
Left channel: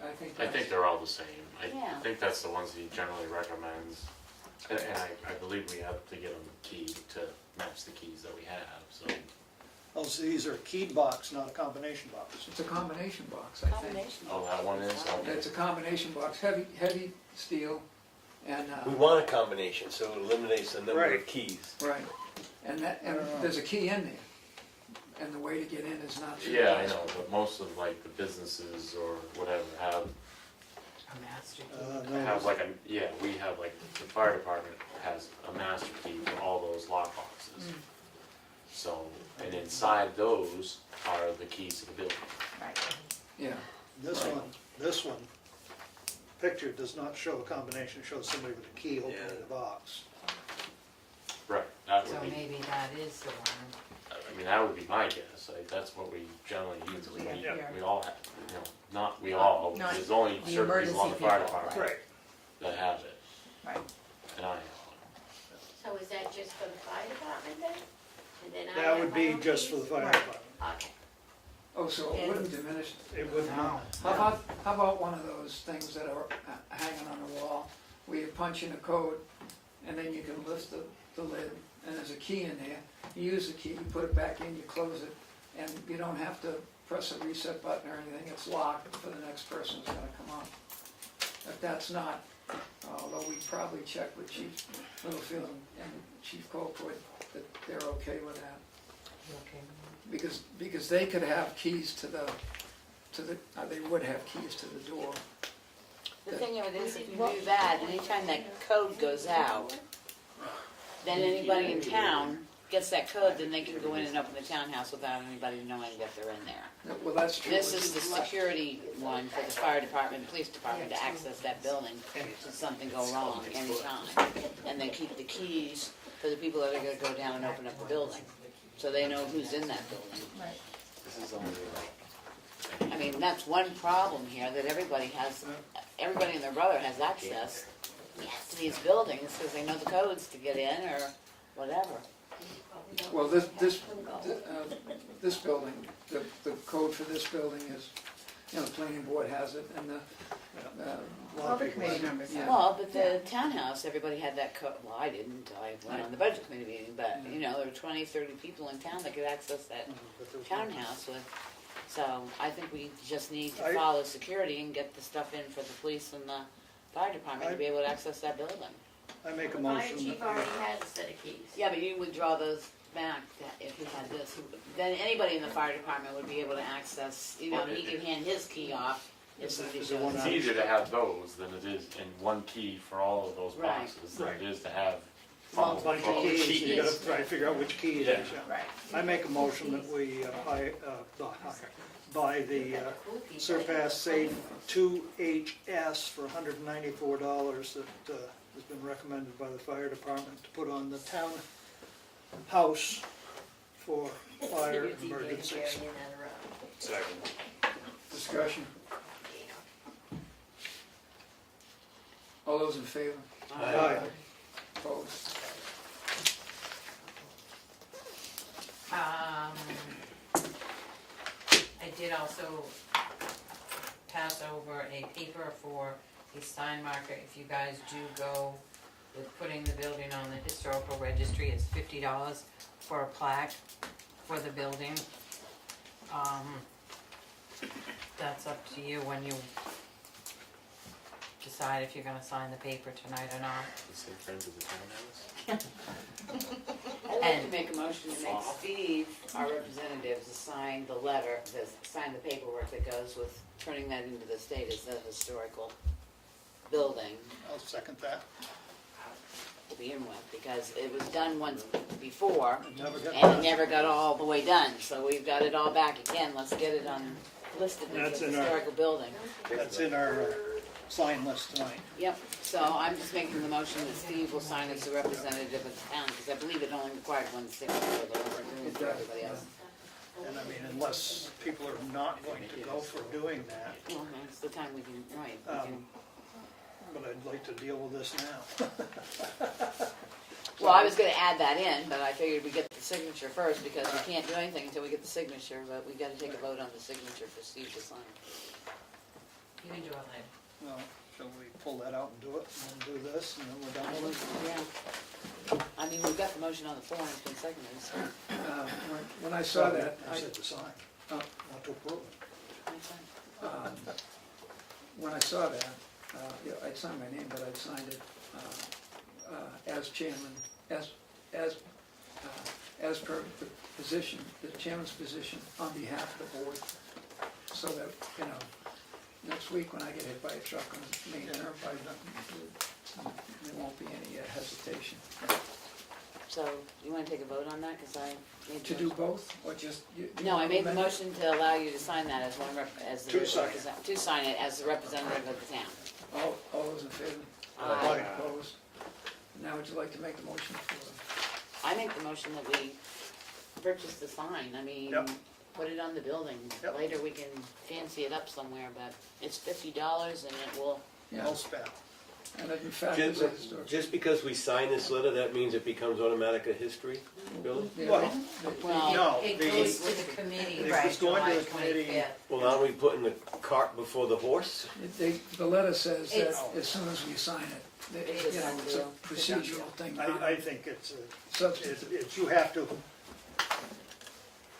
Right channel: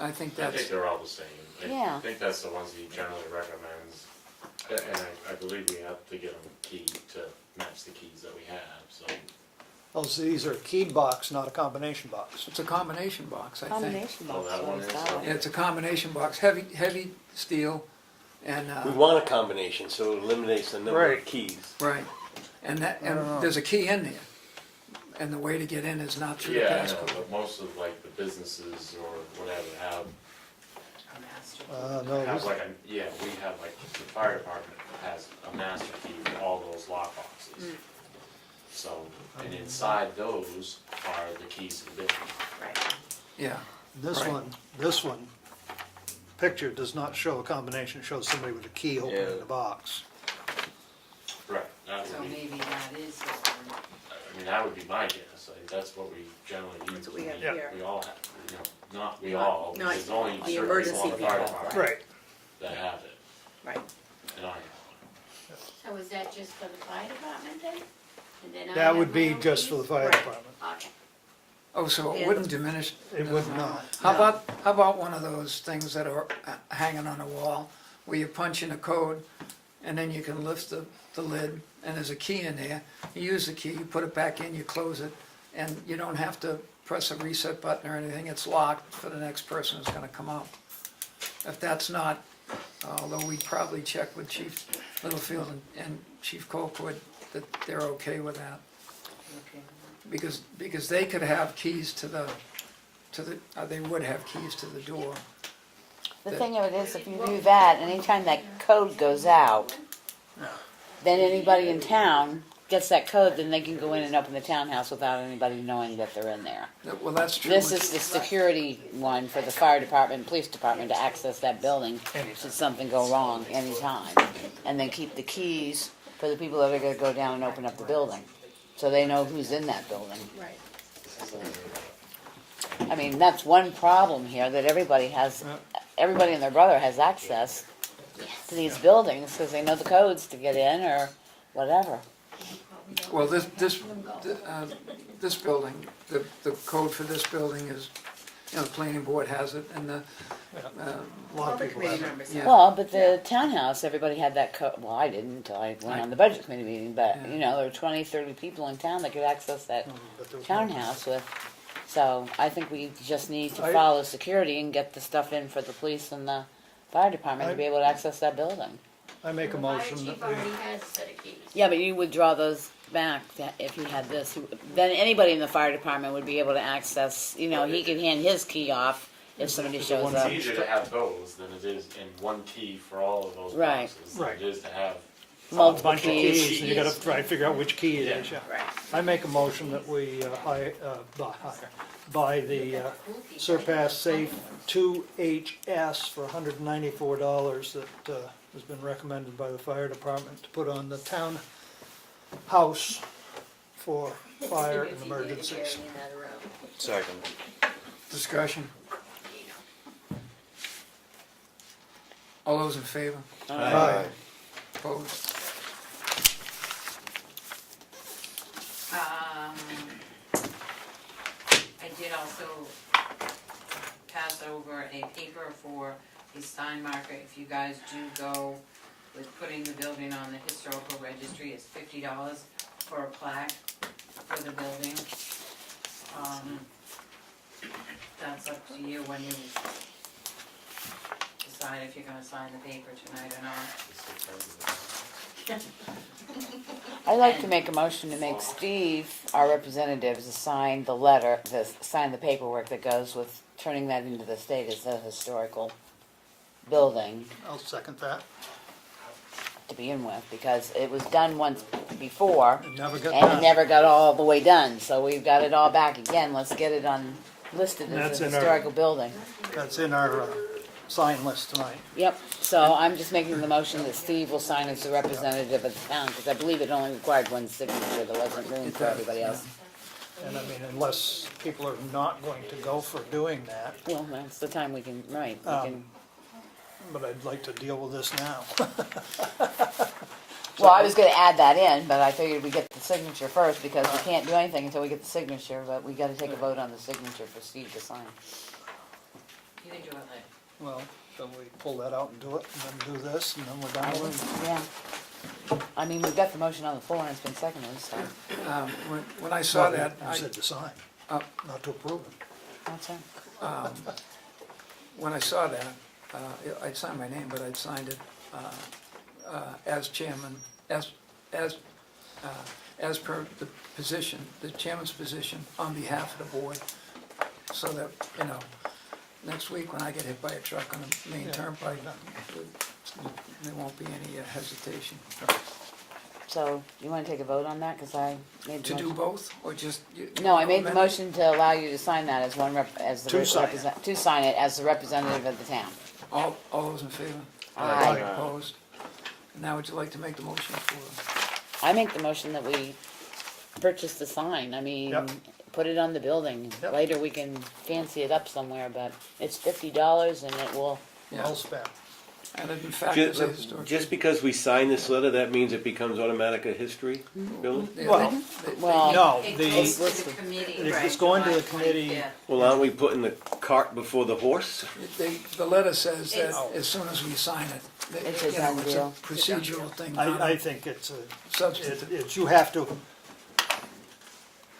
I think I that's, think they're all the same. Yeah. I think that's the ones he generally recommends. And I believe we have to get them keyed to match the keys that we have, so. Oh, so these are keyed box, not a combination box. it's a combination box, I think. Combination Oh, box. that one is? Yeah, it's a combination box, heavy steel, and, We want a combination, so it eliminates the number of Right. keys. right. And there's a key in there. And the way to get in is not through the Yeah, I know, passcode. but most of like the businesses or whatever have, A master. No, have this, like we have like, the fire department has a master key for all those lock boxes. So, and inside those are the keys to the building. Right. Yeah, this Right. one picture does not show a combination, it shows somebody with a key opening Yeah. the box. Right. That So would be, maybe that is the one. I mean, that would be my guess, like, that's what we generally use. That's what we have Yeah. here. We all have, not we Not- all, not there's only the certain people emergency on the fire people, department Right. that have it, Right. and I have So is that just for the fire department then? And then I That have would my be own just for key? the fire Right. department. Okay. oh, so it Yeah. wouldn't diminish. It would not. How about one of those things that are hanging on a wall, where you punch in a code, and then you can lift the lid, and there's a key in there, you use the key, you put it back in, you close it, and you don't have to press a reset button or anything, it's locked for the next person who's gonna come out. If that's not, although we probably check with Chief Littlefield and Chief Colquitt, that they're okay with that. Okay. Because they could have keys to the to the, they would have keys to the door. The thing of it is, if you do that, anytime that code goes out, then anybody in town gets that code, then they can go in and open the townhouse without anybody knowing that they're in there. Well, that's true. This is the security one for the fire department, police department to access that building should something go wrong anytime. And then keep the keys for the people that are gonna go down and open up the building, so they know who's in that building. I mean, that's one problem here, that everybody and their brother has access to these buildings, because they know the codes to get in or whatever. Well, this building, the code for this building is, you know, the planning board has it, and the, A lot of people have it. yeah. Well, but the townhouse, everybody had that code, well, I didn't until I went on the budget committee meeting, but, you know, there were 20, 30 people in town that could access that But there was no- townhouse with, so I think we just need to I- follow security and get the stuff in for the police and the fire department to be able to access that building. I make a Fire motion chief that we, already has a set of keys. Yeah, but you would draw those back if you had this, then anybody in the fire department would be able to access, you know, he could hand his key off if somebody shows It's up. easier to have those than it is in one key for all of those Right. boxes than it is to have Multiple bunch of keys. keys, and you gotta try to figure out which key it is, yeah. Right. I make a motion that we, buy the Surpass Safe 2HS for $194 that, has been recommended by the fire department to put on the townhouse for fire and emergencies. Second. Discussion. All those in favor? Aye. Opposed? I did also pass over a paper for a sign marker. If you guys do go with putting the building on the historical registry, it's $50 for a plaque for the building. That's up to you when you decide if you're gonna sign the paper tonight or not. I'd like to make a motion to make Steve, our representative, to sign the letter, sign the paperwork that goes with turning that into the state as a historical building I'll second that. to begin with, because it was done once before, It never got and it done. never got all the way done, so we've got it all back again, let's get it listed as That's a in our- historical building. That's in our sign list tonight. Yep, so I'm just making the motion that Steve will sign as the representative of the town, because I believe it only required one signature, there wasn't room for everybody else. And I mean, unless people are not going to go for doing that, Well, that's the time we can, right, we Um, can, but I'd like to deal with this now. well, I was gonna add that in, but I figured we get the signature first, because we can't do anything until we get the signature, but we gotta take a vote on the signature for Steve to sign. You can do it later. Well, then we pull that out and do it, and then do this, and then we're done with it. Yeah. I mean, we've got the motion on the floor, and it's been seconded, so, When I saw Well, that, You said to sign, not to approve it. that's it. when I saw that, I'd signed my name, but I'd signed it as chairman, as per the position, the chairman's position on behalf of the board, so that, you know, next week when I get hit by a truck on the main turnpike, there won't be any hesitation. So, you wanna take a vote on that, cause I made the To do motion. both, or just? No, I made the motion to allow you to sign that as one as the To sign it. to sign it as the representative of the town. All those in favor? Aye. Opposed? Now would you like to make the motion for? I make the motion that we purchase the sign, I mean, Yep. put it on the building. Yep. Later we can fancy it up somewhere, but it's $50 and it will, Well spent. And in fact, it's a historic. Just because we sign this letter, that means it becomes automatic a history, Billy? Yeah, Well, well, No, It the, goes to the committee, it's right, going to the July committee. 25th. Well, aren't we putting the cart before the horse? The letter says that It's- as soon as we sign it, that, It's a you know, done it's a deal. procedural thing, not I a think it's substantive. it's, you have to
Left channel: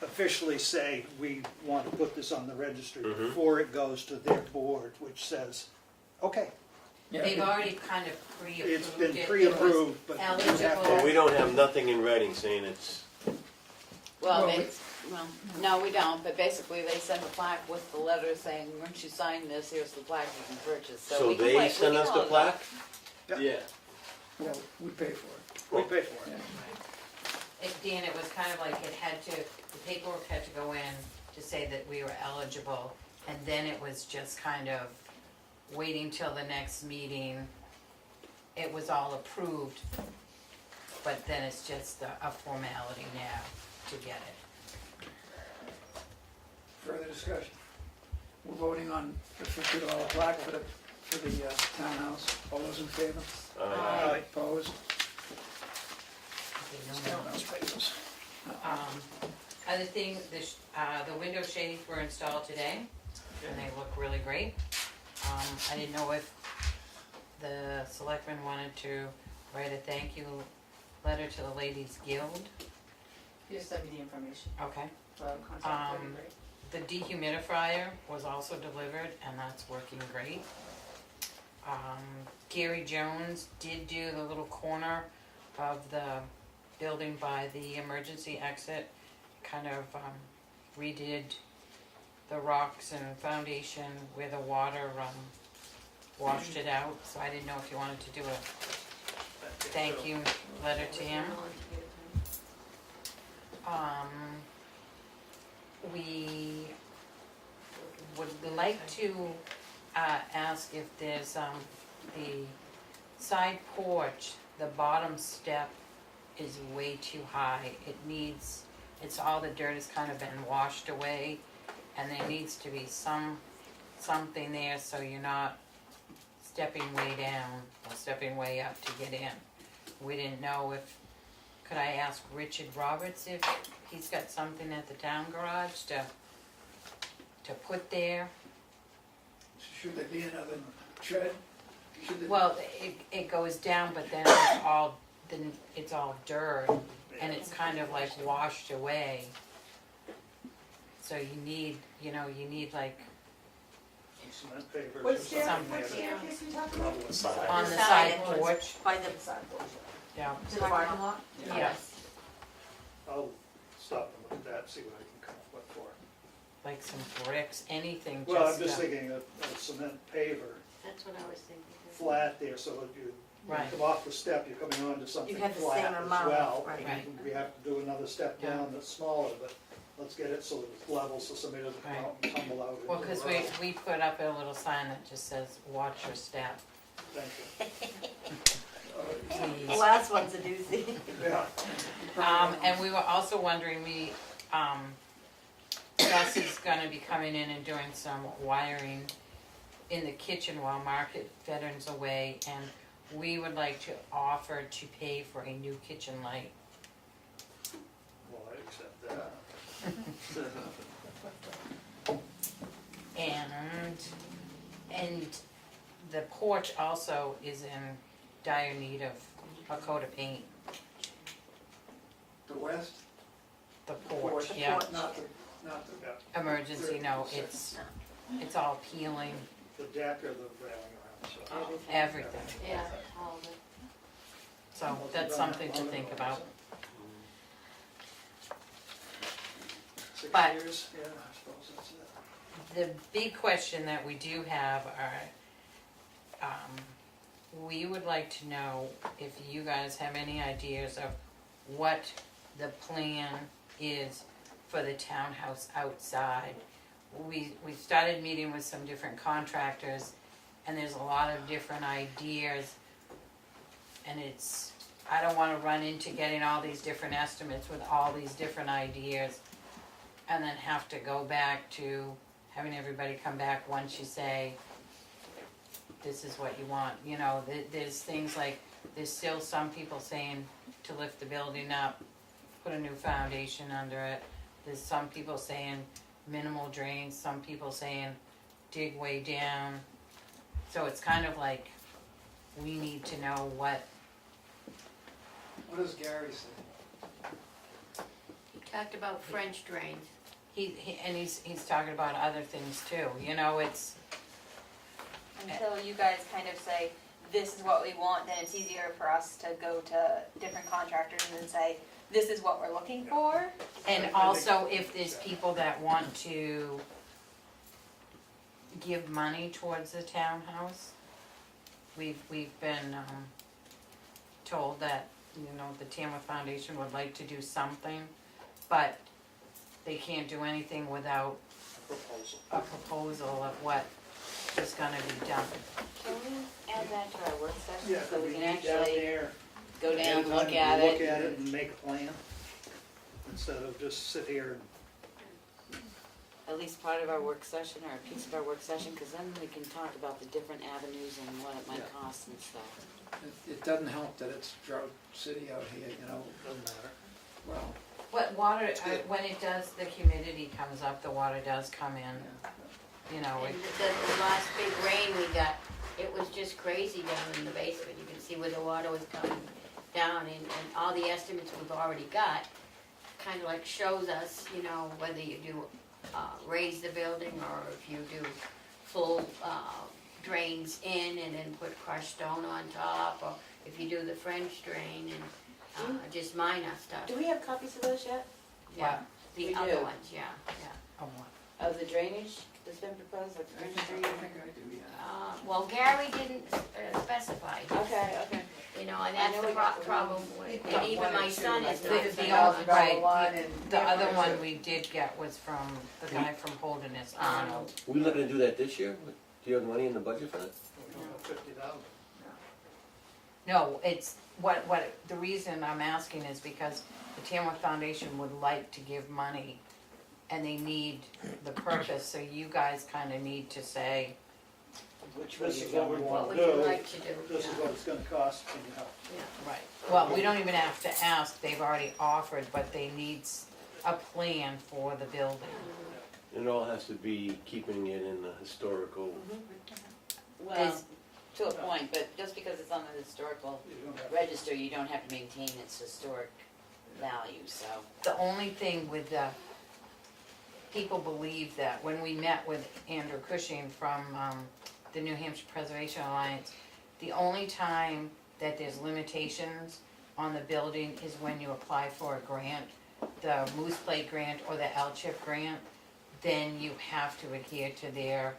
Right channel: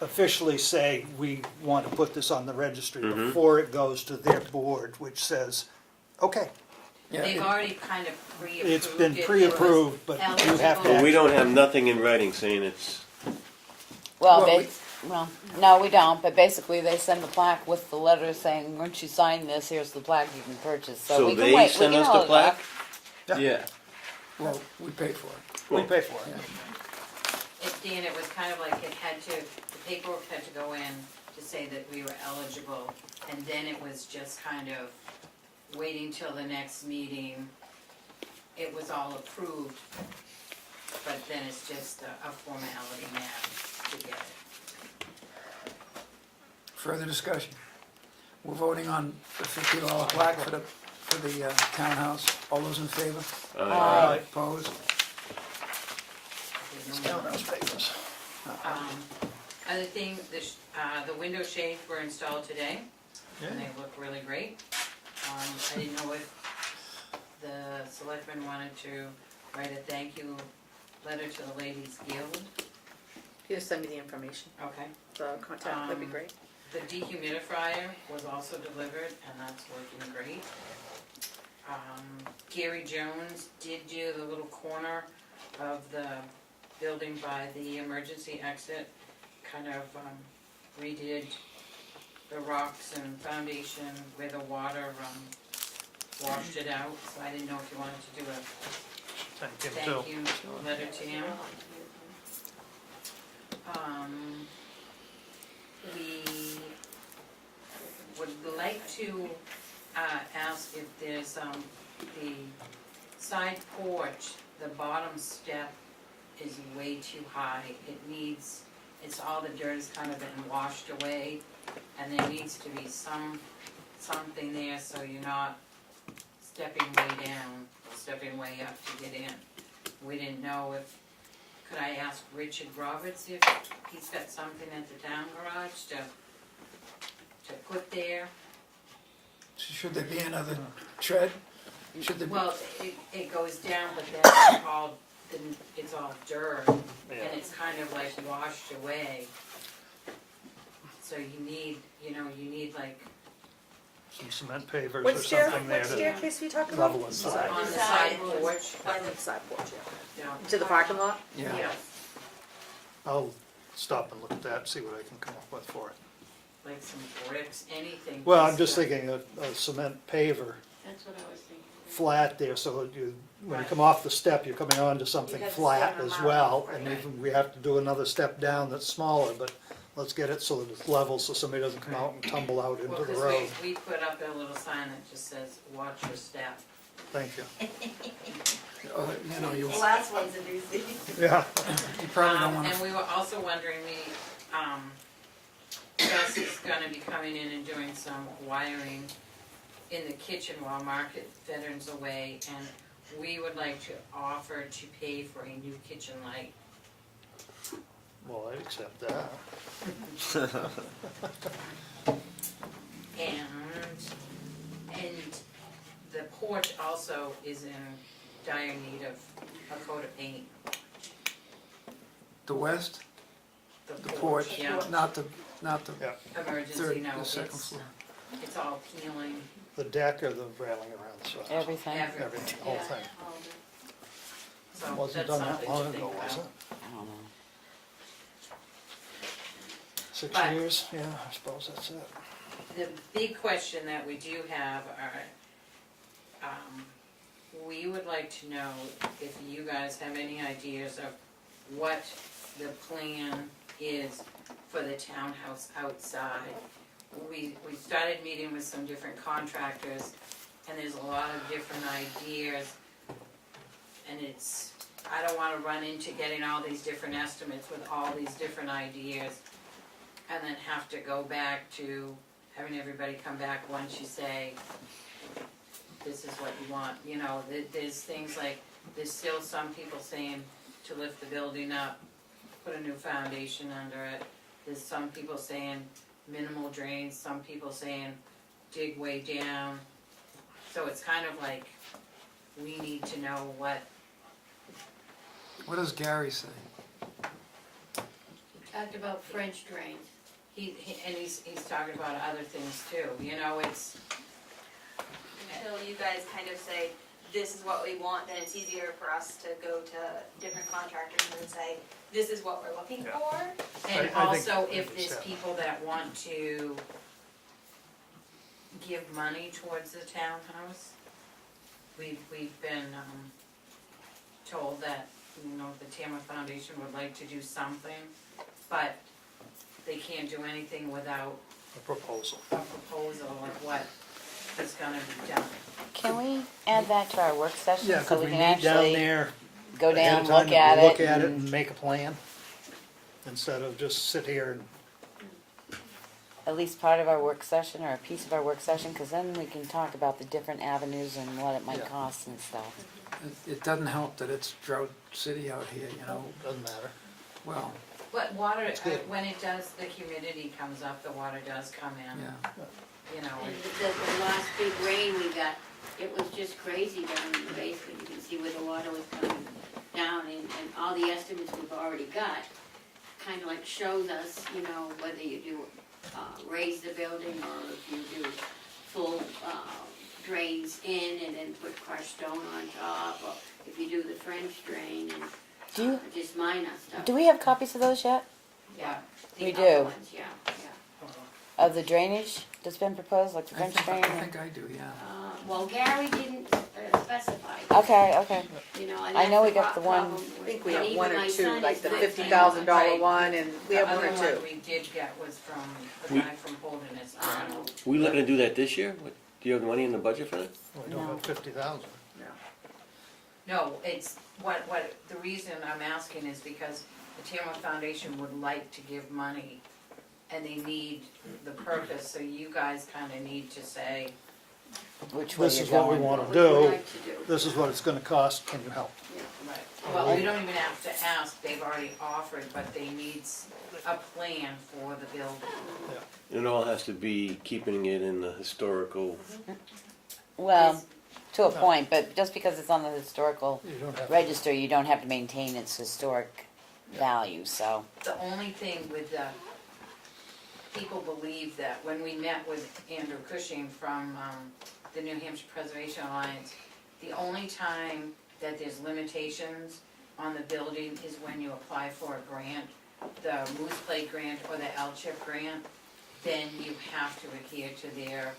officially say, we want to put this on the registry before it goes to their board, which says, okay, Yeah, They've it- already kind of pre-approved it. it's been It was pre-approved, but you have eligible. Well, to. we don't have nothing in writing saying it's, well, Well, they, Well, no, we don't, but basically they send the plaque with the letter saying, once you sign this, here's the plaque you can purchase, so So we can they wait, we send can us the hold it plaque? off. Yeah. Well, we pay for it. We pay for it. Dan, it was kind of like the paperwork had to go in to say that we were eligible, and then it was just kind of waiting till the next meeting. It was all approved, but then it's just a formality now to get it. Further discussion? We're voting on the $50 plaque for the townhouse. All those in favor? Aye. Opposed? Townhouse papers. Other thing, the window shades were installed today, and they look really great. I didn't know if the selectmen wanted to write a thank you letter to the Ladies Guild. You just send me the information, Okay. the contact, that'd be great. The dehumidifier was also delivered, and that's working great. Gary Jones did do the little corner of the building by the emergency exit, kind of redid the rocks and foundation where the water washed it out, so I didn't know if you wanted to do a thank you letter to him. We would like to ask if there's the side porch, the bottom step is way too high. It's all the dirt has kind of been washed away, and there needs to be something there so you're not stepping way down or stepping way up to get in. We didn't know could I ask Richard Roberts if he's got something at the town garage to put there? Should there be another tread? Should there? Well, it goes down, but then it's all dirt, and it's kind of like washed away. So you need like Some cement pavers What or something there what to staircase are you talking about? level it by. on the side porch. By the side porch, Yeah. To the parking lot? Yeah. Yes, I'll stop and look at that, see what I can come up with for it. like some bricks, anything. Well, I'm just thinking a cement paver, That's what I was thinking. flat there, so when you Right. come off the step, you're coming onto something have the flat same as amount, well. right. And even we have to do another step down that's smaller, but let's get it so that it's level, so somebody doesn't come out and tumble out Well, into the because road. we put up a little sign that just says, watch your step. Thank you. You The last one's a doozy. Yeah, probably don't wanna- And we were also wondering, Gus is gonna be coming in and doing some wiring in the kitchen while Market Veterans away, and we would like to offer to pay for a new kitchen light. well, I accept that. And the porch also is in dire need of a coat of paint. The west, The the porch, Yeah, not the Yeah, emergency, third, no, the second it's, floor. it's all peeling, the deck or the railing around the side. Everything. everything. The whole thing. So Wasn't that's done that something to long think ago, was about. it? I don't know. 6 But- years, yeah, I suppose that's it. The big question that we do have are, we would like to know if you guys have any ideas of what the plan is for the townhouse outside. We started meeting with some different contractors, and there's a lot of different ideas. And I don't wanna run into getting all these different estimates with all these different ideas, and then have to go back to having everybody come back once you say, this is what you want, there's things like, there's still some people saying to lift the building up, put a new foundation under it. There's some people saying minimal drains, some people saying dig way down. So it's kind of like, we need to know what, What does Gary say? Talked about French drains. he's talking about other things too, it's, Until you guys kind of say, this is what we want, then it's easier for us to go to different contractors and say, this is what we're looking for. And I also, think- if there's people that want to give money towards the townhouse, we've been, told that, the Tamworth Foundation would like to do something, but they can't do anything without A proposal. a proposal of what is gonna be done. Can we add that to our work session Yeah, so cause we we can meet down actually there, go ahead down, of time, look at it? look at it and- and make a plan, instead of just sit here and, At least part of our work session or a piece of our work session, cause then we can talk about the different avenues and what it might Yeah. cost and stuff. It doesn't help that it's drought city out here, doesn't matter. well, But water, good. when it does, the humidity comes up, the water does come in, yeah. And the last big rain we got, it was just crazy down in the basement. You can see where the water was coming down, and all the estimates we've already got kind of like shows us, whether you do raise the building or if you do full drains in and then put crushed stone on top, or if you do the French drain Do and you- just minor stuff. Do we have copies of those yet? Yeah, We the other do. ones, yeah. Of the drainage that's been proposed, like the I French think, drain? I think I do, yeah. Well, Gary didn't specify. Okay, And I know that's we got the one- problem I with- think we and got even one or my two, son like is the not $50,000 Right. one, and we the have other one or one two. we did get was from the guy from Holderness, Arnold. We looking to do that this year? Do you have the money in the budget for that? We don't have 50,000. No, it's, the reason I'm asking is because the Tamworth Foundation would like to give money, and they need the purpose, so you guys kinda need to say, Which way This you're is what we going. wanna What would do, you like to do? this is what it's gonna cost, can you help? right, well, we don't even have to ask, they've already offered, but they need a plan for the building. It all has to be keeping it in the historical, Well, to a point, but just because it's on the historical You don't have to. register, you don't have to maintain its historic value, so. The only thing with the, people believe that when we met with Andrew Cushing from the New Hampshire Preservation Alliance, the only time that there's limitations on the building is when you apply for a grant, the Moose Plate grant or the L-chip grant, then you have to adhere to their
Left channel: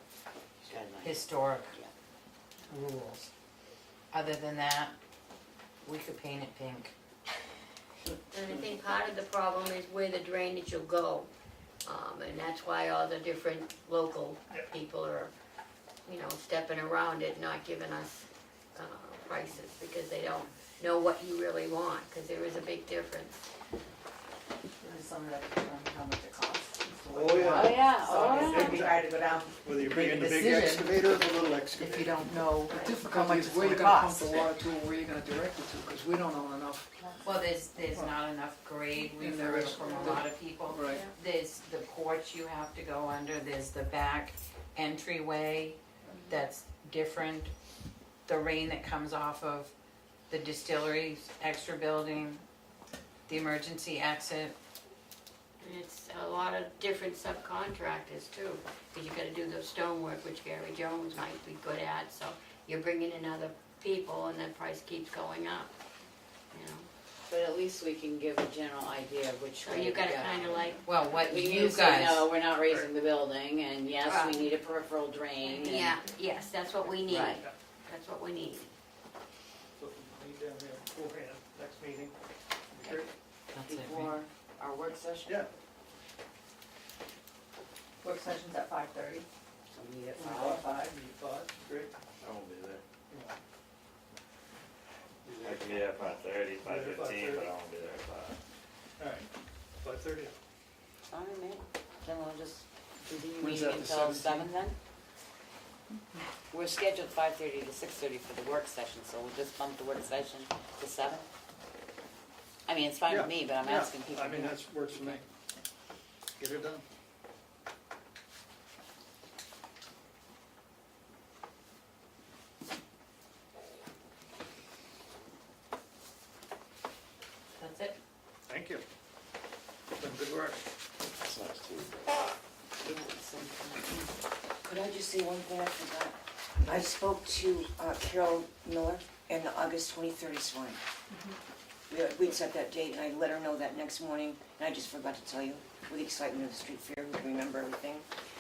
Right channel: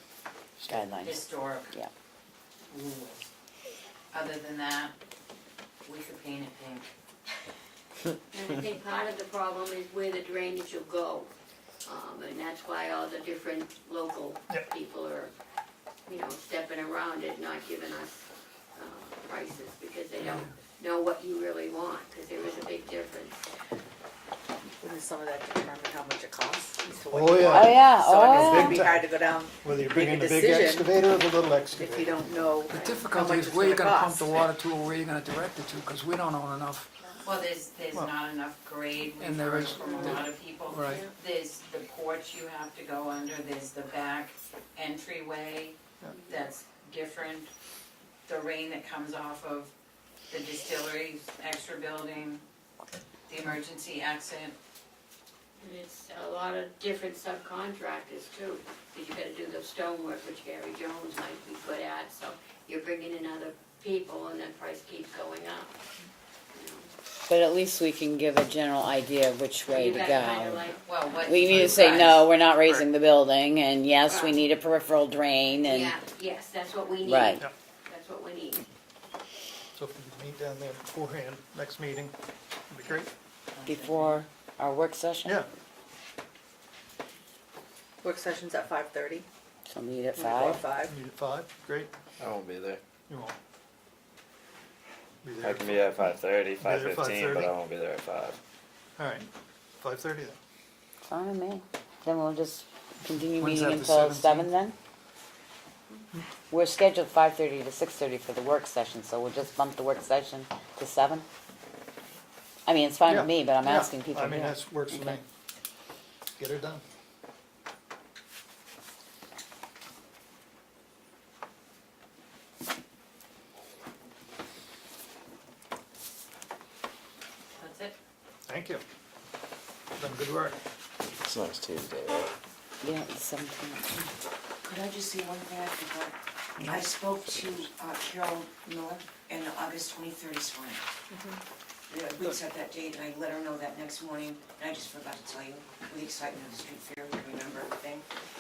Guidelines. historic Yeah. rules. Other than that, we could paint it pink. And I think part of the problem is where the drainage will go. And that's why all the different local Yep. people are, stepping around it, not giving us prices, because they don't know what you really want, because there is a big difference. And some of that determines how much it costs. as to Oh, what you yeah. want. Oh, yeah, So oh, it's yeah. gonna be hard to go down, Whether you're make bringing a the big decision excavator or the little if excavator. you don't know. The How difficulty much is it's where you're gonna gonna pump cost. the water to, or where you're gonna direct it to, cause we don't own enough. Well, there's not enough grade, we've And there heard is- from a lot of people. Right. There's the porch you have to go under, there's the back entryway that's different. The rain that comes off of the distillery's extra building, the emergency exit. And it's a lot of different subcontractors too, because you gotta do the stonework, which Gary Jones might be good at, so you're bringing in other people and that price keeps going up. But at least we can give a general idea of which way You to gotta kinda go. like, Well, what We need you to say, guys- no, we're not raising the building, and yes, we Right. need a peripheral drain, and. yeah, yes, that's what we need. Right. That's what we need. So if we meet down there beforehand, next meeting, it'd be great. Before our work session? Yeah. Work session's at 5:30. So meet at Or 5. 5. Meet at 5, great. I won't be there. You won't. Be I there. can be at 5:30, Be there at 5:15, but 5:30? I won't be there at 5. All right, 5:30 then. Fine with me. Then we'll just continue When's meeting that, the until 17th? 7 then? We're scheduled 5:30 to 6:30 for the work session, so we'll just bump the work session to 7? I mean, it's fine with Yeah, me, but I'm yeah. asking people. I mean, here. that works for me. Okay. Get her done. That's it? Thank you. Done good work. It's nice Tuesday. Yeah, the 17th. Could I just say one thing I forgot? I spoke to Carol Miller, and the August 23rd is fine. We'd set that date, and I let her know that next morning, and I just forgot to tell you, with the excitement of the street fair, we remember everything.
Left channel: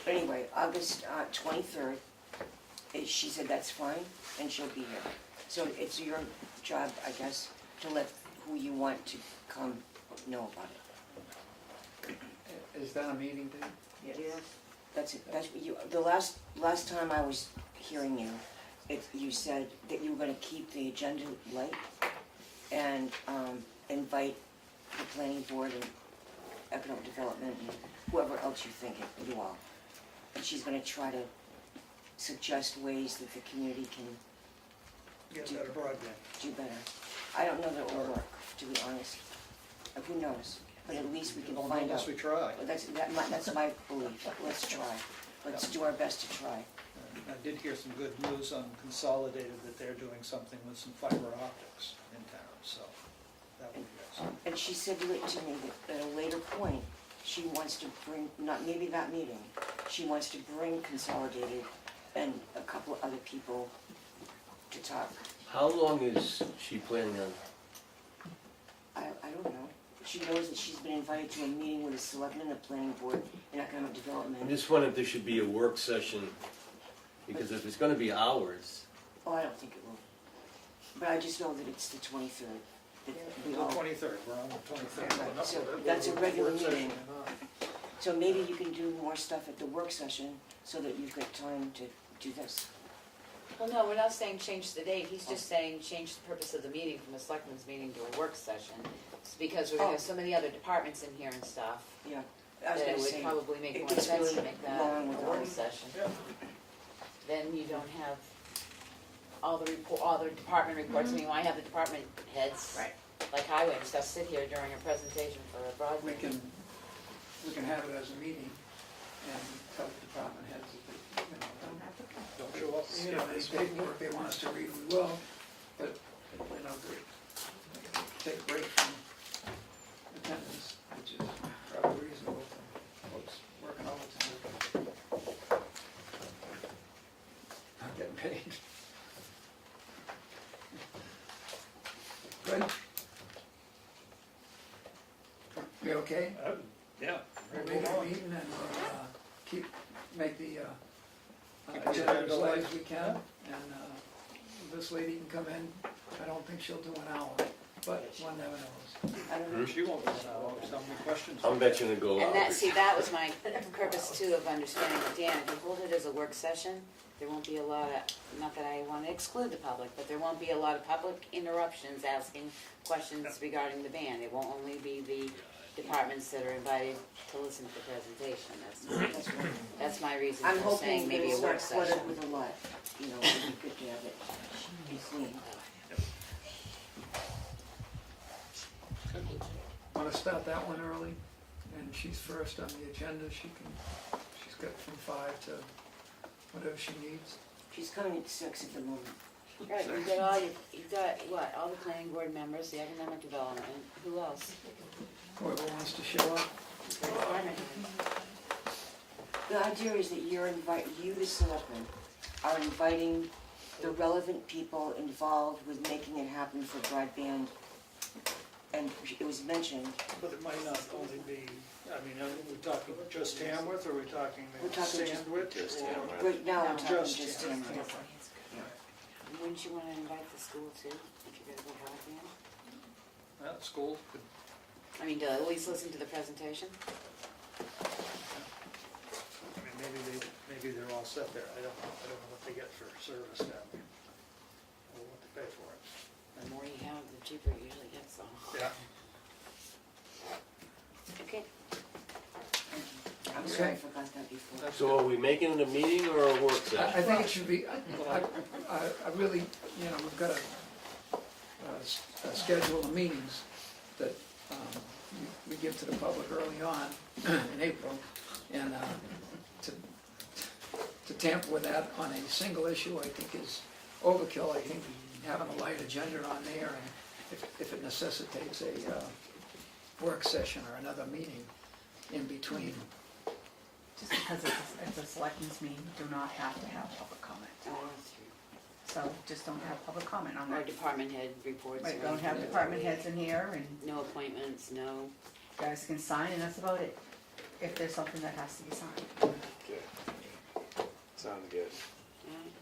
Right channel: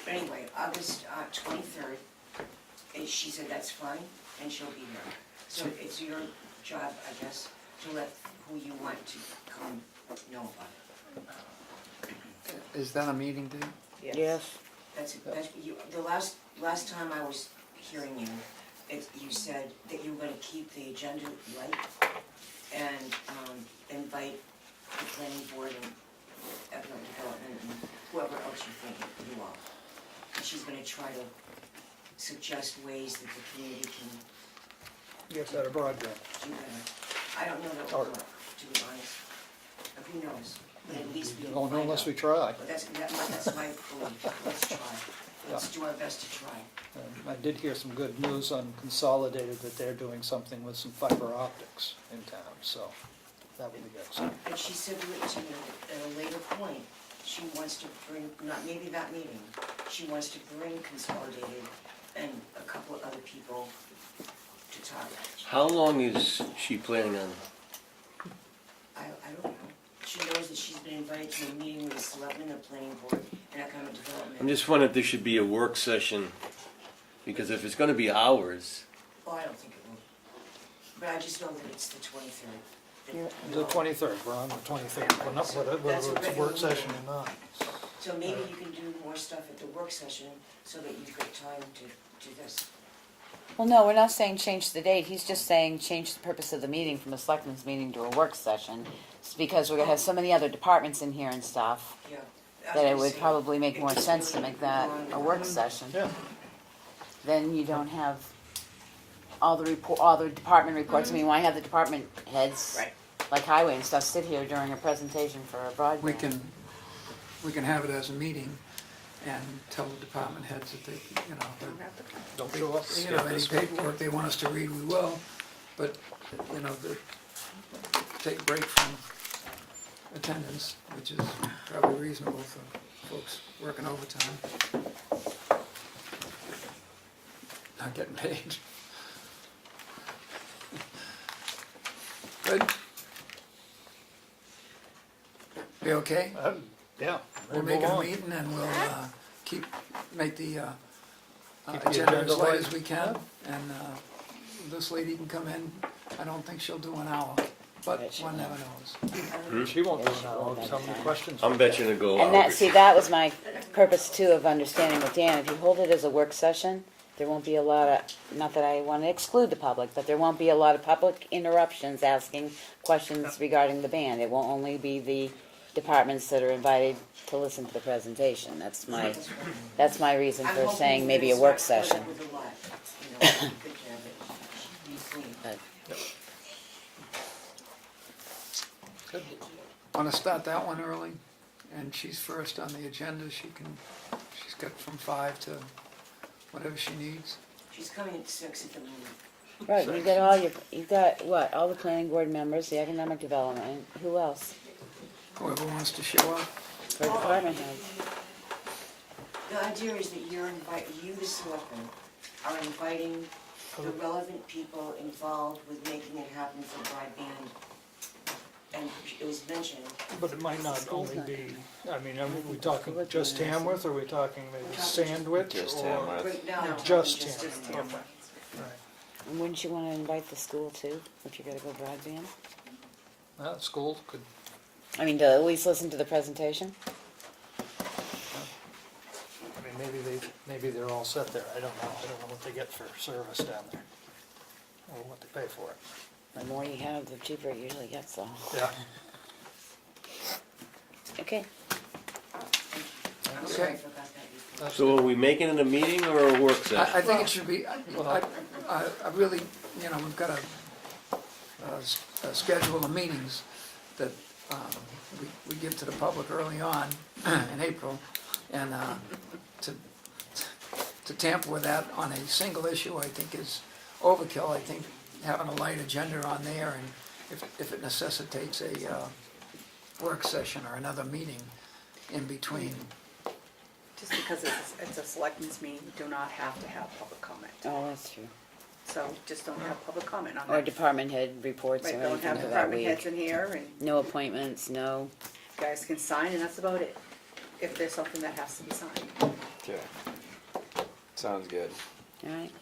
But anyway, August 23rd, she said that's fine, and she'll be here. So it's your job, I guess, to let who you want to come know about it. Is that a meeting date? Yes. That's you. The last time I was hearing you, you said that you were going to keep the agenda light and invite the planning board and economic development and whoever else you're thinking, you all. And she's going to try to suggest ways that the community can Get better broadband. do better. I don't know that it will work, to be honest. Who knows? But at least we can Don't know find unless out. we try. But that's my belief. Let's try. Let's do our best to try. And I did hear some good news on Consolidated, that they're doing something with some fiber optics in town, so that would be good. And she said to me that at a later point, she wants to bring, not maybe that meeting, she wants to bring Consolidated and a couple of other people to talk. How long is she planning on? I don't know. She knows that she's been invited to a meeting with the selectmen, the planning board, and economic development. I'm just wondering if there should be a work session, because if it's gonna be hours, Oh, I don't think it will. But I just know that it's the 23rd. The 23rd, we're on the 23rd, we're not, So whether that's a it's a regular work session meeting. or not. So maybe you can do more stuff at the work session so that you've got time to do this. Well, no, we're not saying change the date, he's just saying change the purpose of the meeting from a selectmen's meeting to a work session. It's because we're gonna have so many other departments in here and stuff, Yeah. that it would probably make more sense to make that a work session. Yeah. Then you don't have all the department reports, I mean, why have the department heads? Right. Like highway and stuff sit here during a presentation for a broadband? We can have it as a meeting and tell the department heads that they, you know, Don't show up. you know, any paperwork they want us to read, we will, but, you know, take a break from attendance, which is probably reasonable for folks working overtime. Not getting paid. Good? Be okay? Yeah. We'll move make it a on. meeting and we'll make the Keep the agenda agenda as light light. as we can. And this lady can come in, I don't think she'll do an hour, but one never knows. She won't do an hour, how many questions? I'm betting to go And that, hours. see, that was my purpose too of understanding with Dan, if you hold it as a work session, there won't be a lot of, not that I wanna exclude the public, but there won't be a lot of public interruptions asking questions regarding the band. It won't only be the departments that are invited to listen to the presentation, that's my reason I'm for hoping saying that maybe a it's work not cluttered session. with a lot, you know, it'd be good to have it be clean. Wanna start that one early? And she's first on the agenda, she's got from 5 to whatever she needs. She's coming at 6 at the moment. Right, you got what, all the planning board members, the economic development, who else? Whoever wants to show up. For department heads. The idea is that you, the selectmen, are inviting the relevant people involved with making it happen for broadband. And it was mentioned, But it might not only be, I mean, are we talking just Tamworth, or are we talking maybe Sandwich? Just or- Tamworth. right now, I'm talking Just just Tamworth, Tamworth. okay. Right. And wouldn't you wanna invite the school too, if you're gonna go broadband? Well, school could, I mean, to at least listen to the presentation? I mean, maybe they're all set there, I don't know what they get for service down there, or what they pay for it. The more you have, the cheaper it usually gets, though. Yeah. Okay. I'm sorry I forgot that before. So are we making it a meeting or a work session? I think it should be, I really, you know, we've got a schedule of meetings that we give to the public early on in April, and to tamper with that on a single issue, I think is overkill. I think having a light agenda on there, and if it necessitates a work session or another meeting in between. Just because it's a selectmen's meeting, you do not have to have public comment. Oh, that's true. So just don't have public comment on Or that. department head reports or Right, anything don't have for that department week. heads in here, and No appointments, no. guys can sign, and that's about it. If there's something that has to be signed. Okay. Sounds good. Alright.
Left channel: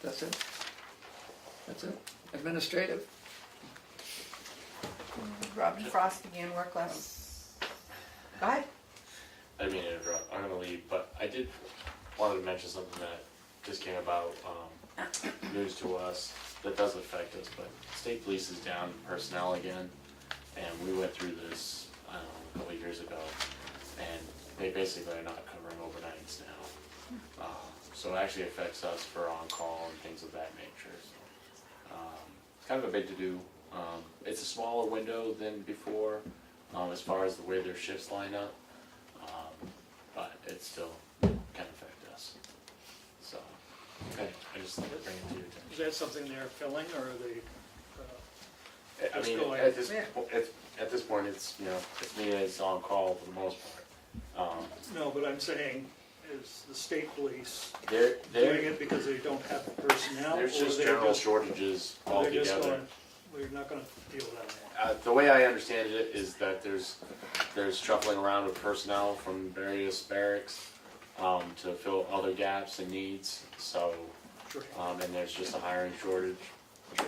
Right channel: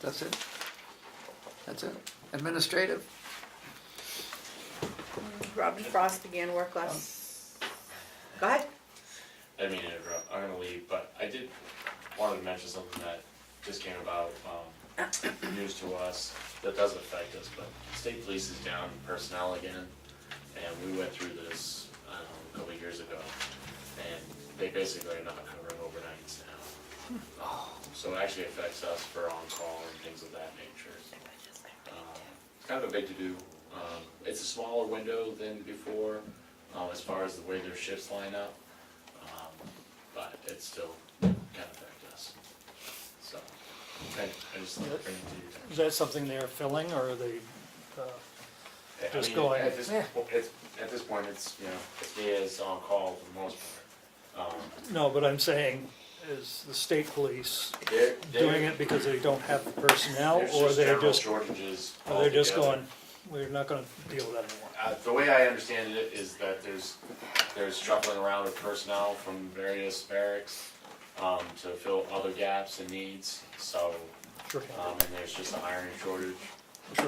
That's it? That's it? Administrative? Robin Frost began work last, go ahead. I didn't mean to interrupt, I'm gonna leave, but I did, wanted to mention something that just came about, news to us that does affect us, but state police is down personnel again, and we went through this, I don't know, a couple of years ago, and they basically are not covering overnights now. So it actually affects us for on-call and things of that nature. It's kind of a big to-do. It's a smaller window than before, as far as the way their shifts line up, but it still can affect us. So, I just thought I'd bring it to your attention. Is that something they're filling, or are they, I just mean, going- at this point, it's, you know, it's me as on-call for the most part. no, but I'm saying, is the state police They're- doing it because they don't have the personnel, There's or just they're general just, shortages or they're just altogether. going, we're not gonna deal with that anymore? The way I understand it is that there's shuffling around with personnel from various barracks to fill other gaps and needs. So, Sure. and there's just a hiring shortage, Sure.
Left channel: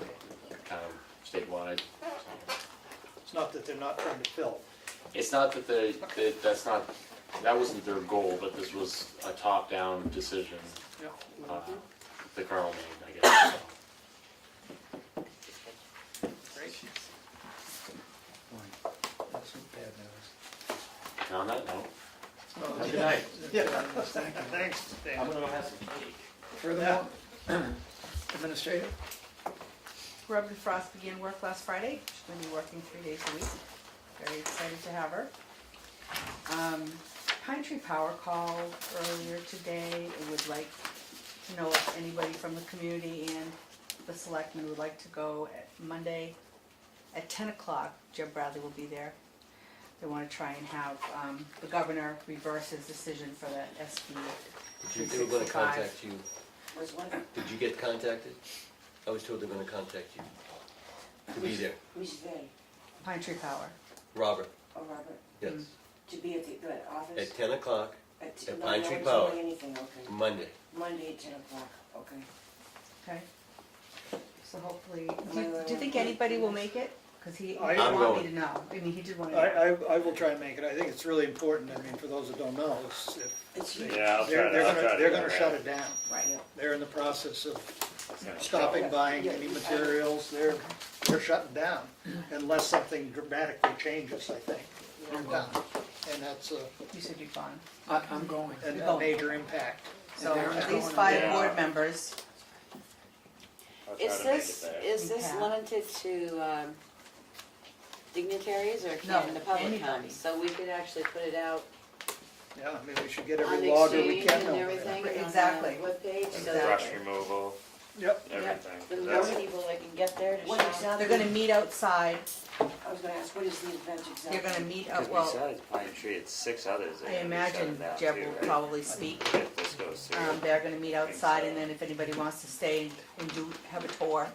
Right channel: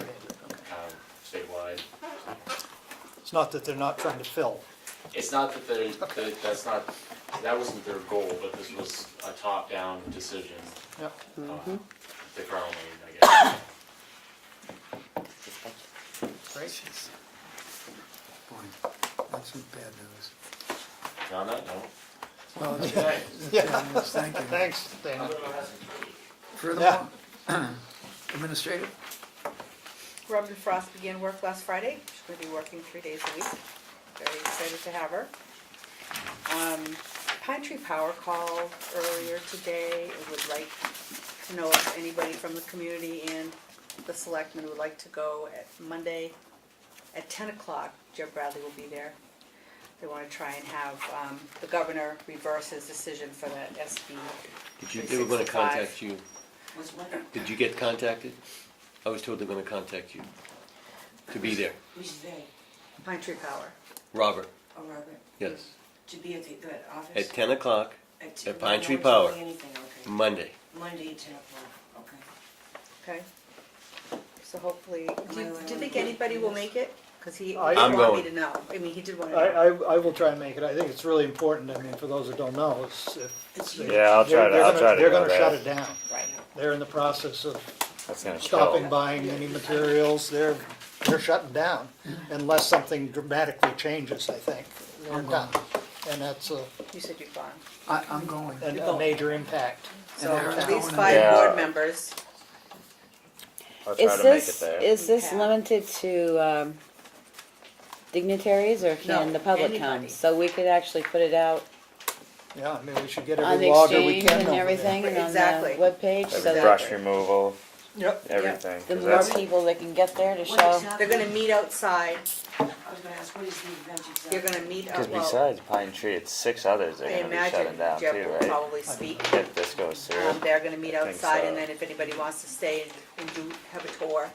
kind of statewide. It's not that they're not trying to fill. It's not that that wasn't their goal, but this was a top-down decision Yep. the colonel made, I guess. Great. Boy, that's some bad news. And on that note, Well, it's your, Yeah. thank you. Thanks, Dan. Furthermore, administrative? Robin Frost began work last Friday. She's gonna be working 3 days a week. Very excited to have her. Pine Tree Power called earlier today and would like to know if anybody from the community and the selectmen would like to go at Monday at 10 o'clock. Jeb Bradley will be there. They wanna try and have, the governor reverse his decision for the SB. They were gonna 365. contact you. Was what? Did you get contacted? I was told they're gonna contact you to be there. Who's they? Pine Tree Power. Robert, Oh, Robert? yes. To be at the office? At 10 o'clock, At at Pine no Tree one's Power. doing anything, okay. Monday. Monday at 10 o'clock, okay. Okay. So hopefully, I do you really think wanna anybody will do make it? Cause he I'm wanted me going. to know. I mean, he did want to I, know. I will try to make it. I think it's really important. I mean, for those that don't know, it's, It's if huge. Yeah, I'll try to. they're I'll gonna, try to. they're go gonna there. shut it down. Right. They're in the process of That's gonna stopping kill. buying any materials. They're shutting down unless something dramatically changes, I think. They're done. And that's You said you're gone. I'm going. a major impact. So And they're at least going. 5 Yeah. board members. I'll try Is to make it this, there. is this Yeah. limited to, dignitaries or No, can the public come? anybody. So we could actually put it out Yeah, I mean, we should get on every the logger we exchange can and over there. everything and on Exactly. the webpage, so Every that brush removal, Yep. everything. the 'cause more that's- people that can get there to What show. exactly? They're gonna meet outside. I was gonna ask, what is the event exactly? They're gonna meet, Because well, besides Pine Tree, it's 6 others I that are gonna be imagine shutting down Jeb too, will right? probably speak. If this goes through. They're gonna meet I think outside, and so. then if anybody wants to stay and have a tour,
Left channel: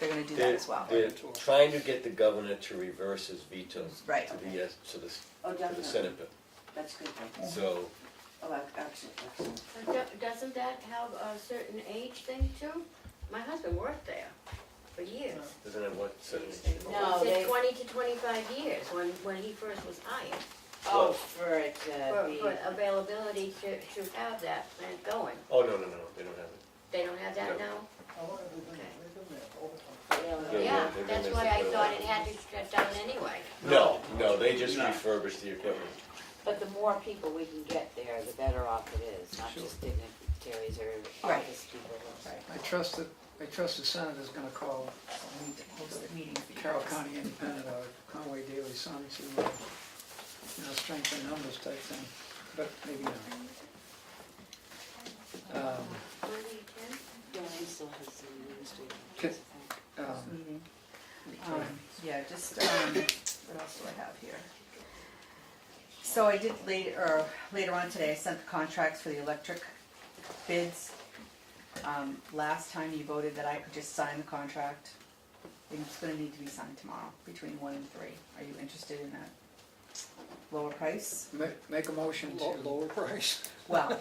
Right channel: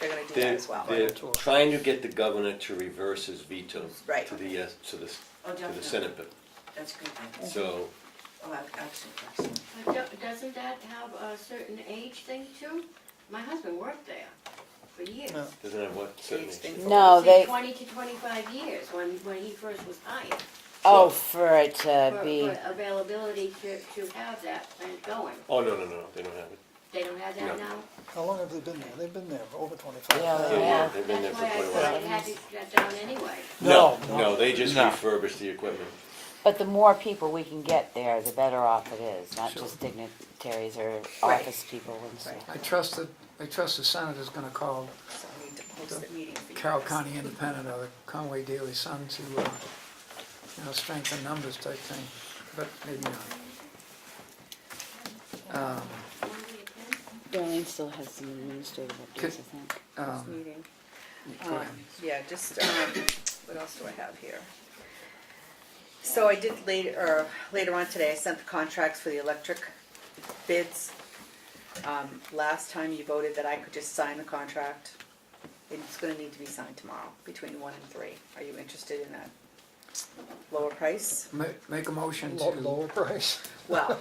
they're gonna do that They're, as well. they're trying to get the governor to reverse his veto Right. to the, Oh, to the definitely. Senate bill. That's a good thing. So, Oh, excellent, excellent. But doesn't that have a certain age thing too? My husband worked there for years. Yeah. doesn't have what, It's certainly. been- No, He said they, 20 to 25 years when he first was hired. oh, for it to For be, availability to have that plant going. Oh, no, they don't have it. They don't have that now? How long have they been there? They've been there for over 25 Yeah, years. they Yeah, they've been That's there why for I quite a thought while. it had to shut down anyway. No, they just No. refurbish the equipment. but the more people we can get there, the better off it is, not Sure. just dignitaries or Right. office people and stuff. I trust the Senator's gonna call So we need to post a meeting for you Carroll guys. County Independent or the Conway Daily Sun to, strengthen numbers type thing, but maybe not. Darlene still has some administrative updates, I think. This meeting. Yeah, just, what else do I have here? So I did later on today, I sent the contracts for the electric bids. Last time you voted that I could just sign the contract. It's gonna need to be signed tomorrow, between 1 and 3. Are you interested in that lower price? Make a motion Lower price. Well,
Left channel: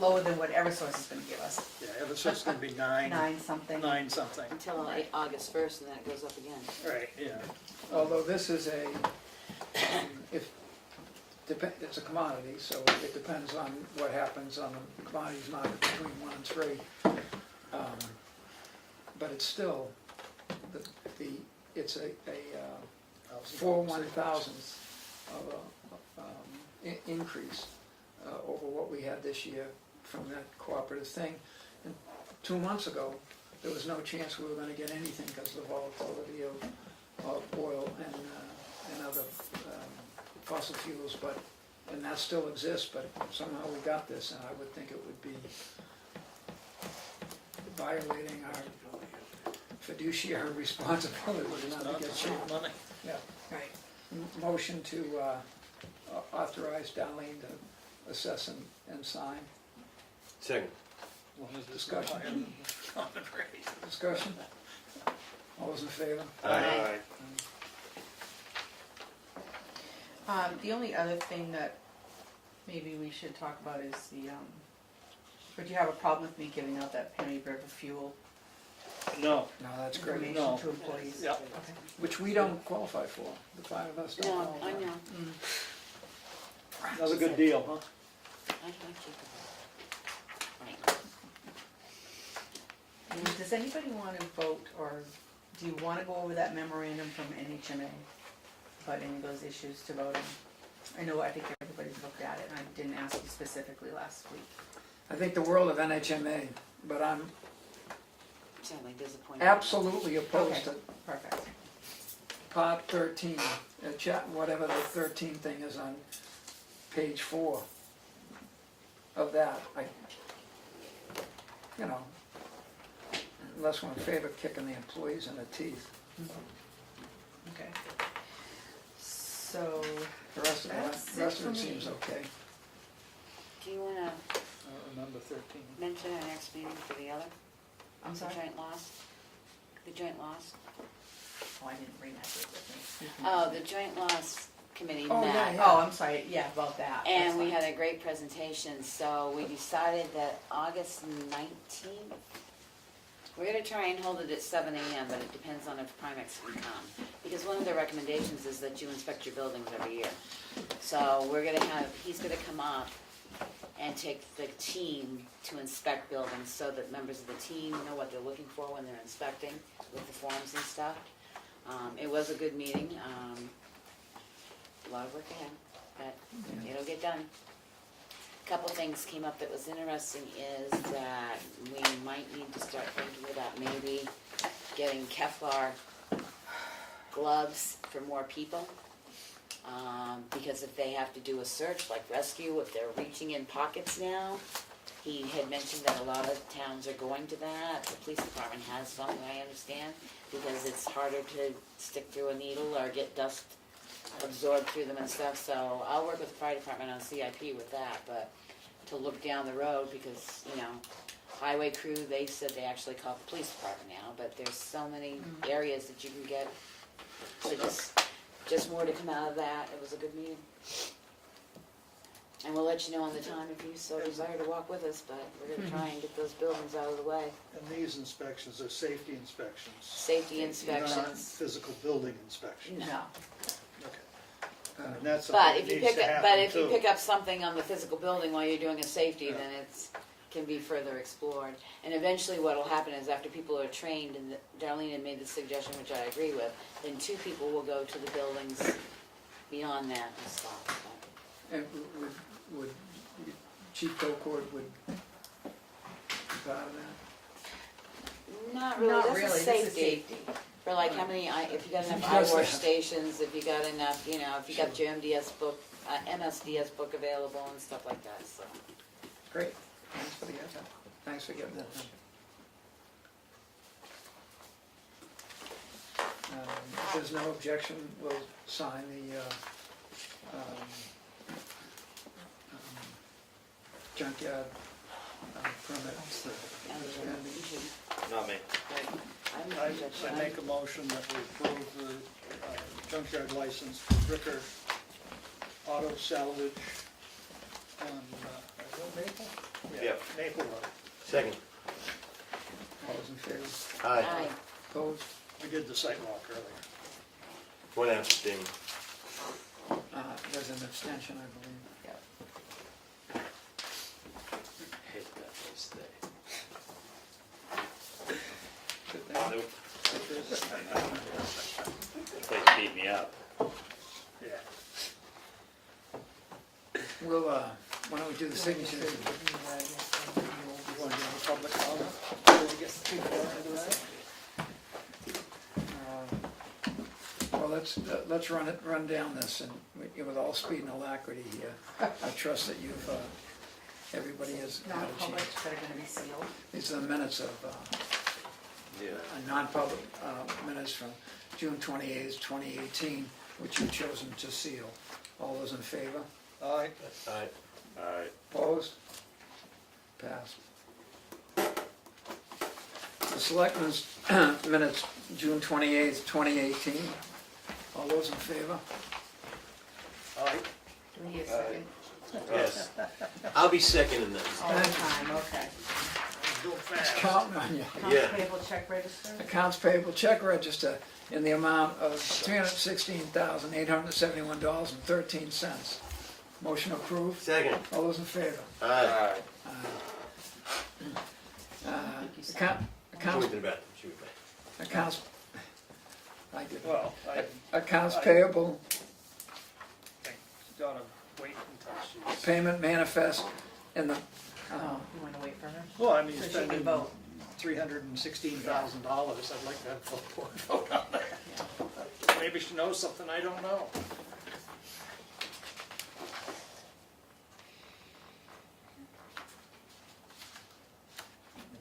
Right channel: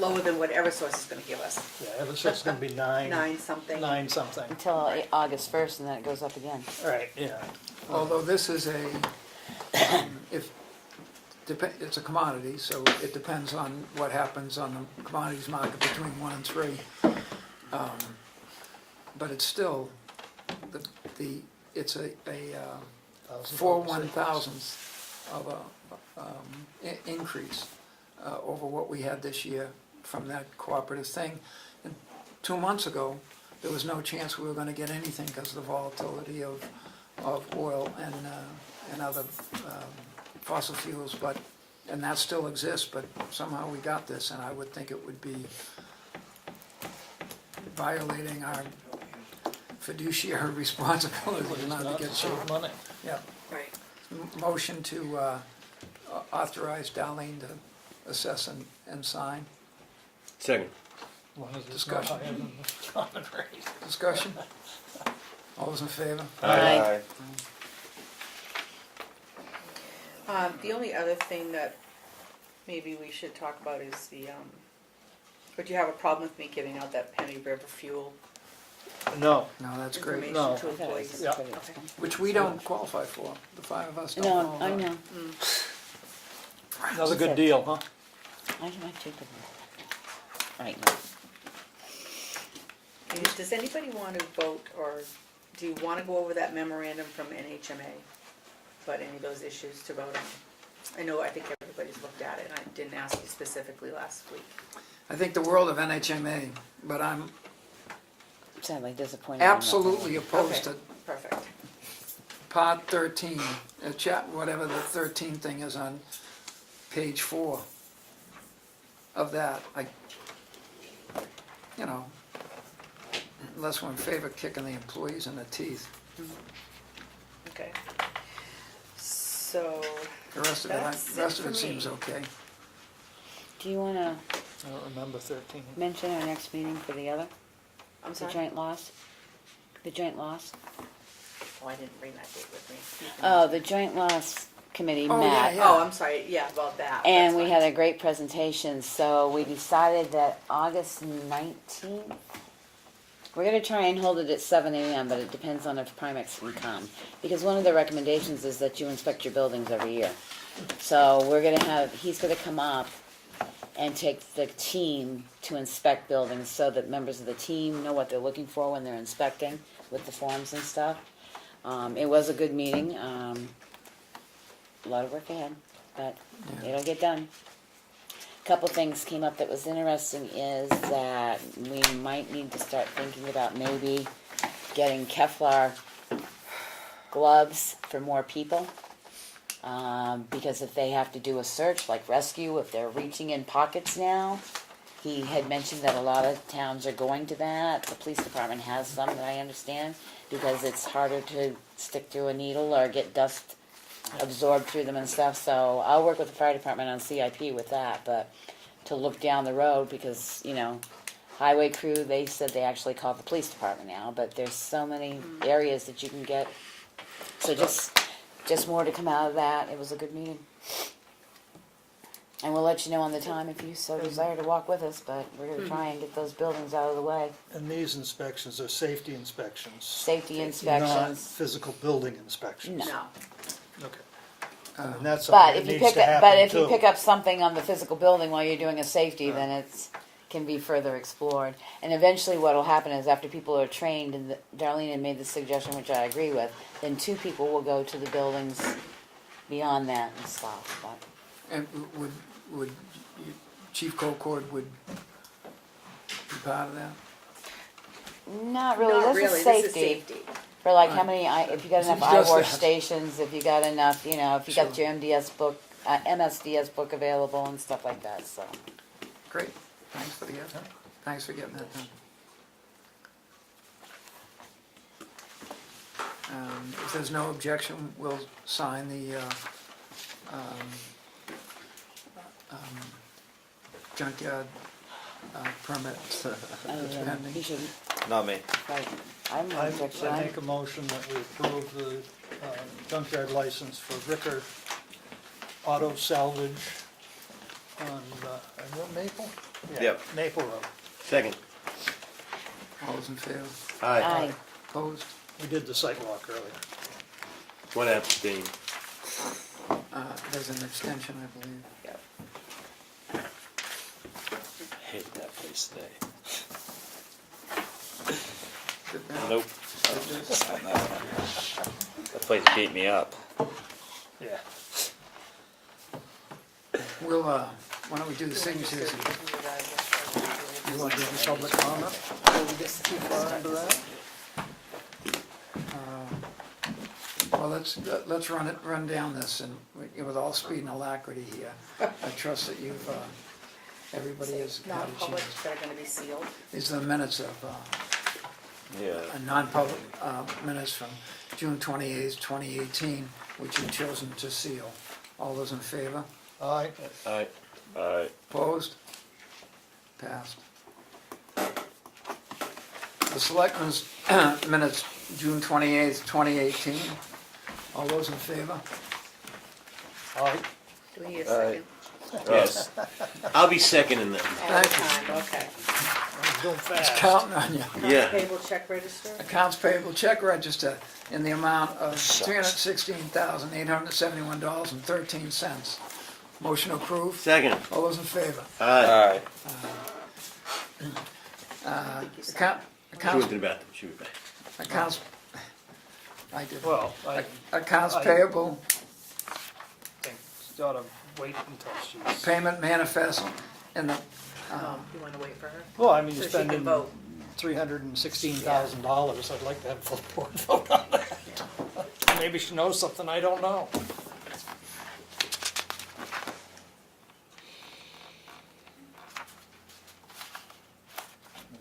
lower than what Eversource is gonna give us, Yeah, it looks like it's gonna be 9 something. nine something. Until August 1st, and then it goes up again. Right, yeah. although this is it's a commodity, so it depends on what happens on the commodities market between 1 and 3. But it's still, it's a 4 1,000ths of a increase over what we had this year from that cooperative thing. And 2 months ago, there was no chance we were gonna get anything because of the volatility of oil and other fossil fuels, and that still exists, but somehow we got this, and I would think it would be violating our fiduciary responsibility not to get some money. Yeah. Right. Motion to authorize Darlene to assess and sign. Second. One is Discussion. higher than the common rate. Discussion? All those in favor? Aye. The only other thing that maybe we should talk about is would you have a problem with me giving out that Penny River fuel No, No, that's great. information No. to employees? Yeah. Okay. Which we don't qualify for, the 5 of us don't No, qualify. I know. another good deal, huh? I might take it. Right now. And does anybody want to vote, or do you want to go over that memorandum from NHMA about any of those issues to vote on? I think everybody's looked at it, and I didn't ask you specifically last week. I think the world of NHMA, but I'm Sadly disappointed. in that. absolutely opposed Okay. to Perfect. Part 13, whatever the 13 thing is on page 4 of that. Unless we're in favor of kicking the employees in the teeth. Okay. So, The rest of That's it, it for me. seems okay. Do you wanna I don't remember 13. mention our next meeting for the other? I'm The sorry? joint loss? The joint loss? Oh, I didn't bring that date with me. Oh, the joint loss committee Oh, met. yeah. Oh, I'm sorry, yeah, about that. And That's we fine. had a great presentation, so we decided that August 19th, we're gonna try and hold it at 7 AM, but it depends on if Primex can come. Because one of the recommendations is that you inspect your buildings every year. So he's gonna come up and take the team to inspect buildings so that members of the team know what they're looking for when they're inspecting with the forms and stuff. It was a good meeting, a lot of work ahead, but it'll get done. Couple things came up that was interesting is that we might need to start thinking about maybe getting Kevlar gloves for more people. Because if they have to do a search like rescue, if they're reaching in pockets now, he had mentioned that a lot of towns are going to that. The police department has some that I understand because it's harder to stick through a needle or get dust absorbed through them and stuff. So I'll work with the fire department on CIP with that, but to look down the road because, highway crew, they said they actually called the police department now, but there's so many areas that you can get. So just more to come out of that. It was a good meeting. And we'll let you know on the time if you so desire to walk with us, but we're gonna try and get those buildings out of the way. And these inspections are safety inspections. Safety Not inspections. physical building inspections. No. Okay. And that's But something if that you needs pick to up, but happen if you too. pick up something on the physical building while you're doing a safety, then it's, can be further explored. And eventually what'll happen is after people are trained, and Darlene had made the suggestion, which I agree with, then 2 people will go to the buildings beyond that and stuff, but. And would Chief Colcord would be part of that? Not really, Not this is really, safety. this is safety. For like how many, if you got enough Just that. workstations, if you got enough, if you got your MSDS book available and stuff like that, so. Great, thanks for getting that done. If there's no objection, we'll sign the junkyard permit. You should, Not me. like, I'm I not objection. make a motion that we approve the junkyard license for Ricker Auto Salvage on, is that Maple? Yeah, Yep. Maple Road. Second. All those in favor? Aye. Opposed? We did the sidewalk earlier. One abstain. There's an extension, I believe. Hate that place today. Did that- Nope. That place beat me up. Yeah. We'll, why don't we do the signatures? You want to do the public comment? Too far into that? Well, let's run down this and with all speed and alacrity here. I trust that you've, everybody has had a Non-public, chance. that are gonna be sealed. These are the minutes of, Yeah. non-public minutes from June 28th, 2018, which you've chosen to seal. All those in favor? Aye. Aye. Alright. Opposed? Passed. The selectmen's minutes, June 28th, 2018. All those in favor? Aye. Do we need a second? Yes. I'll be second in that. All the time, okay. Go It's fast. counting on you. Yeah. Payable check register? Accounts payable check register in the amount of $316,871.13. Motion approved. Second. All those in favor? Aye. Accounts, She went to the bathroom, she was back. accounts, I did. Well, I Accounts I- payable, think you ought to wait until she's. payment manifest in the, You wanna wait for her? Well, I mean, So you're she can spending vote. $316,000. I'd like to have full board vote on that. Maybe she knows something I don't know.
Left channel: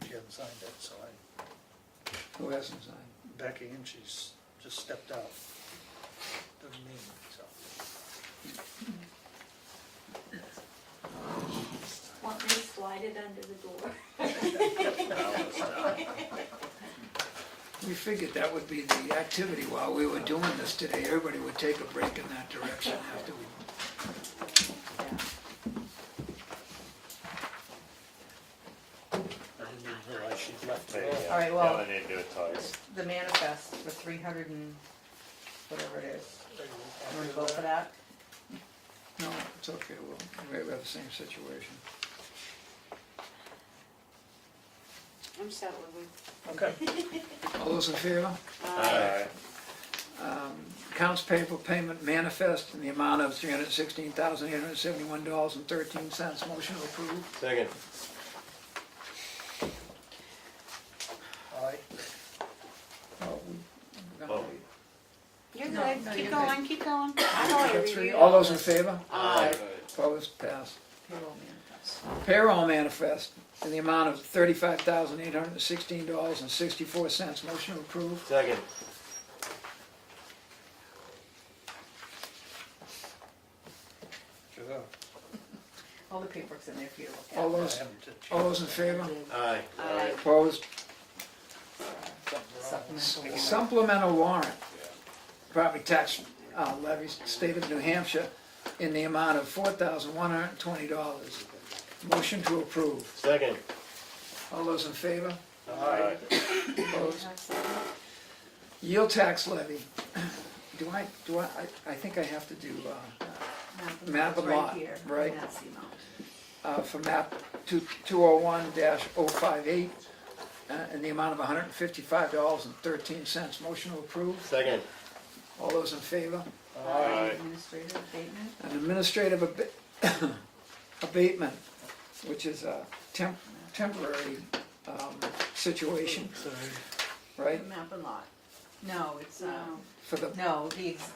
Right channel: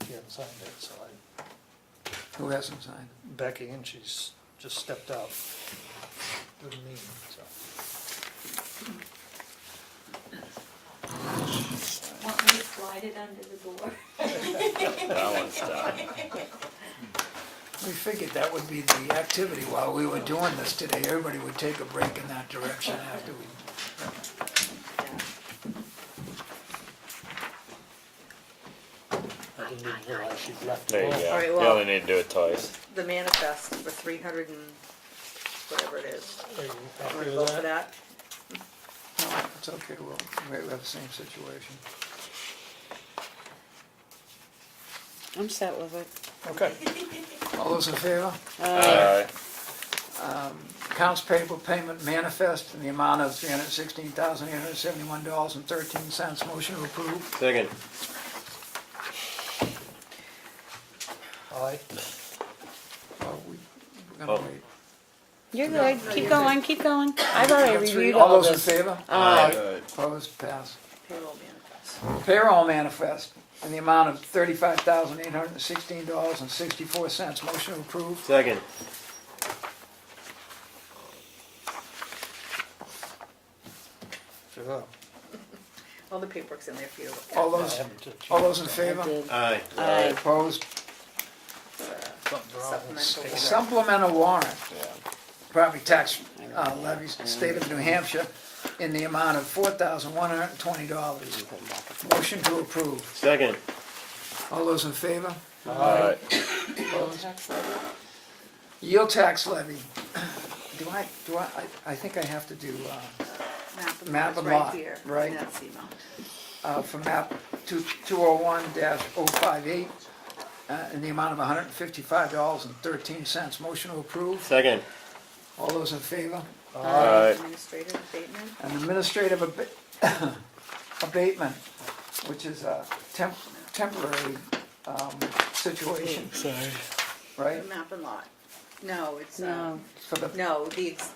She hasn't signed it, so who hasn't signed? Becky, and she's just stepped out. Wouldn't mean, so. Want me to slide it under the door? That one's done. We figured that would be the activity while we were doing this today. Everybody would take a break in that direction after we. I didn't even realize she'd left. There you go. All right, You well- only need to do it twice. The manifest for 300 and whatever it is. Are you Wanna happy vote with for that? that? No, it's okay, we have the same situation. I'm set with it. Okay. All those in favor? Alright. Accounts payable payment manifest in the amount of $316,871.13. Motion to approve. Second. Aye. Oh, we're Oh. gonna wait. You're No, good, no, keep you're going, keep going. I've already Got three. reviewed All all those in this. favor? Aye. Opposed, pass. Payroll manifest. Payroll manifest in the amount of $35,816.64. Motion to approve. Second. Sure. All the paperwork's in there for you to look at. All those, all those in I favor? did. Aye. Aye. Opposed? Something's wrong with Supplemental warrant. Supplemental warrant, property tax levies, state of New Hampshire, in the amount of $4,120. Motion to approve. Second. All those in favor? Alright. Yield tax levy. I think I have to do, map and lot, right? That's the amount. For map 201-058, in the amount of $155.13. Motion to approve. Second. All those in favor? Alright. Administrative abatement. An administrative abatement, which is a temporary situation, right? Map and lot. No, it's, No. For the, no,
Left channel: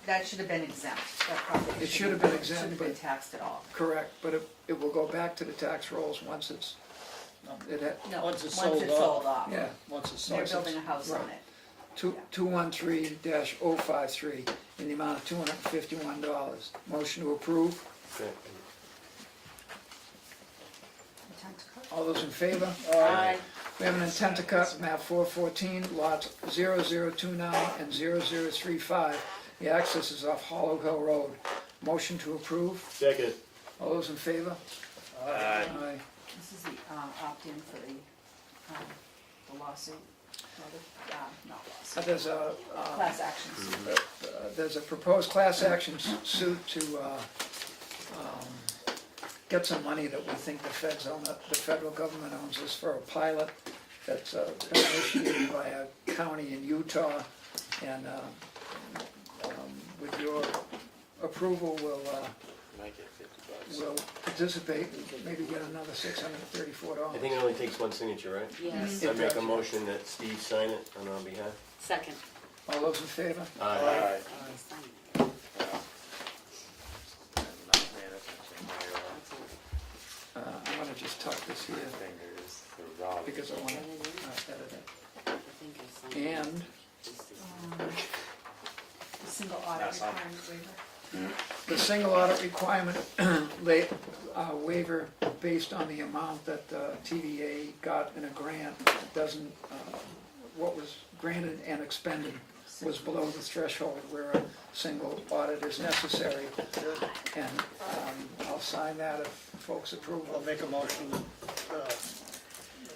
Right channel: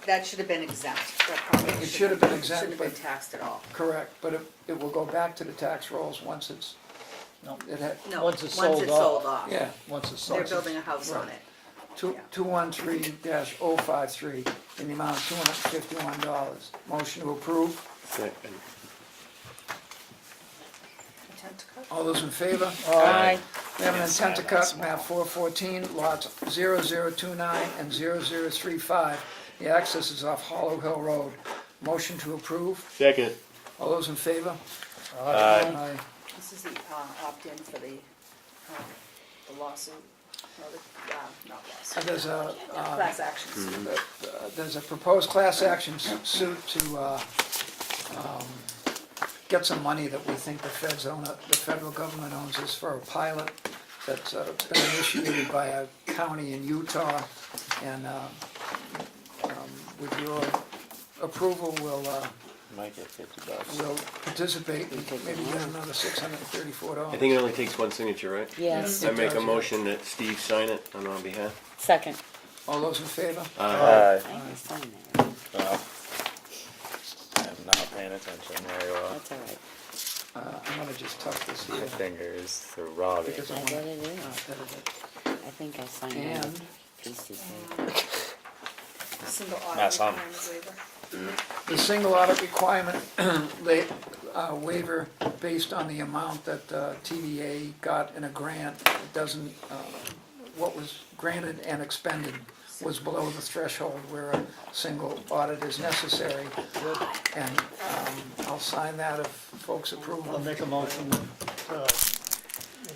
that should have been exempt. That probably It should have been exempt, Shouldn't have been but- taxed at all. correct, but it will go back to the tax rolls once it's, No. No, Once it's sold off. yeah. Once it's They're sold. building a house on Right. it. 213-053 in the amount of $251. Motion to approve. Second. All those in favor? Aye. We have an intent to cut map 414, lots 0029 and 0035. The access is off Hollow Hill Road. Motion to approve. Second. All those in favor? Aye. Aye. This is the opt-in for the lawsuit, or the, not lawsuit. There's a, Class actions. there's a proposed class action suit to get some money that we think the feds own, the federal government owns. This for a pilot that's been initiated by a county in Utah. And with your approval, Might get $50. we'll participate and maybe get another $634. I think it only takes one signature, right? Yes. I make a motion that Steve sign it on our behalf. Second. All those in favor? Aye. I think I signed that. Well, I'm not paying attention very well. That's all right. I'm gonna just tuck this My here. fingers are ragged. Because I I want get it in. I think I signed that. And Pieces. Single That's audit on. requirement waiver. the single audit requirement waiver based on the amount that TVA got in a grant, it doesn't, what was granted and expended was below the threshold where a single audit is necessary. And I'll sign that if folks approve. I'll make a motion, the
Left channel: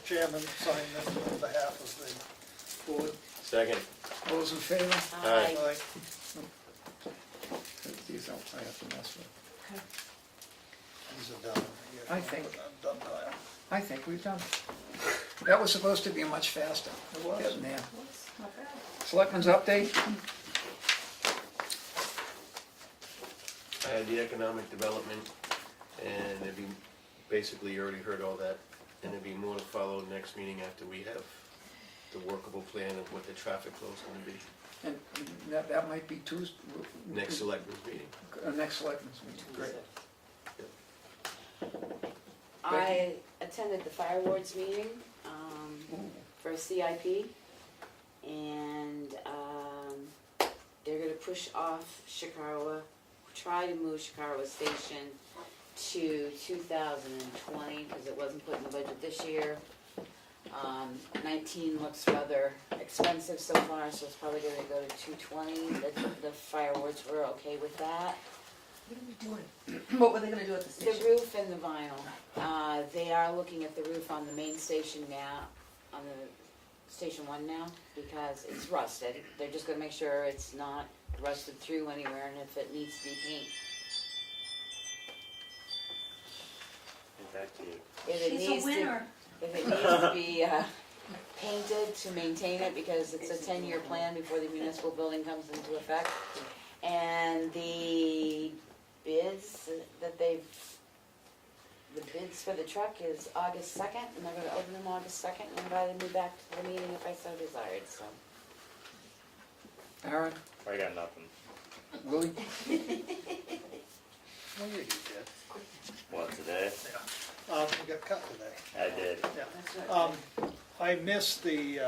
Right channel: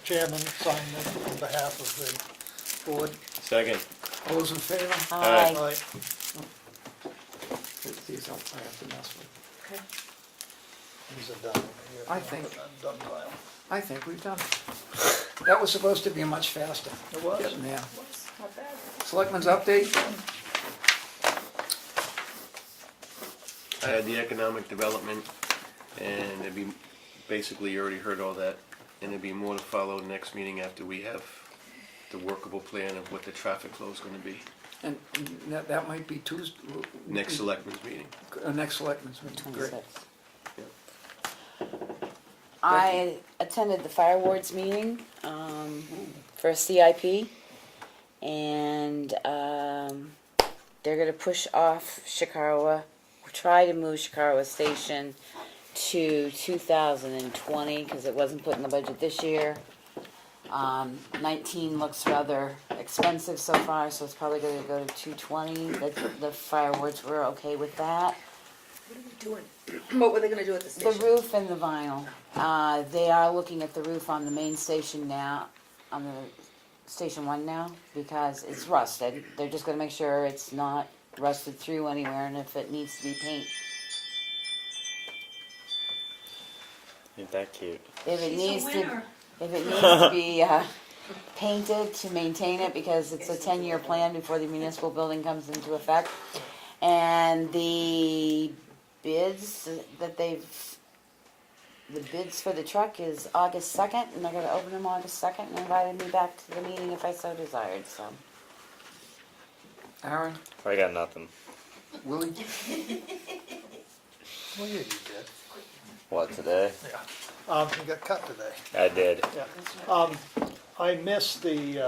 chairman sign it on behalf of the board. Second. All those in favor? Aye. Aye. These I'll I have to mess with. These are done. Here. I think- I'm done, Kyle. I think we've done. That was supposed to be much faster. It was. Getting there. Not bad. Selectmen's update? I had the economic development, and it'd be, basically, you already heard all that, and there'd be more to follow next meeting after we have the workable plan of what the traffic flow's gonna be. And that might be Tuesday. Next selectmen's meeting. Next selectmen's meeting, great. 26. I attended the fire wards meeting for a CIP, and they're gonna push off Shikawa, try to move Shikawa Station to 2020 because it wasn't put in the budget this year. 19 looks rather expensive so far, so it's probably gonna go to 220. The fire wards were okay with that. What are we doing? What were they gonna do at the The station? roof and the vinyl. They are looking at the roof on the main station now, on the station 1 now, because it's rusted. They're just gonna make sure it's not rusted through anywhere, and if it needs to be painted, Ain't that cute? if it needs to be painted to maintain it, because it's a 10-year plan before the municipal building comes into effect. And the bids for the truck is August 2nd, and they're gonna open them August 2nd, and invited me back to the meeting if I so desired, so. Aaron, I got nothing. Willie? Well, yeah, you did. What, today? Yeah. You got cut today. I did. Yeah. I missed the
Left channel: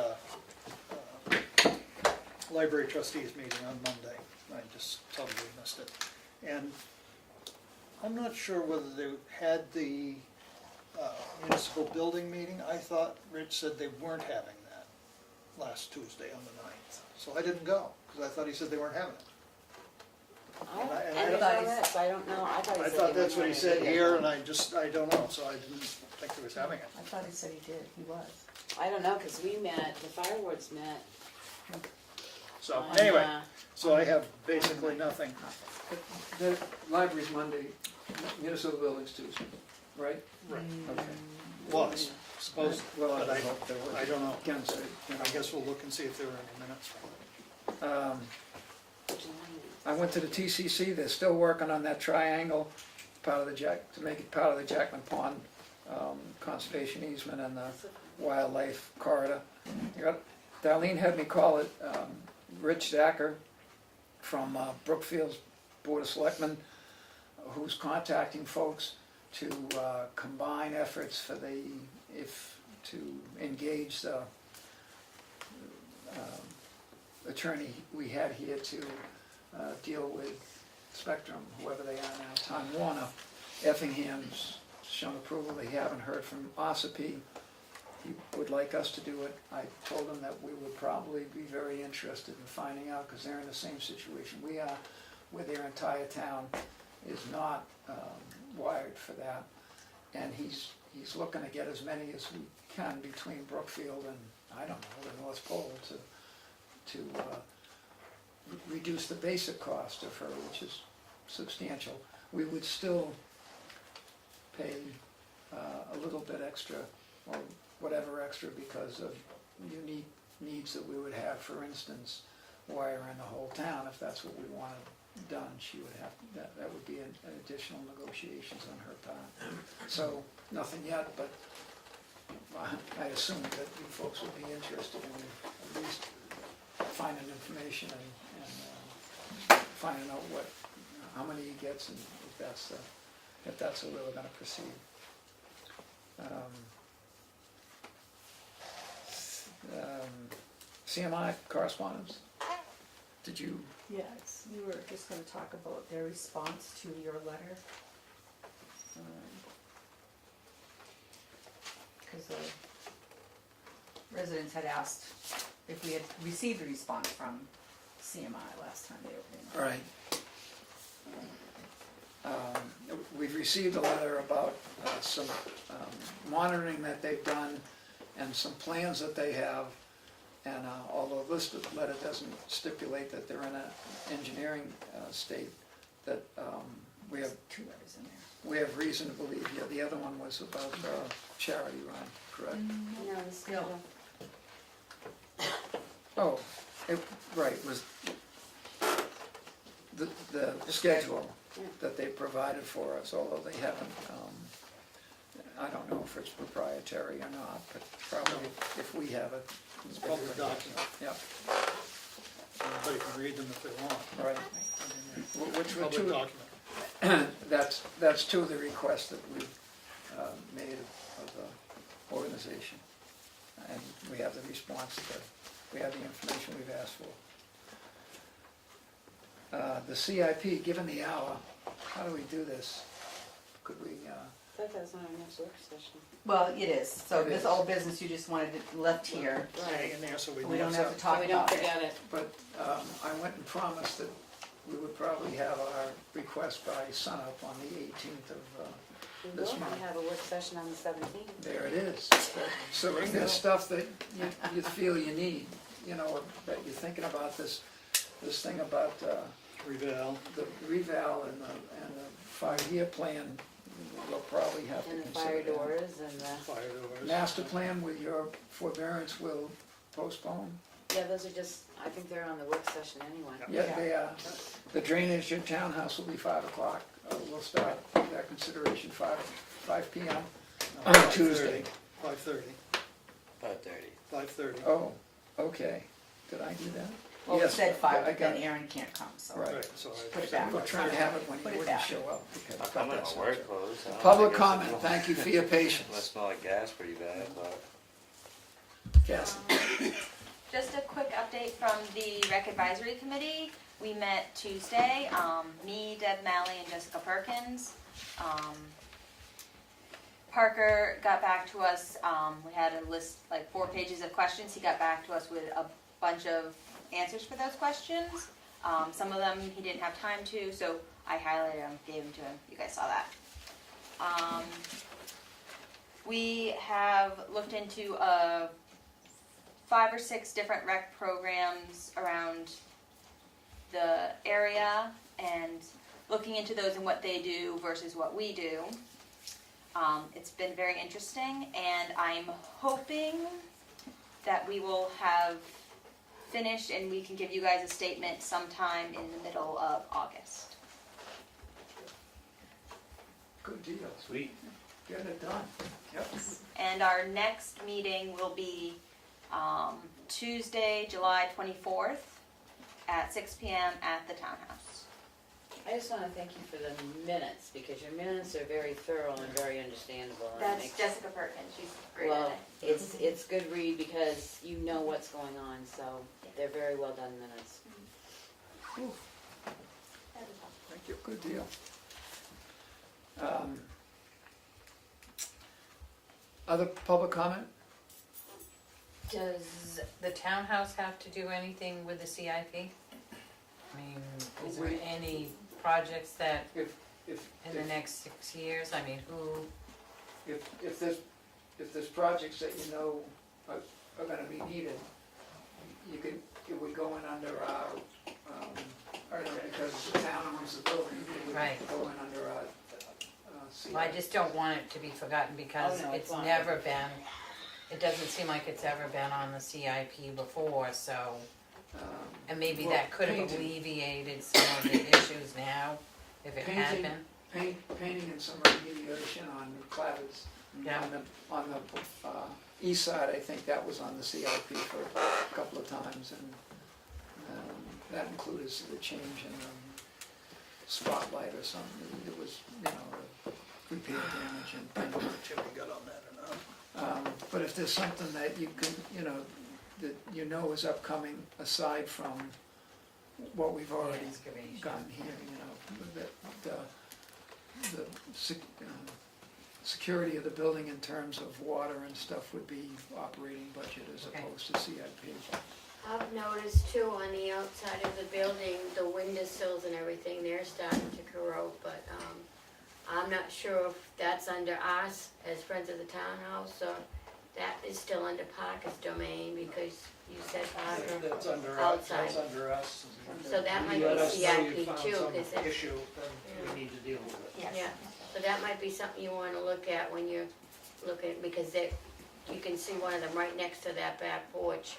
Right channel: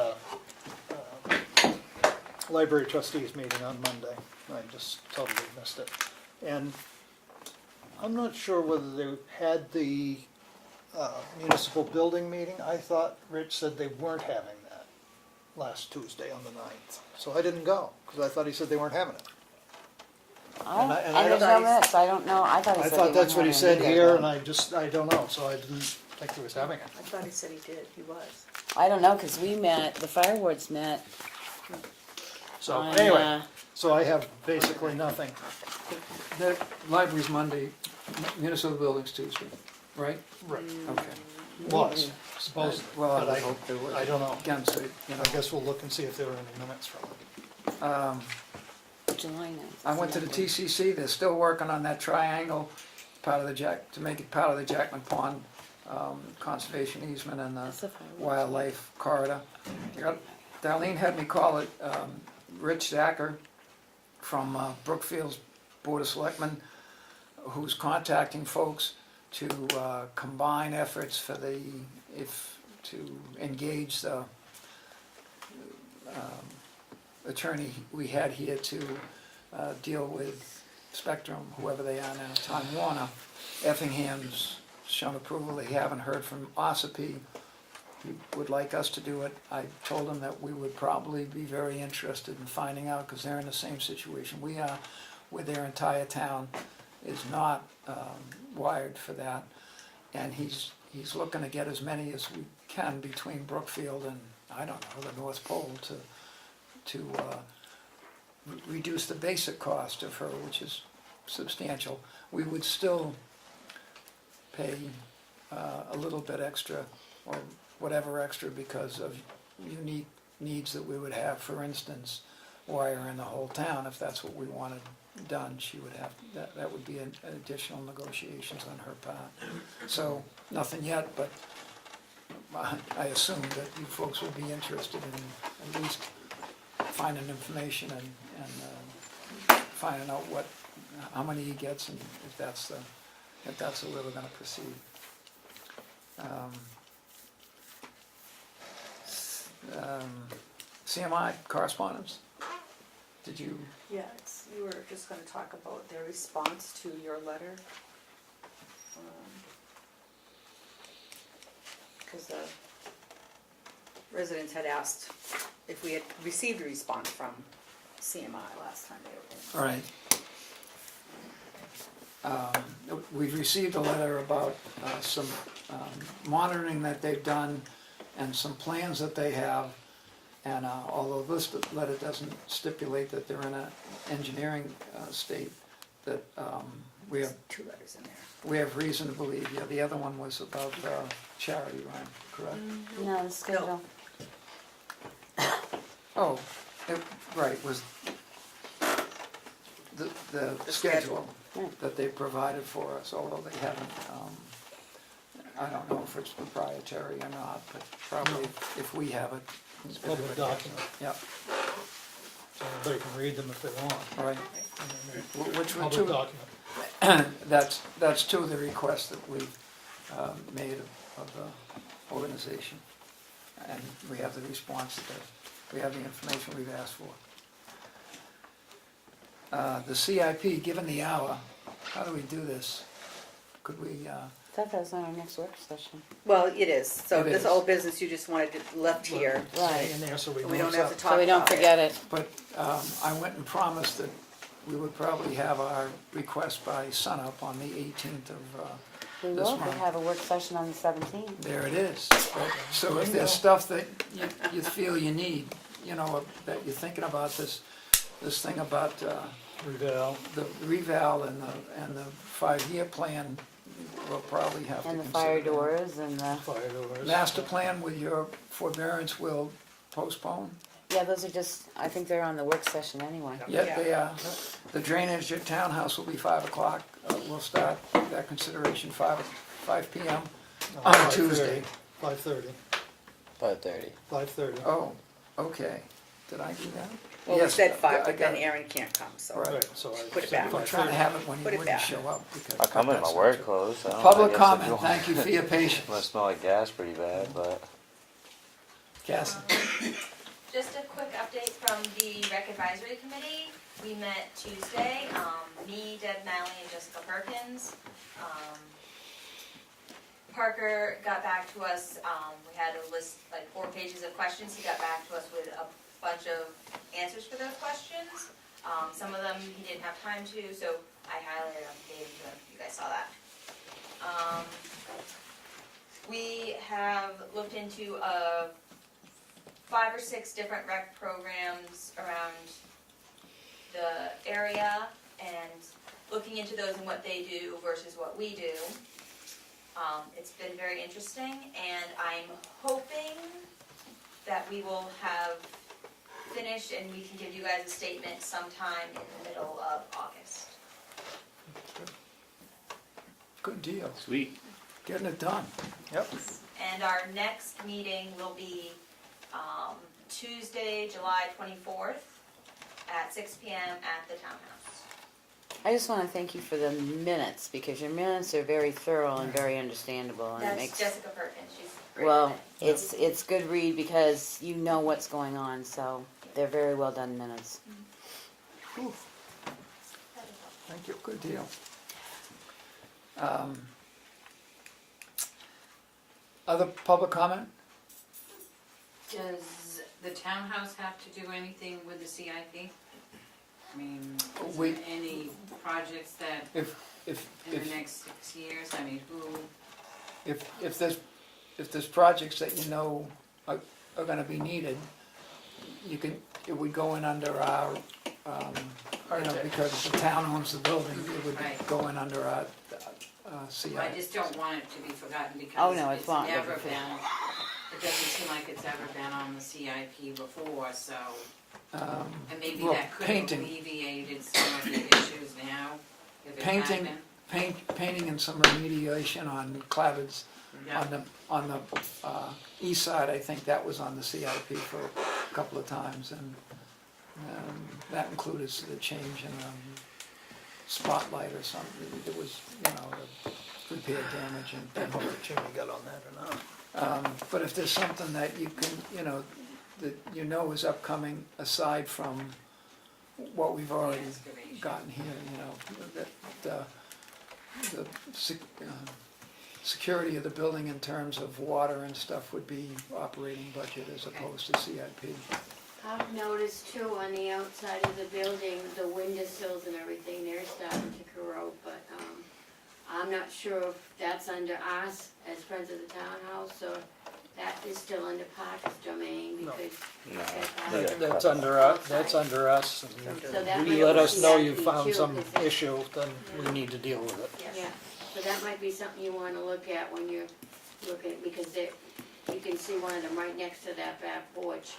library trustees meeting on Monday. I just totally missed it. And I'm not sure whether they had the municipal building meeting. I thought Rich said they weren't having that last Tuesday on the 9th. So I didn't go, because I thought he said they weren't having it. And I there's don't- no minutes, I don't know, I thought he I said thought they that's what he weren't said having it here, either, and I don't know, so I didn't think he was having it. I thought he said he did, he was. but I don't know, cause we met, the fire wards met So on, anyway, so I have basically nothing. The library's Monday, municipal buildings Tuesday, right? Right. Okay. Was, supposed, Well, but I hope they would. I don't know. Again, so, you know, I guess we'll look and see if there are any minutes from it. July 9th. I went to the TCC, they're still working on that triangle, part of the to make it part of the Jackman Pond conservation easement and That's the the fire wards. wildlife corridor. Darlene had me call it Rich Zacher from Brookfield's Board of Selectmen, who's contacting folks to combine efforts for to engage the attorney we had here to deal with Spectrum, whoever they are now, Tom Warner, Effingham's shown approval. They haven't heard from Ossipee. He would like us to do it. I told him that we would probably be very interested in finding out, because they're in the same situation we are, where their entire town is not wired for that. And he's looking to get as many as we can between Brookfield and, I don't know, the North Pole to reduce the basic cost of her, which is substantial. We would still pay a little bit extra, or whatever extra, because of unique needs that we would have. For instance, wire in the whole town. If that's what we wanted done, she would have, that would be an additional negotiations on her part. So, nothing yet, but I assume that you folks would be interested in at least finding information and finding out how many he gets, and if that's the way we're gonna proceed. CMI correspondence? Did you? Yeah, you were just gonna talk about their response to your letter. Because the residents had asked if we had received a response from CMI last time they were in. Right. We've received a letter about some monitoring that they've done and some plans that they have. And although this letter doesn't stipulate that they're in an engineering state, that we have 2 letters in there. we have reason to believe. Yeah, the other one was about charity, Ron, correct? No, the schedule. Oh, right, was the schedule that they provided for us, although they haven't, I don't know if it's proprietary or not, but probably if we have it. It's a public document, Yep, so everybody can read them if they want. right. Which were Public two, document. that's two of the requests that we've made of the organization. And we have the response that we have the information we've asked for. The CIP, given the hour, how do we do this? Could we, I thought that was on our next work session. Well, it is, so It this is. old business you just wanted it left here. Stay in there so we We know don't it's have up. to talk So we don't about it. forget it. but I went and promised that we would probably have our request by sunup on the 18th of We this will, we month. have a work session on the 17th. There it is. So if there's stuff that you feel you need, that you're thinking about this thing about Reval. the reval and the 5-year plan, we'll probably have to And the consider. fire doors and the, Fire doors. Master plan with your forbearance will postpone? yeah, those are just, I think they're on the work session anyway. Yeah, they are. The drainage at Townhouse will be 5 o'clock. We'll start that consideration 5 PM on Tuesday. 5:30. 5:30. 5:30. Oh, okay. Did I do that? Well, we Yes, said 5, I but got then it. Aaron can't come, so. Right. So I Put it said back. We're trying to have it when Put he it wouldn't back. show up. because I'll come in my that's- work clothes. I don't know, Public I guess I'll comment, do- thank you for your patience. Must smell like gas pretty bad, but Cassie? Just a quick update from the rec advisory committee. We met Tuesday, me, Deb Malley, and Jessica Perkins. Parker got back to us, we had a list, like 4 pages of questions. He got back to us with a bunch of answers for those questions. Some of them he didn't have time to, so I highlighted them, gave them to him. You guys saw that. We have looked into 5 or 6 different rec programs around the area and looking into those and what they do versus what we do. It's been very interesting, and I'm hoping that we will have finished and we can give you guys a statement sometime in the middle of August. Good deal. Sweet. Getting it done. Yep. And our next meeting will be Tuesday, July 24th at 6 p.m. at the Townhouse. I just wanna thank you for the minutes, because your minutes are very thorough and very understandable, and it That's makes, Jessica Perkins, she's great. well, it's good read because you know what's going on, so they're very well done minutes. Thank you, good deal. Other public comment? Does the townhouse have to do anything with the CIP? I mean, is We- there any projects that If in the next 6 years, I mean, who, if there's projects that you know are gonna be needed, it would go in under our, because the town owns the building, it would Right. go in under our, CI. well, I just don't want it to be forgotten Oh, because no, it's it's not. never been, it doesn't seem like it's ever been on the CIP before, so, and maybe well, that could have painting. alleviated some of the issues now, if it had Painting, been. painting and some remediation on clavards Yeah. on the east side, I think that was on the CIP for a couple of times, and that included the change in the spotlight or something. It was, the repair damage and I don't know if Jimmy got on that or not. but if there's something that you can, that is upcoming aside from what we've already Excavation. gotten here, that the security of the building in terms of water and stuff would be operating budget as opposed to CIP. I've noticed too, on the outside of the building, the windowsills and everything, they're starting to corrode, but, I'm not sure if that's under us as Friends of the Townhouse, or that is still under Parker's domain, because you said That's other under us, outside. that's under us, So that and might you let be us know you CIP found too, some 'cause it's- issue, then we need to deal with it. Yeah, so that might be something you wanna look at when you're looking, because you can see one of them right next to that back porch.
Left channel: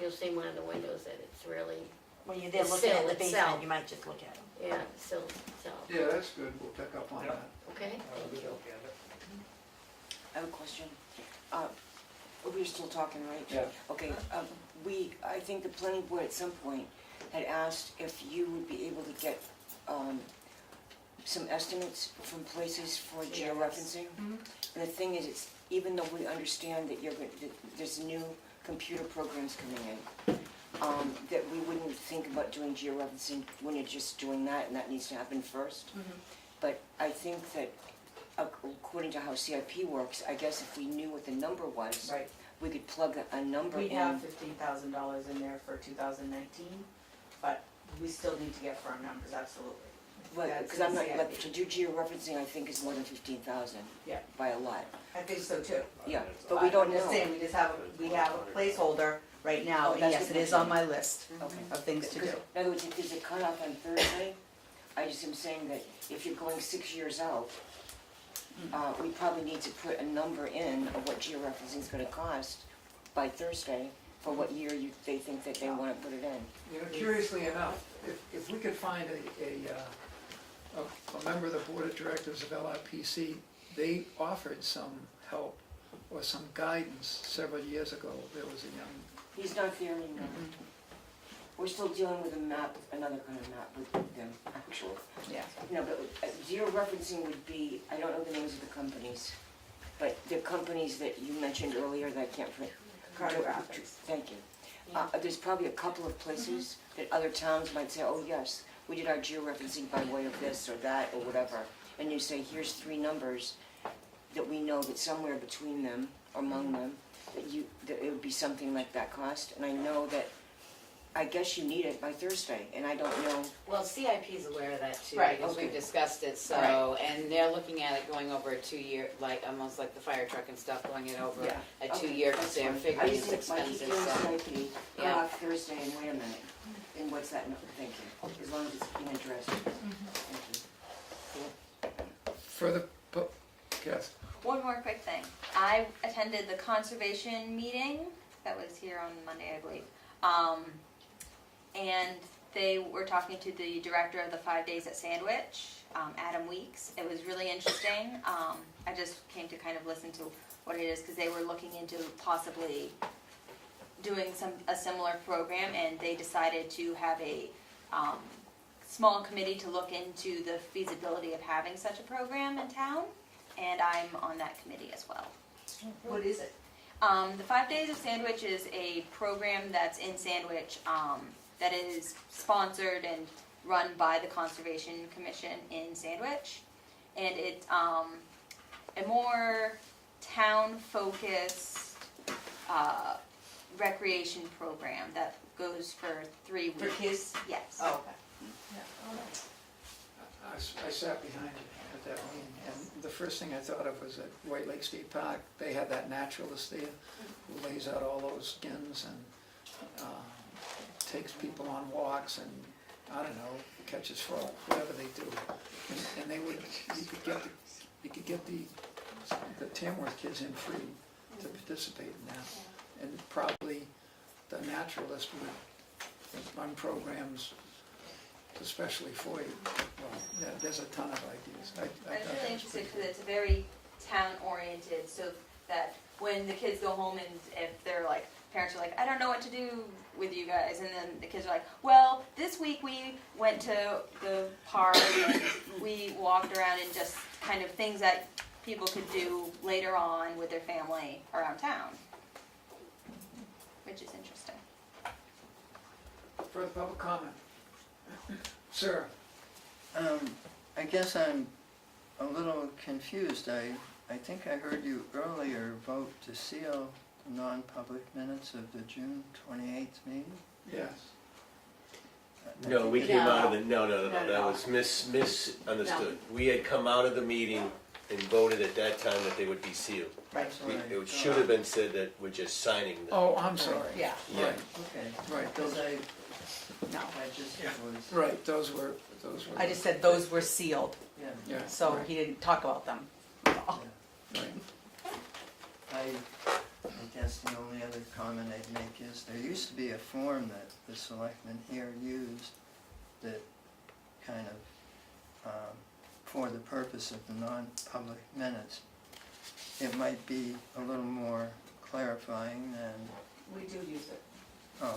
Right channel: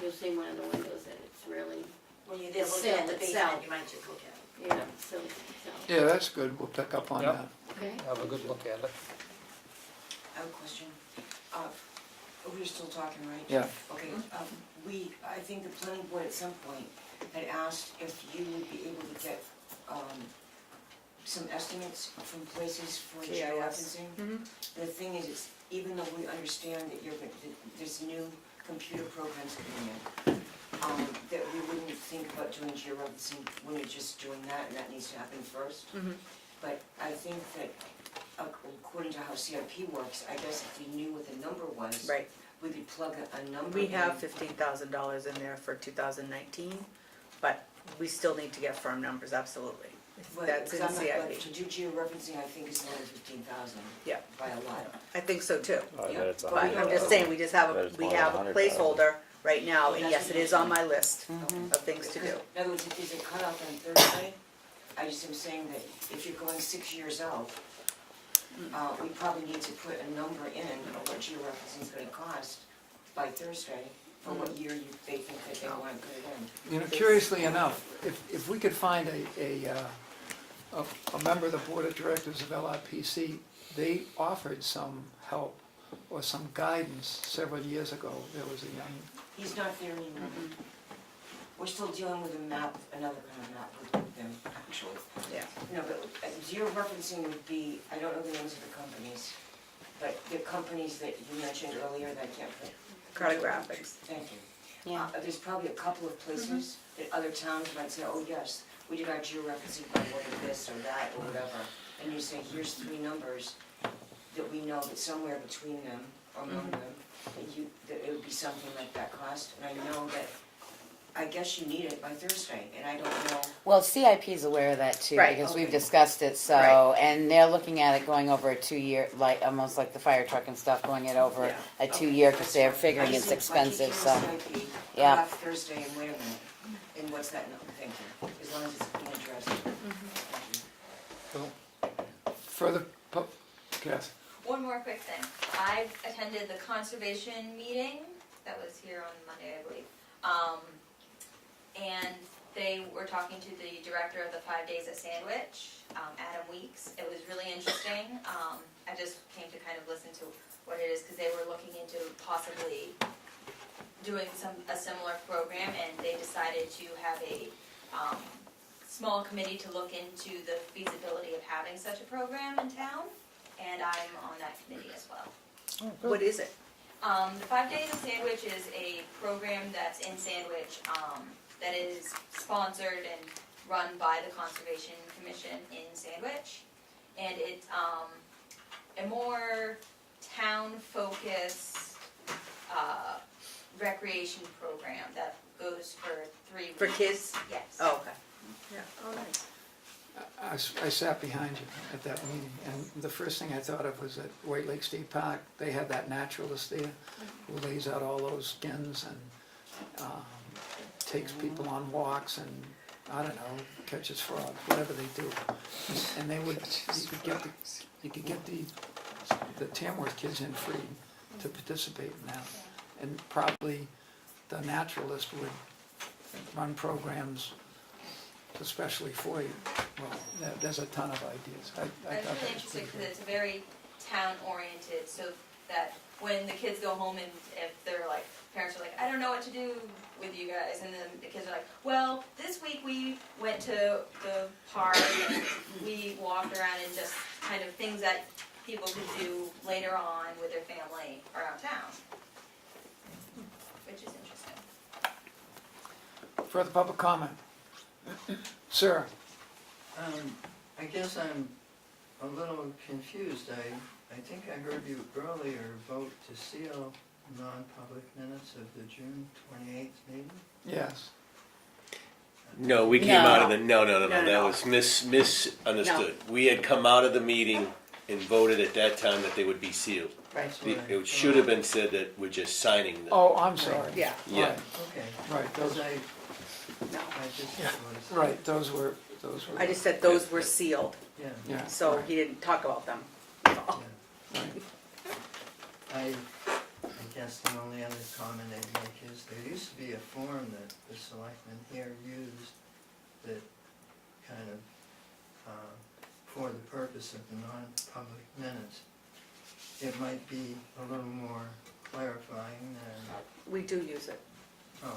You'll see one of the windows that it's really, When you're there The looking at sill the itself. basement, you might just look at it. yeah, so, Yeah, that's good, we'll pick up on Yep. that. okay? Have a good look at it. I have a question. We're still talking, right? Yeah. Okay, I think the planning board at some point had asked if you would be able to get, some estimates from places for GIS. georeferencing. And the thing is, it's, even though we understand that there's new computer programs coming in, that we wouldn't think about doing georeferencing when you're just doing that, and that needs to happen first. But I think that according to how CIP works, I guess if we knew what the number was, Right. we could plug a number We in. have $15,000 in there for 2019, but we still need to get firm numbers, absolutely. Well, That's 'cause in I'm not- CIP. like, to do georeferencing, I think is more than 15,000. Yeah. By a lot. I think so too. Yeah, it's but we But don't I'm just know. saying, we just have But a, it's we more than have a 100,000. placeholder right now, Oh, and that's yes, what it is you're on my list of things to do. In other words, if there's a cutoff on Thursday, I just am saying that if you're going 6 years out, we probably need to put a number in of what georeferencing is gonna cost by Thursday for what year they think that they wanna put it in. Curiously enough, if we could find a member of the board of directors of LIPC, they offered some help or some guidance several years ago. There was a young, He's not there anymore. We're still dealing with a map, another kind of map with them, actually. Yeah. No, but georeferencing would be, I don't know the names of the companies, but the companies that you mentioned earlier that I can't put. Cartographics. Thank you. Yeah. There's probably a couple of places that other towns might say, oh, yes, we did our georeferencing by way of this or that or whatever. And you say, here's 3 numbers that we know that somewhere between them, among them, that it would be something like that cost. And I know that, I guess you need it by Thursday, and I don't know. Well, CIP's aware of that too, Right, because we've okay. discussed it, so, Right. and they're looking at it going over a 2-year, like, almost like the fire truck and stuff, going it over Yeah. a Okay, 2-year, because that's they're fine. figuring I it's just think my expensive, keep so. doing CIP, Yeah. come off Thursday, and wait a minute, and what's that, thank you, as long as it's being addressed. Thank you. further, Kath? One more quick thing. I attended the conservation meeting that was here on Monday, I believe. And they were talking to the director of the 5 Days at Sandwich, Adam Weeks. It was really interesting. I just came to kind of listen to what it is because they were looking into possibly doing a similar program, and they decided to have a small committee to look into the feasibility of having such a program in town. And I'm on that committee as well. What is it? The 5 Days of Sandwich is a program that's in Sandwich that is sponsored and run by the Conservation Commission in Sandwich. And it's a more town-focused, recreation program that goes for 3 weeks. For kids? Yes. Oh, okay. Yeah, oh, nice. I sat behind you at that meeting, and the first thing I thought of was at White Lake State Park, they have that naturalist there who lays out all those skins and takes people on walks and, I don't know, catches frogs, whatever they do. And they would, you could get the Tamworth kids in free to participate in that. And probably the naturalist would run programs especially for you. Well, there's a ton of ideas. I That's thought really that was interesting pretty because it's very town-oriented, so that when the kids go home and if they're like, parents are like, I don't know what to do with you guys, and then the kids are like, well, this week we went to the park and we walked around and just kind of things that people could do later on with their family around town, which is interesting. Further public comment? Sir? I guess I'm a little confused. I think I heard you earlier vote to seal non-public minutes of the June 28th meeting? Yes. No, we came out of the, no, No, that no. was misunderstood. We had come out of the meeting and voted at that time that they would be sealed. Right. It should have been said that we're just signing them. Oh, I'm sorry. Yeah. Yeah. Right, Okay. right, Because those, I just was, right, those were. I just said those were sealed, yeah. Yeah. so he didn't talk about them. Right. I guess the only other comment I'd make is there used to be a form that the selectmen here used that kind of, for the purpose of the non-public minutes, it might be a little more clarifying and, We do use it. oh,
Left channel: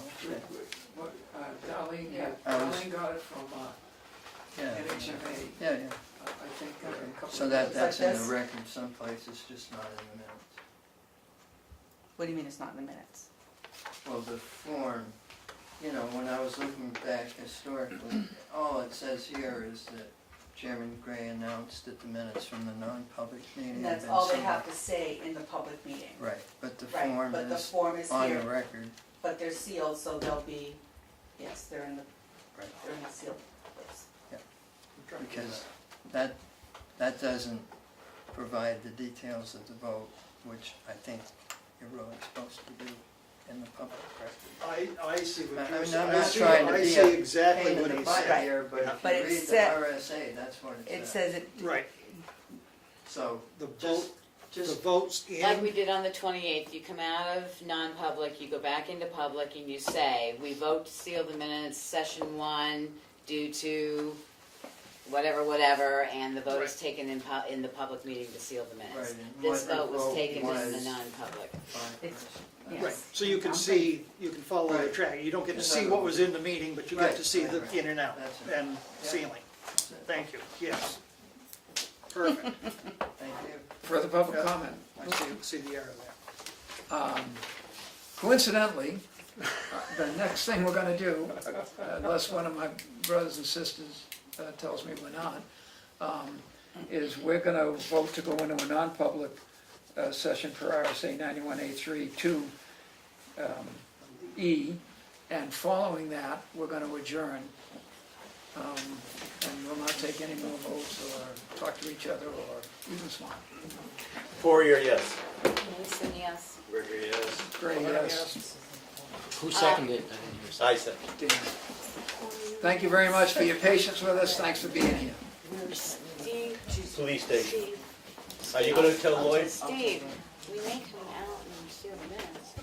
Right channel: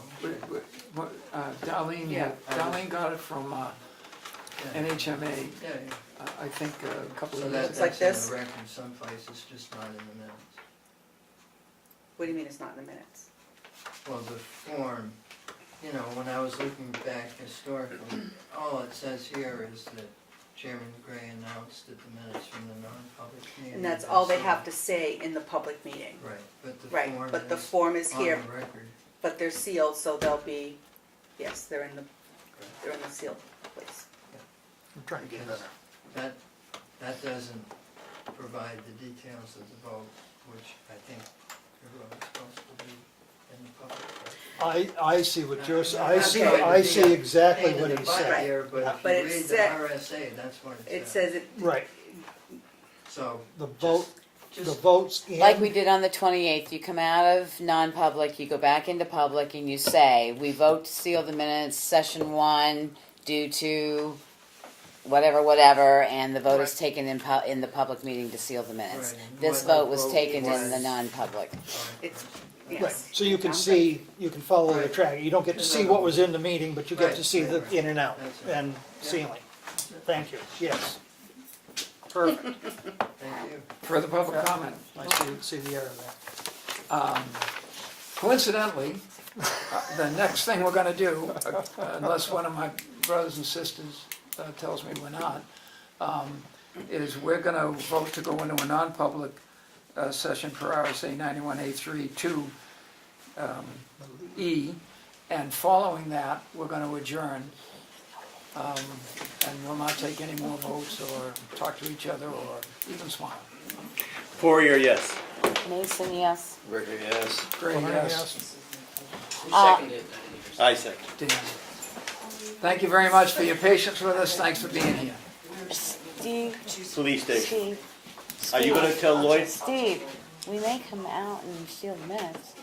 Darlene, Yeah. Darlene got it from yeah. NHMA, Yeah, yeah. I think a couple So of that, years. It's like that's in this? the record someplace, it's just not in the minutes. What do you mean it's not in the minutes? Well, the form, you know, when I was looking back historically, all it says here is that Chairman Gray announced at the minutes from the non-public meeting. And that's have been all they sealed. have to say in the public meeting. Right, but the Right, form but the is form is on here, the record. but they're sealed, so they'll be, yes, they're in the Right. sealed place. I'm trying to get Because that. that doesn't provide the details of the vote, which I think you're really supposed to do in the public record. I see what you're I'm saying, not I see, trying to I be see a exactly pain in what the he's butt saying. here, but Yeah. if But you it read the said- RSA, that's what It it says. says it, Right, So, the vote, the just, votes Like and, we did on the 28th, you come out of non-public, you go back into public, and you say, we vote to seal the minutes, session 1, due to whatever, and the vote is taken in the public meeting to seal the minutes. Right, and This what the vote was vote taken in the was. non-public. it's, right, yes. so you can see, you can follow the Right. track. You don't get to see what was in the meeting, but you get Right, to see the right, in and out that's it. and Yeah. sealing. Thank you, yes. Perfect, thank you. Further public comment? I see the error there. Coincidentally, the next thing we're gonna do, unless one of my brothers and sisters tells me we're not, is we're gonna vote to go into a non-public session per RSA 91A3 to E, and following that, we're gonna adjourn. And we'll not take any more votes or talk to each other or even smile. Poirier, yes. Mason, yes. Ricker, yes. Gray, yes. Who seconded it? I said. Dan. Thank you very much for your patience with us. Thanks for being here. Steve, Police station. Steve. Are you gonna tell Lloyd? Steve, we may come out and seal the minutes.